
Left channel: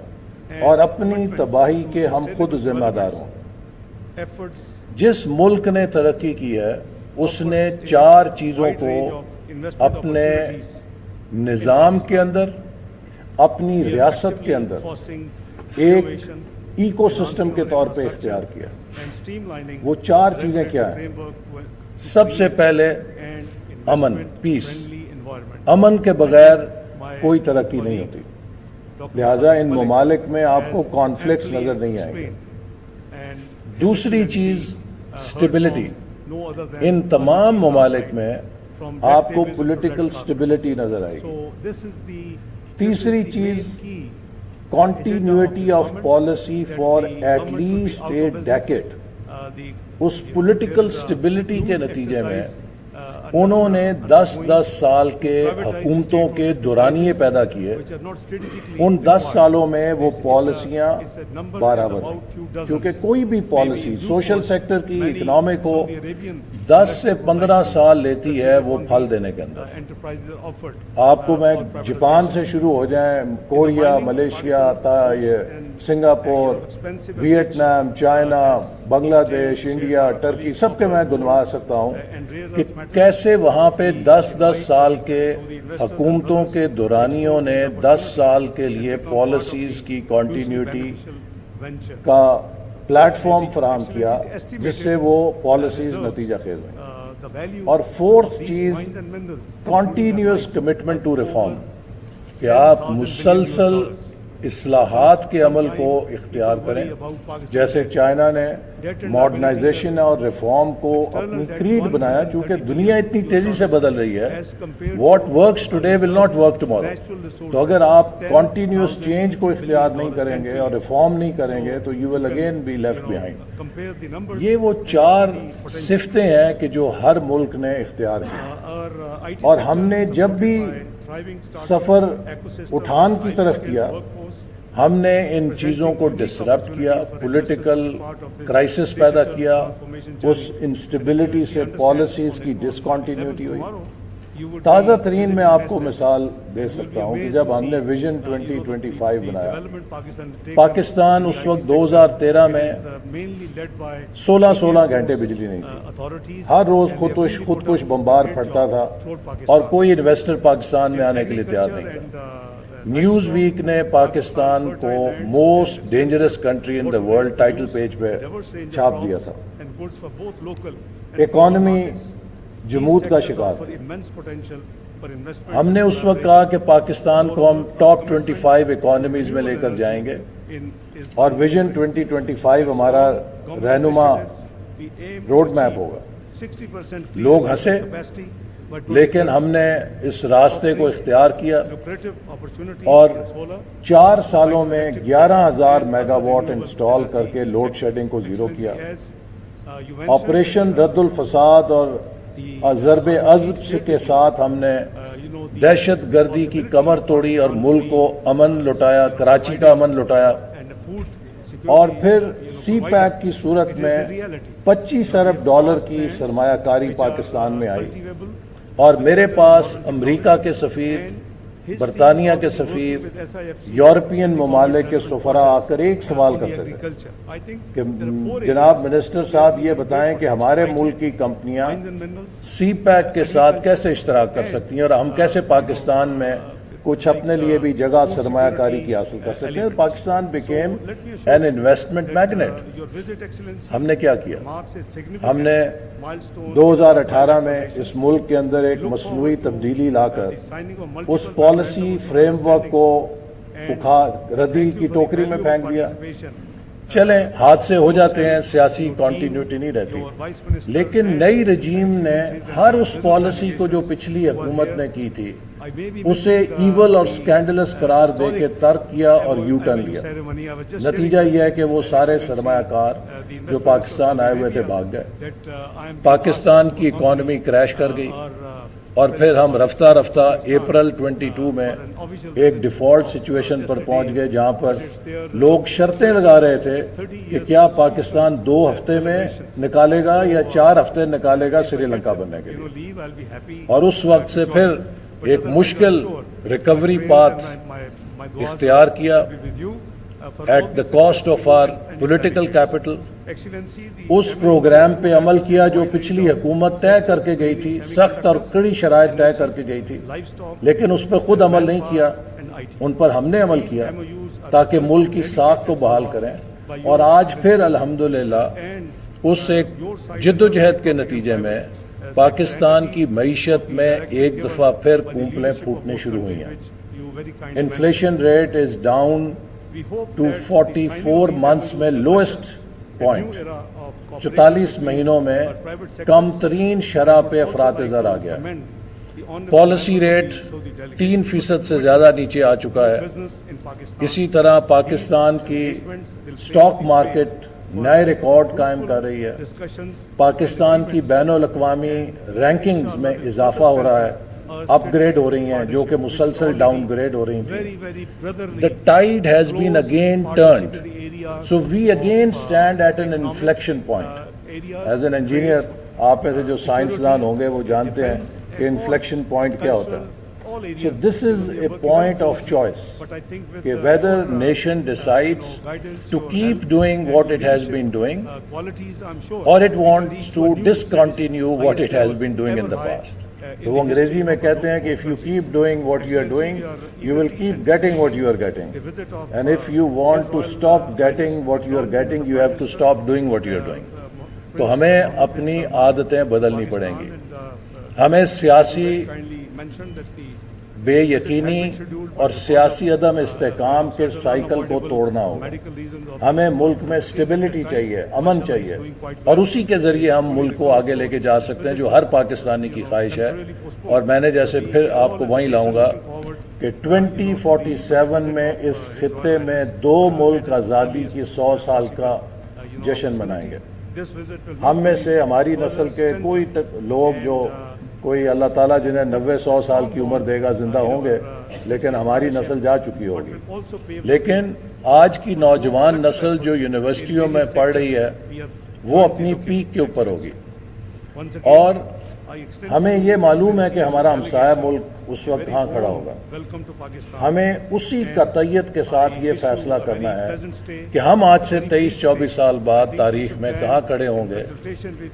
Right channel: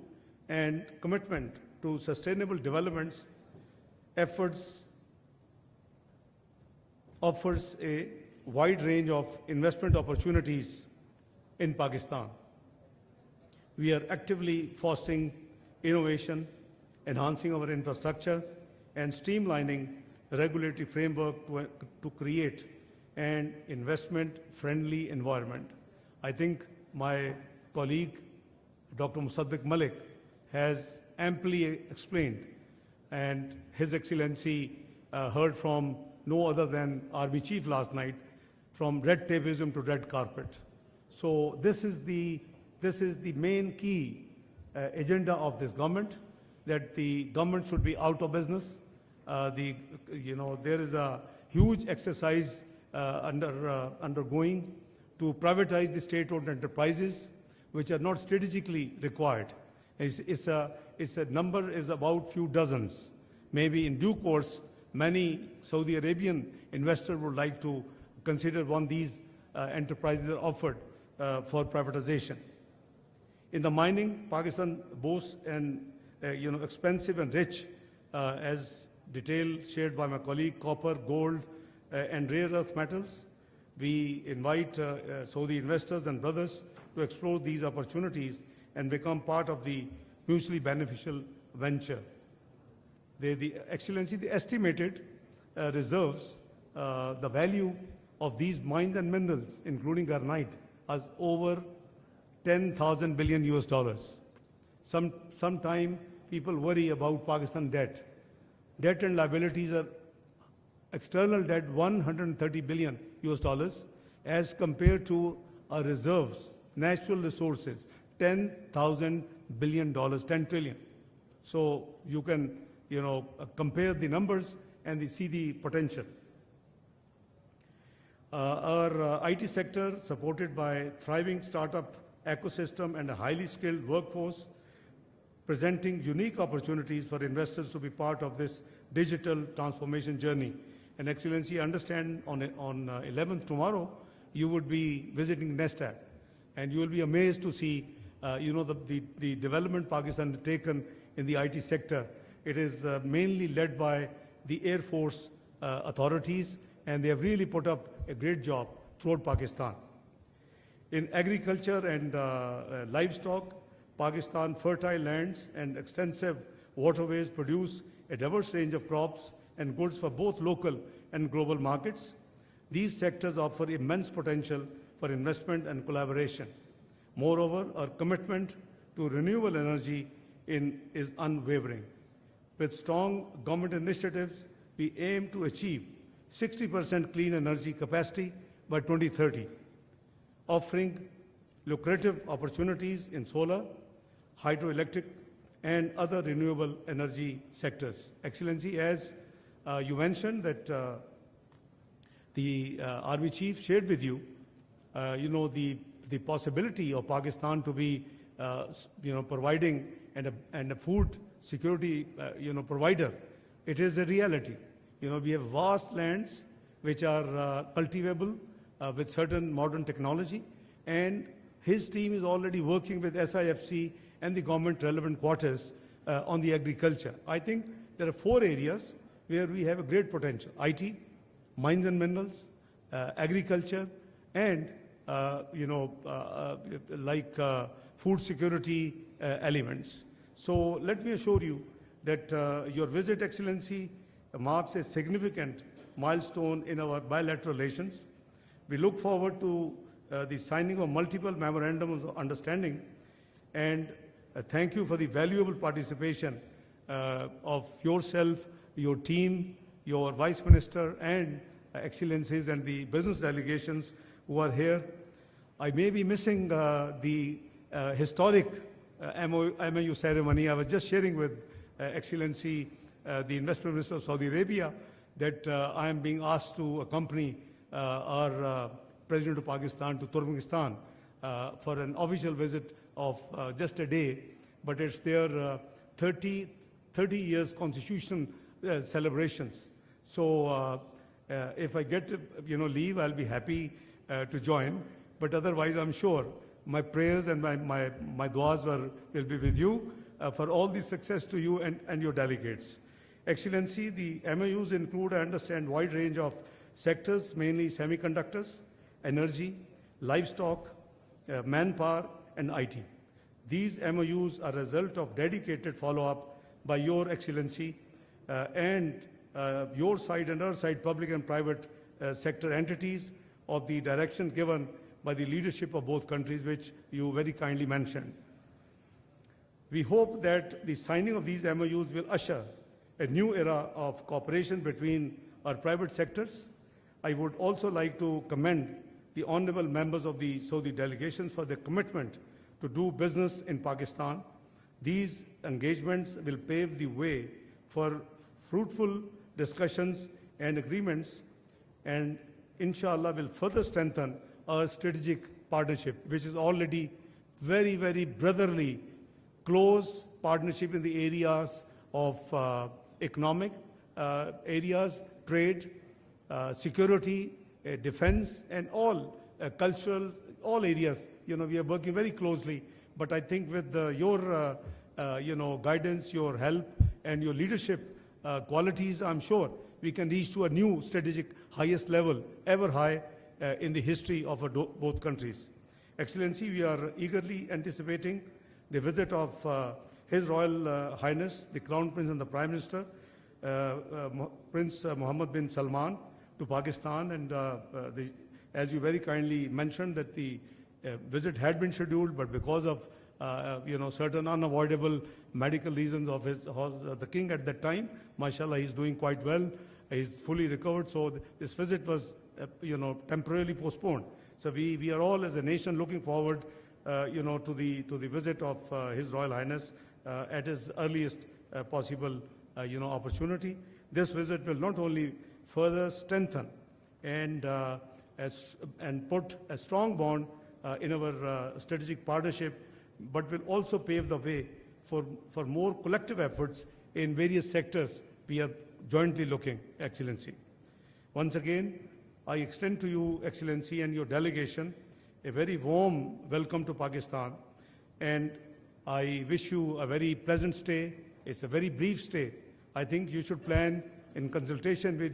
اور اپنی تباہی کے ہم خود ذمہ دار ہوں۔ جس ملک نے ترقی کی ہے اس نے 4 چیزوں کو اپنے نظام کے اندر، اپنی ریاست کے اندر ایک ایکو سسٹم کے طور پہ اختیار کیا۔ وہ 4 چیزیں کیا ہیں؟ سب سے پہلے امن، پیس۔ امن کے بغیر کوئی ترقی نہیں ہوتی۔ لہٰذا ان ممالک میں آپ کو کانفلکٹس نظر نہیں آئیں گے. دوسری چیز اسٹیبلٹی. ان تمام ممالک میں آپ کو پولیٹیکل اسٹیبلٹی نظر آئے گی. تیسری چیز continuity of policy for at least a decade. اس پولیٹیکل سٹیبلٹی کے نتیجے میں انہوں نے 10 سال کے حکومتوں کے دورانیے پیدا کیے. ان 10 سالوں میں وہ پالیسیاں برابر، کیونکہ کوئی بھی پالیسی سوشل سیکٹر کی اکنامک ہو 10 سے 15 سال لیتی ہے وہ پھل دینے کے اندر. آپ کو میں جاپان سے شروع ہو جائیں، Korea, Malaysia, Singapore, Vietnam, China, Bangladesh, India, Turkey, سب کے میں گنوا سکتا ہوں کہ کیسے وہاں پہ 10 سال کے حکومتوں کے دورانیوں نے 10 سال کے لیے پالیسیز کی کنٹینیوٹی کا پلیٹ فارم فراہم کیا جس سے وہ پالیسیز نتیجہ خیز ہوئیں. اور فورتھ چیز کنٹینیوس کمٹمنٹ ٹو ریفارم، کہ آپ مسلسل اصلاحات کے عمل کو اختیار کریں. جیسے چائنا نے ماڈرنائزیشن اور ریفارم کو اپنی کریڈ بنایا، چونکہ دنیا اتنی تیزی سے بدل رہی ہے. What works today will not work tomorrow. تو اگر آپ کنٹینیوس چینج کو اختیار نہیں کریں گے اور ریفارم نہیں کریں گے تو you will again be left behind. یہ وہ 4 صفتیں ہیں کہ جو ہر ملک نے اختیار کی. اور ہم نے جب بھی سفر اٹھان کی طرف کیا ہم نے ان چیزوں کو ڈسرپٹ کیا، پولیٹیکل کرائسس پیدا کیا، اس انسٹیبلٹی سے پالیسیز کی ڈسکنٹینیوٹی ہوئی. تازہ ترین میں آپ کو مثال دے سکتا ہوں کہ جب ہم نے ویژن 2025 بنایا، پاکستان اس وقت 2013 میں 16 گھنٹے بجلی نہیں تھی. ہر روز خود کش بمبار پھٹتا تھا اور کوئی انویسٹر پاکستان میں آنے کے لیے تیار نہیں تھا. نیوز ویک نے پاکستان کو most dangerous country in the world title page پہ چھاپ دیا تھا. اکانومی جمود کا شکار. ہم نے اس وقت کہا کہ پاکستان کو ہم ٹاپ 25 اکانومیز میں لے کر جائیں گے اور ویژن 2025 ہمارا رہنما روڈ میپ ہوگا. لوگ ہنسے لیکن ہم نے اس راستے کو اختیار کیا اور 4 سالوں میں 11,000 میگا واٹ انسٹال کر کے لوڈ شیڈنگ کو زیرو کیا. آپریشن رد الفساد اور ضرب عضب کے ساتھ ہم نے دہشت گردی کی کمر توڑی اور ملک کو امن لٹایا، کراچی کا امن لٹایا. اور پھر سی پیک کی صورت میں $25 ارب کی سرمایہ کاری پاکستان میں آئی. اور میرے پاس امریکہ کے سفیر، برطانیہ کے سفیر، یورپین ممالک کے سفراء آ کر ایک سوال کرتے تھے کہ جناب منسٹر صاحب یہ بتائیں کہ ہمارے ملک کی کمپنیاں سی پیک کے ساتھ کیسے اشتراک کر سکتی ہیں اور ہم کیسے پاکستان میں کچھ اپنے لیے بھی جگہ سرمایہ کاری کی حاصل کر سکتے ہیں. Pakistan became an investment magnet. ہم نے کیا کیا؟ ہم نے 2018 میں اس ملک کے اندر ایک مصنوعی تبدیلی لا کر اس پالیسی فریم ورک کو ردی کی ٹوکری میں پھینک دیا. چلیں حادثے ہو جاتے ہیں، سیاسی کنٹینیوٹی نہیں رہتی، لیکن نئی رجیم نے ہر اس پالیسی کو جو پچھلی حکومت نے کی تھی اسے ایول اور سکینڈلس قرار دے کے ترک کیا اور یو ٹرن لیا. نتیجہ یہ ہے کہ وہ سارے سرمایہ کار جو پاکستان آئے ہوئے تھے بھاگ گئے. پاکستان کی اکانومی کریش کر گئی اور پھر ہم رفتہ رفتہ اپریل 22 میں ایک ڈیفالٹ سچویشن پر پہنچ گئے جہاں پر لوگ شرطیں لگا رہے تھے کہ کیا پاکستان 2 ہفتے میں نکالے گا یا 4 ہفتے نکالے گا سری لنکا بننے کے لیے. اور اس وقت سے پھر ایک مشکل ریکوری پاتھ اختیار کیا at the cost of our political capital. اس پروگرام پہ عمل کیا جو پچھلی حکومت طے کر کے گئی تھی، سخت اور کڑی شرائط طے کر کے گئی تھی، لیکن اس پہ خود عمل نہیں کیا، ان پر ہم نے عمل کیا تاکہ ملک کی ساکھ کو بحال کریں. اور آج پھر الحمدللہ اس ایک جدوجہد کے نتیجے میں پاکستان کی معیشت میں ایک دفعہ پھر پھوپلیں پھوٹنی شروع ہوئی ہیں. Inflation rate is down to 44 months میں لوئسٹ پوائنٹ, 44 مہینوں میں کم ترین شرح پہ افراط زر آ گیا. پالیسی ریٹ 3% سے زیادہ نیچے آ چکا ہے. اسی طرح پاکستان کی اسٹاک مارکیٹ نئے ریکارڈ قائم کر رہی ہے. پاکستان کی بین الاقوامی رینکنگز میں اضافہ ہو رہا ہے, اپ گریڈ ہو رہی ہیں جو کہ مسلسل ڈاؤن گریڈ ہو رہی ہیں. The tide has been again turned. So we again stand at an inflection point. As an engineer, آپ ایسے جو سائنسدان ہوں گے وہ جانتے ہیں کہ انفلیکشن پوائنٹ کیا ہوتا ہے. So this is a point of choice. Whether nation decides to keep doing what it has been doing, or it wants to discontinue what it has been doing in the past. تو وہ انگریزی میں کہتے ہیں کہ if you keep doing what you are doing, you will keep getting what you are getting. And if you want to stop getting what you are getting, you have to stop doing what you are doing. تو ہمیں اپنی عادتیں بدلنی پڑیں گی. ہمیں سیاسی بے یقینی اور سیاسی عدم استحکام کے سائیکل کو توڑنا ہوگا. ہمیں ملک میں اسٹیبلٹی چاہیے, امن چاہیے, اور اسی کے ذریعے ہم ملک کو آگے لے کے جا سکتے ہیں جو ہر پاکستانی کی خواہش ہے. اور میں نے جیسے پھر آپ کو وہیں لاؤں گا کہ 2047 میں اس خطے میں 2 ملک آزادی کی 100 سال کا جشن منائیں گے. ہم میں سے ہماری نسل کے کوئی لوگ جو کوئی اللہ تعالیٰ جنہیں 90-100 سال کی عمر دے گا زندہ ہوں گے, لیکن ہماری نسل جا چکی ہوگی. لیکن آج کی نوجوان نسل جو یونیورسٹیوں میں پڑھ رہی ہے وہ اپنی پیک کے اوپر ہوگی. اور ہمیں یہ معلوم ہے کہ ہمارا ہمسایہ ملک اس وقت کہاں کھڑا ہوگا. ہمیں اسی قطعیت کے ساتھ یہ فیصلہ کرنا ہے کہ ہم آج سے 23-24 سال بعد تاریخ میں کہاں کھڑے ہوں گے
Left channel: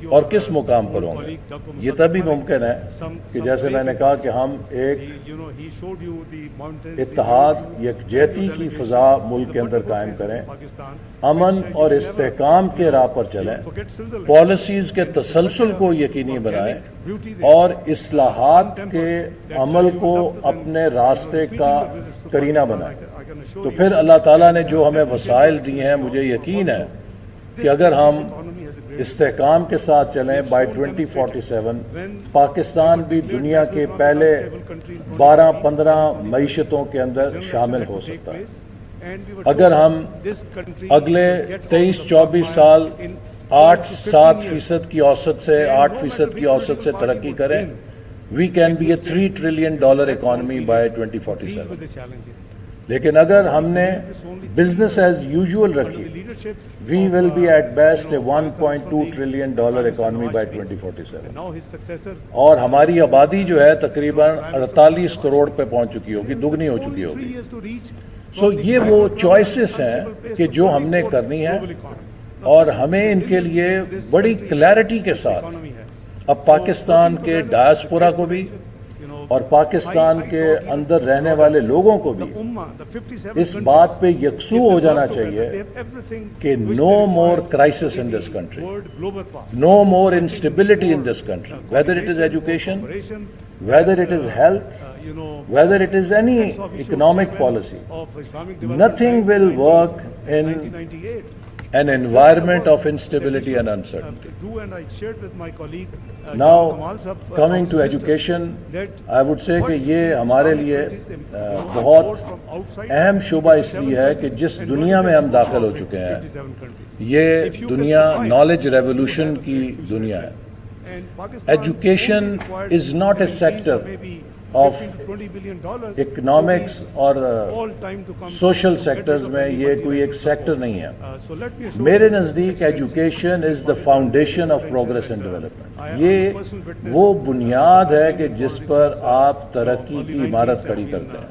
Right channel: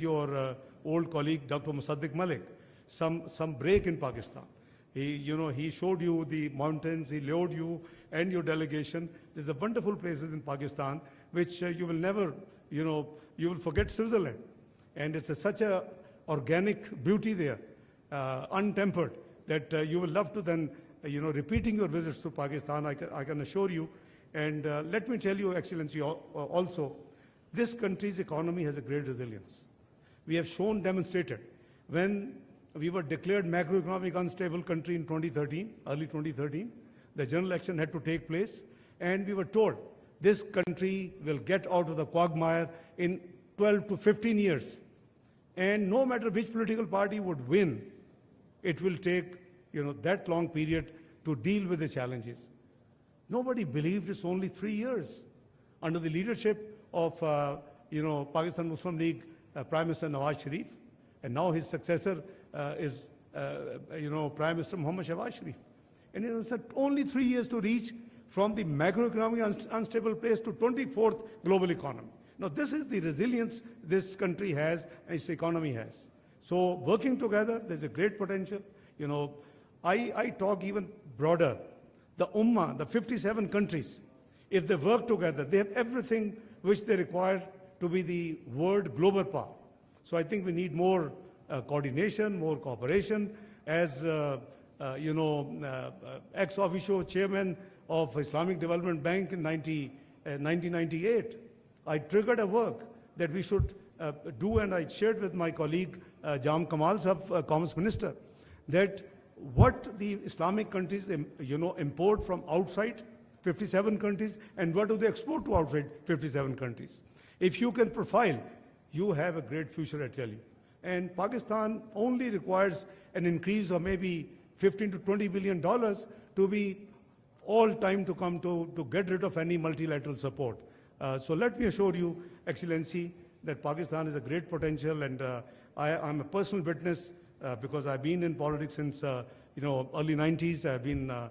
اور کس مقام پر ہوں گے. یہ تبھی ممکن ہے کہ جیسے میں نے کہا کہ ہم ایک اتحاد یکجہتی کی فضا ملک کے اندر قائم کریں, امن اور استحکام کے راہ پر چلیں, پالیسیز کے تسلسل کو یقینی بنائیں اور اصلاحات کے عمل کو اپنے راستے کا کرینہ بنائیں. تو پھر اللہ تعالیٰ نے جو ہمیں وسائل دیے ہیں, مجھے یقین ہے کہ اگر ہم استحکام کے ساتھ چلیں بائی 2047 پاکستان بھی دنیا کے پہلے 12-15 معیشتوں کے اندر شامل ہو سکتا ہے. اگر ہم اگلے 23-24 سال 8-7% کی اوسط سے 8% کی اوسط سے ترقی کریں, we can be a $3 trillion economy by 2047. لیکن اگر ہم نے بزنس ایز یوزول رکھی, we will be at best a $1.2 trillion economy by 2047. اور ہماری آبادی جو ہے تقریباً 48 کروڑ پہ پہنچ چکی ہوگی, دگنی ہو چکی ہوگی. سو یہ وہ چوائسز ہیں کہ جو ہم نے کرنی ہے, اور ہمیں ان کے لیے بڑی کلیئرٹی کے ساتھ اب پاکستان کے ڈائسپورا کو بھی اور پاکستان کے اندر رہنے والے لوگوں کو بھی اس بات پہ یکسو ہو جانا چاہیے کہ no more crisis in this country, no more instability in this country, whether it is education, whether it is health, whether it is any economic policy. Nothing will work in an environment of instability and uncertainty. Now, coming to education, I would say کہ یہ ہمارے لیے بہت اہم شعبہ اس لیے ہے کہ جس دنیا میں ہم داخل ہو چکے ہیں, یہ دنیا نالج ریولوشن کی دنیا ہے. Education is not a sector of economics اور social sectors میں, یہ کوئی ایک سیکٹر نہیں ہے. میرے نزدیک education is the foundation of progress and development. یہ وہ بنیاد ہے کہ جس پر آپ ترقی کی عمارت کھڑی کرتے ہیں.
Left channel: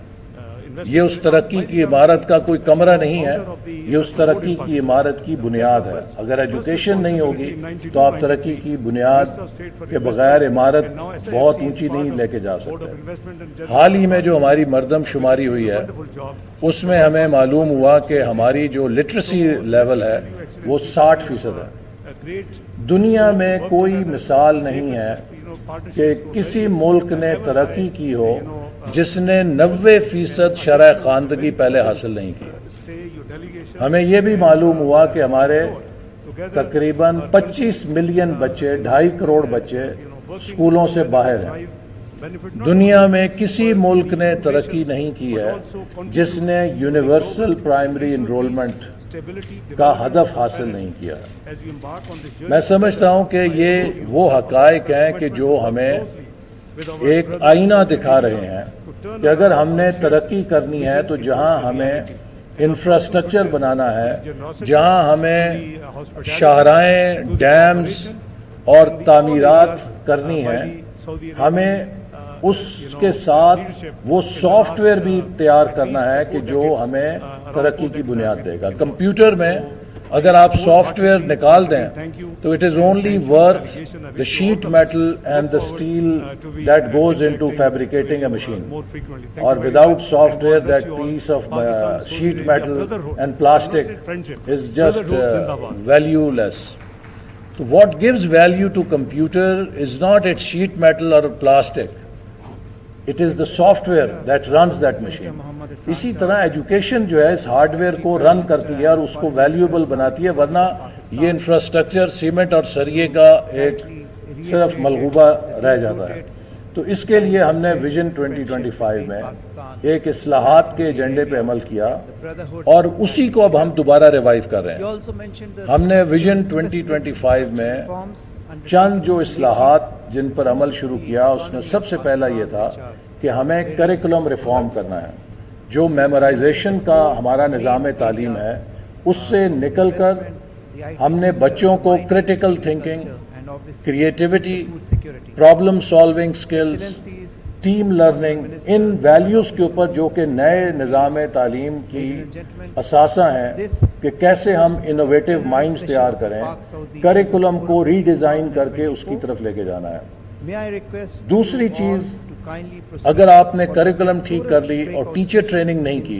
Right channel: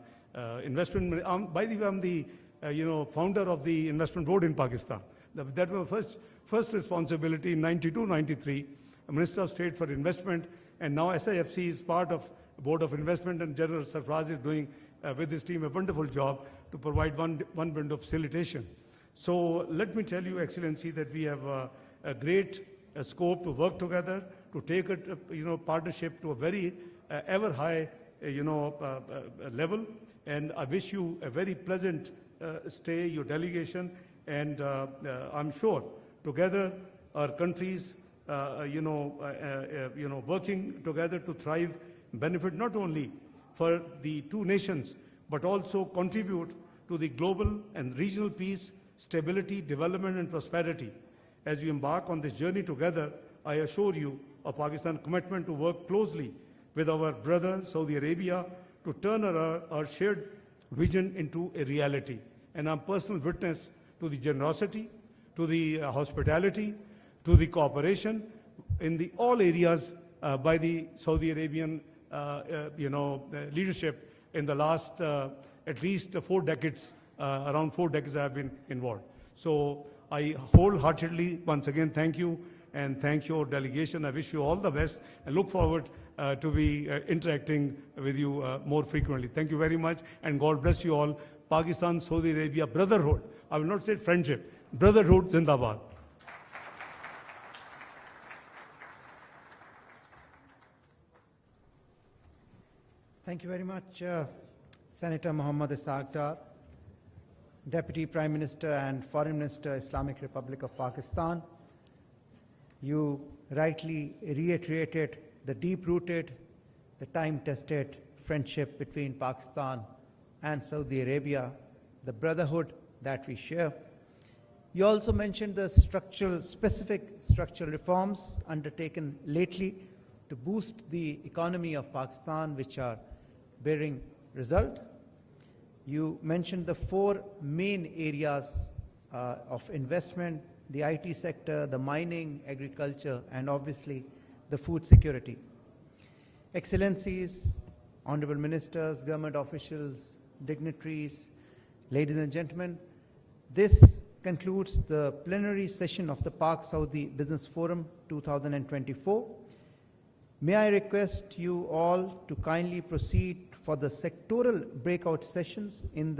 یہ اس ترقی کی عمارت کا کوئی کمرہ نہیں ہے, یہ اس ترقی کی عمارت کی بنیاد ہے. اگر ایجوکیشن نہیں ہوگی تو آپ ترقی کی بنیاد کے بغیر عمارت بہت اونچی نہیں لے کے جا سکتے. حال ہی میں جو ہماری مردم شماری ہوئی ہے اس میں ہمیں معلوم ہوا کہ ہماری جو لٹریسی لیول ہے وہ 60% ہے. دنیا میں کوئی مثال نہیں ہے کہ کسی ملک نے ترقی کی ہو جس نے 90% شرح خواندگی پہلے حاصل نہیں کی. ہمیں یہ بھی معلوم ہوا کہ ہمارے تقریباً 25 ملین بچے، 2.5 کروڑ بچے اسکولوں سے باہر ہیں. دنیا میں کسی ملک نے ترقی نہیں کی ہے جس نے یونیورسل پرائمری انرولمنٹ کا ہدف حاصل نہیں کیا. میں سمجھتا ہوں کہ یہ وہ حقائق ہیں کہ جو ہمیں ایک آئینہ دکھا رہے ہیں کہ اگر ہم نے ترقی کرنی ہے تو جہاں ہمیں انفراسٹرکچر بنانا ہے، جہاں ہمیں شاہراہیں، ڈیمز اور تعمیرات کرنی ہے، ہمیں اس کے ساتھ وہ سافٹ ویئر بھی تیار کرنا ہے کہ جو ہمیں ترقی کی بنیاد دے گا. کمپیوٹر میں اگر آپ سافٹ ویئر نکال دیں تو it is only worth the sheet metal and the steel that goes into fabricating a machine, اور without software that piece of sheet metal and plastic is just valueless. What gives value to computer is not its sheet metal or plastic. It is the software that runs that machine. اسی طرح education جو ہے اس hard where کو رن کرتی ہے اور اس کو valuable بناتی ہے, ورنہ یہ انفراسٹرکچر سیمنٹ اور سریے کا ایک صرف ملغوبہ رہ جاتا ہے. تو اس کے لیے ہم نے ویژن 2025 میں ایک اصلاحات کے ایجنڈے پہ عمل کیا اور اسی کو اب ہم دوبارہ ریوائیو کر رہے ہیں. ہم نے ویژن 2025 میں چند جو اصلاحات جن پر عمل شروع کیا اس میں سب سے پہلا یہ تھا کہ ہمیں کریکولم ریفارم کرنا ہے. جو میمورائزیشن کا ہمارا نظام تعلیم ہے اس سے نکل کر ہم نے بچوں کو critical thinking, creativity, problem solving skills, team learning, ان ویلیوز کے اوپر جو کہ نئے نظام تعلیم کی اثاثہ ہیں کہ کیسے ہم انوویٹیو مائنڈز تیار کریں, کریکولم کو ری ڈیزائن کر کے اس کی طرف لے کے جانا ہے. دوسری چیز, اگر آپ نے کریکولم ٹھیک کر لی اور ٹیچر ٹریننگ نہیں کی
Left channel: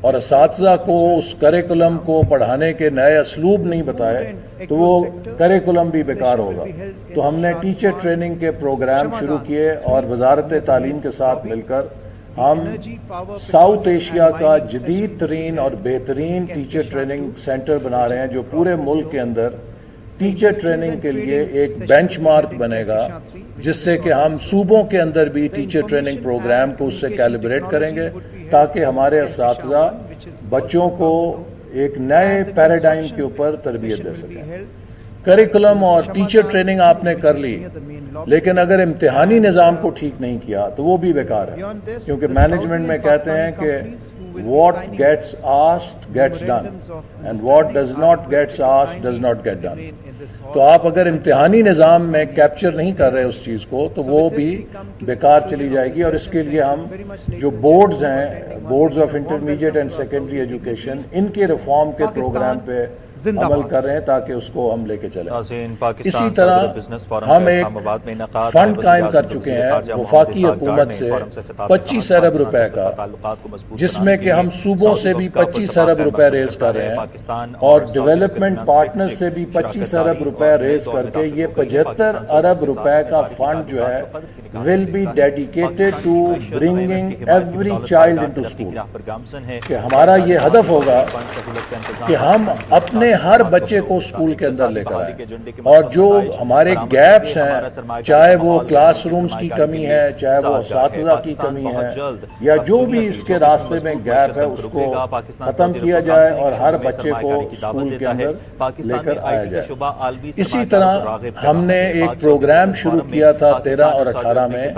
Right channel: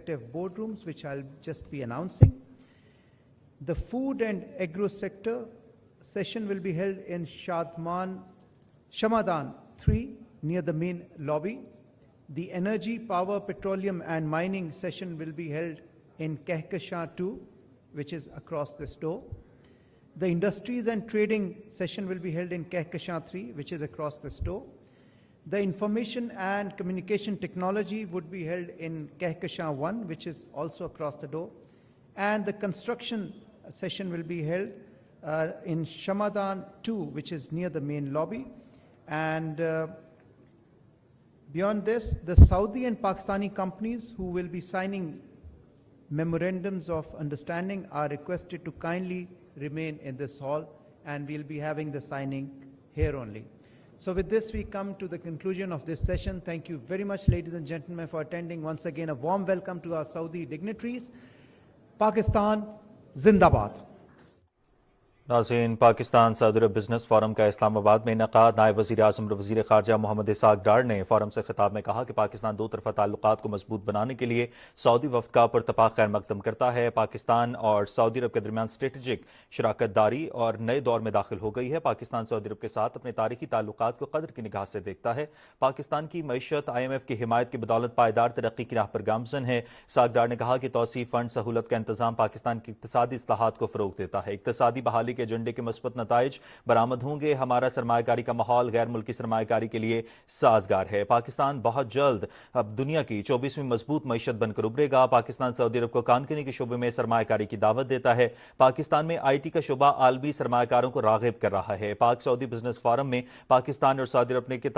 اور اساتذہ کو اس کریکولم کو پڑھانے کے نئے اسلوب نہیں بتائے تو وہ کریکولم بھی بیکار ہوگا. تو ہم نے ٹیچر ٹریننگ کے پروگرام شروع کیے اور وزارت تعلیم کے ساتھ مل کر ہم ساؤتھ ایشیا کا جدید ترین اور بہترین ٹیچر ٹریننگ سینٹر بنا رہے ہیں جو پورے ملک کے اندر ٹیچر ٹریننگ کے لیے ایک بینچ مارک بنے گا, جس سے کہ ہم صوبوں کے اندر بھی ٹیچر ٹریننگ پروگرام کو اس سے کیلیبریٹ کریں گے تاکہ ہمارے اساتذہ بچوں کو ایک نئے پیراڈائم کے اوپر تربیت دے سکیں. کریکولم اور ٹیچر ٹریننگ آپ نے کر لی, لیکن اگر امتحانی نظام کو ٹھیک نہیں کیا تو وہ بھی بیکار ہے, کیونکہ مینجمنٹ میں کہتے ہیں کہ what gets asked gets done and what does not gets asked does not get done. تو آپ اگر امتحانی نظام میں کیپچر نہیں کر رہے اس چیز کو تو وہ بھی بیکار چلی جائے گی. اور اس کے لیے ہم جو بورڈز ہیں, boards of intermediate and secondary education, ان کے ریفارم کے پروگرام پہ عمل کر رہے ہیں تاکہ اس کو ہم لے کے چلیں. ناظرین, پاکستان صدر بزنس فورم کا اسلام آباد میں انعقاد ہے. وزیر اعظم وزیر خارجہ محمد اسحاق ڈار نے فورم سے خطاب میں کہا کہ پاکستان تعلقات کو مضبوط بنانے کے لیے سعودی وفد کا پرتپاک قائم رکھتا ہے. پاکستان اور ڈیولپمنٹ پارٹنر سے بھی 25 ارب روپے ریز کر کے یہ 75 ارب روپے کا فنڈ جو ہے will be dedicated to bringing every child into school. کہ ہمارا یہ ہدف ہوگا کہ ہم اپنے ہر بچے کو اسکول کے اندر لے کر آئیں, اور جو ہمارے گیپس ہیں, چاہے وہ کلاس رومز کی کمی ہے, چاہے وہ اساتذہ کی کمی ہے, یا جو بھی اس کے راستے میں گیپ ہے, اس کو ختم کیا جائے اور ہر بچے کو اسکول کے اندر لے کر آیا جائے. اسی طرح ہم نے ایک پروگرام شروع کیا تھا 13 اور 18 میں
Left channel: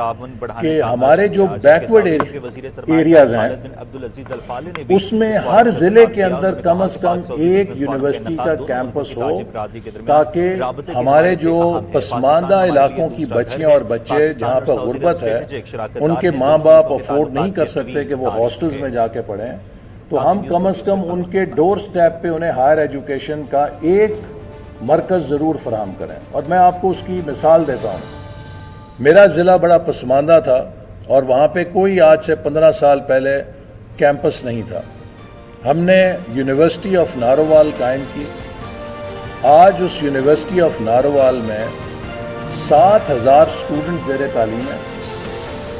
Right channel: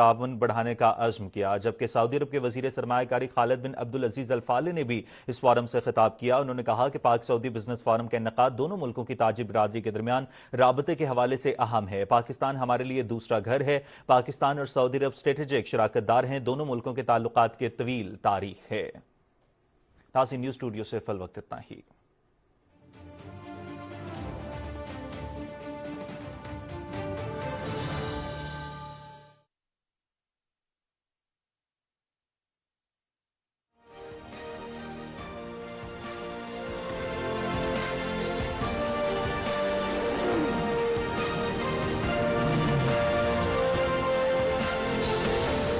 کہ ہمارے جو بیکورڈ ایریاز ہیں اس میں ہر ضلع کے اندر کم از کم ایک یونیورسٹی کا کیمپس ہو, تاکہ ہمارے جو پسماندہ علاقوں کی بچیاں اور بچے جہاں پر غربت ہے, ان کے ماں باپ افورڈ نہیں کر سکتے کہ وہ ہاسٹلز میں جا کے پڑھیں, تو ہم کم از کم ان کے ڈور سٹیپ پہ انہیں ہائر ایجوکیشن کا ایک مرکز ضرور فراہم کریں. اور میں آپ کو اس کی مثال دیتا ہوں. میرا ضلع بڑا پسماندہ تھا اور وہاں پہ کوئی آج سے 15 سال پہلے کیمپس نہیں تھا. ہم نے یونیورسٹی آف نارووال قائم کی آج اس یونیورسٹی آف ناروال میں 7,000 اسٹوڈنٹ زیر تعلیم ہیں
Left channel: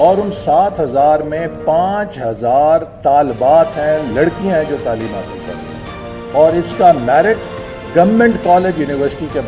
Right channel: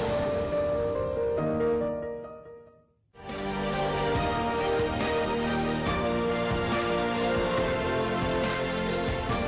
اور ان 7,000 میں 5,000 طالبات ہیں, لڑکیاں ہیں جو تعلیم حاصل کرتی ہیں, اور اس کا میرٹ گورنمنٹ کالج یونیورسٹی کے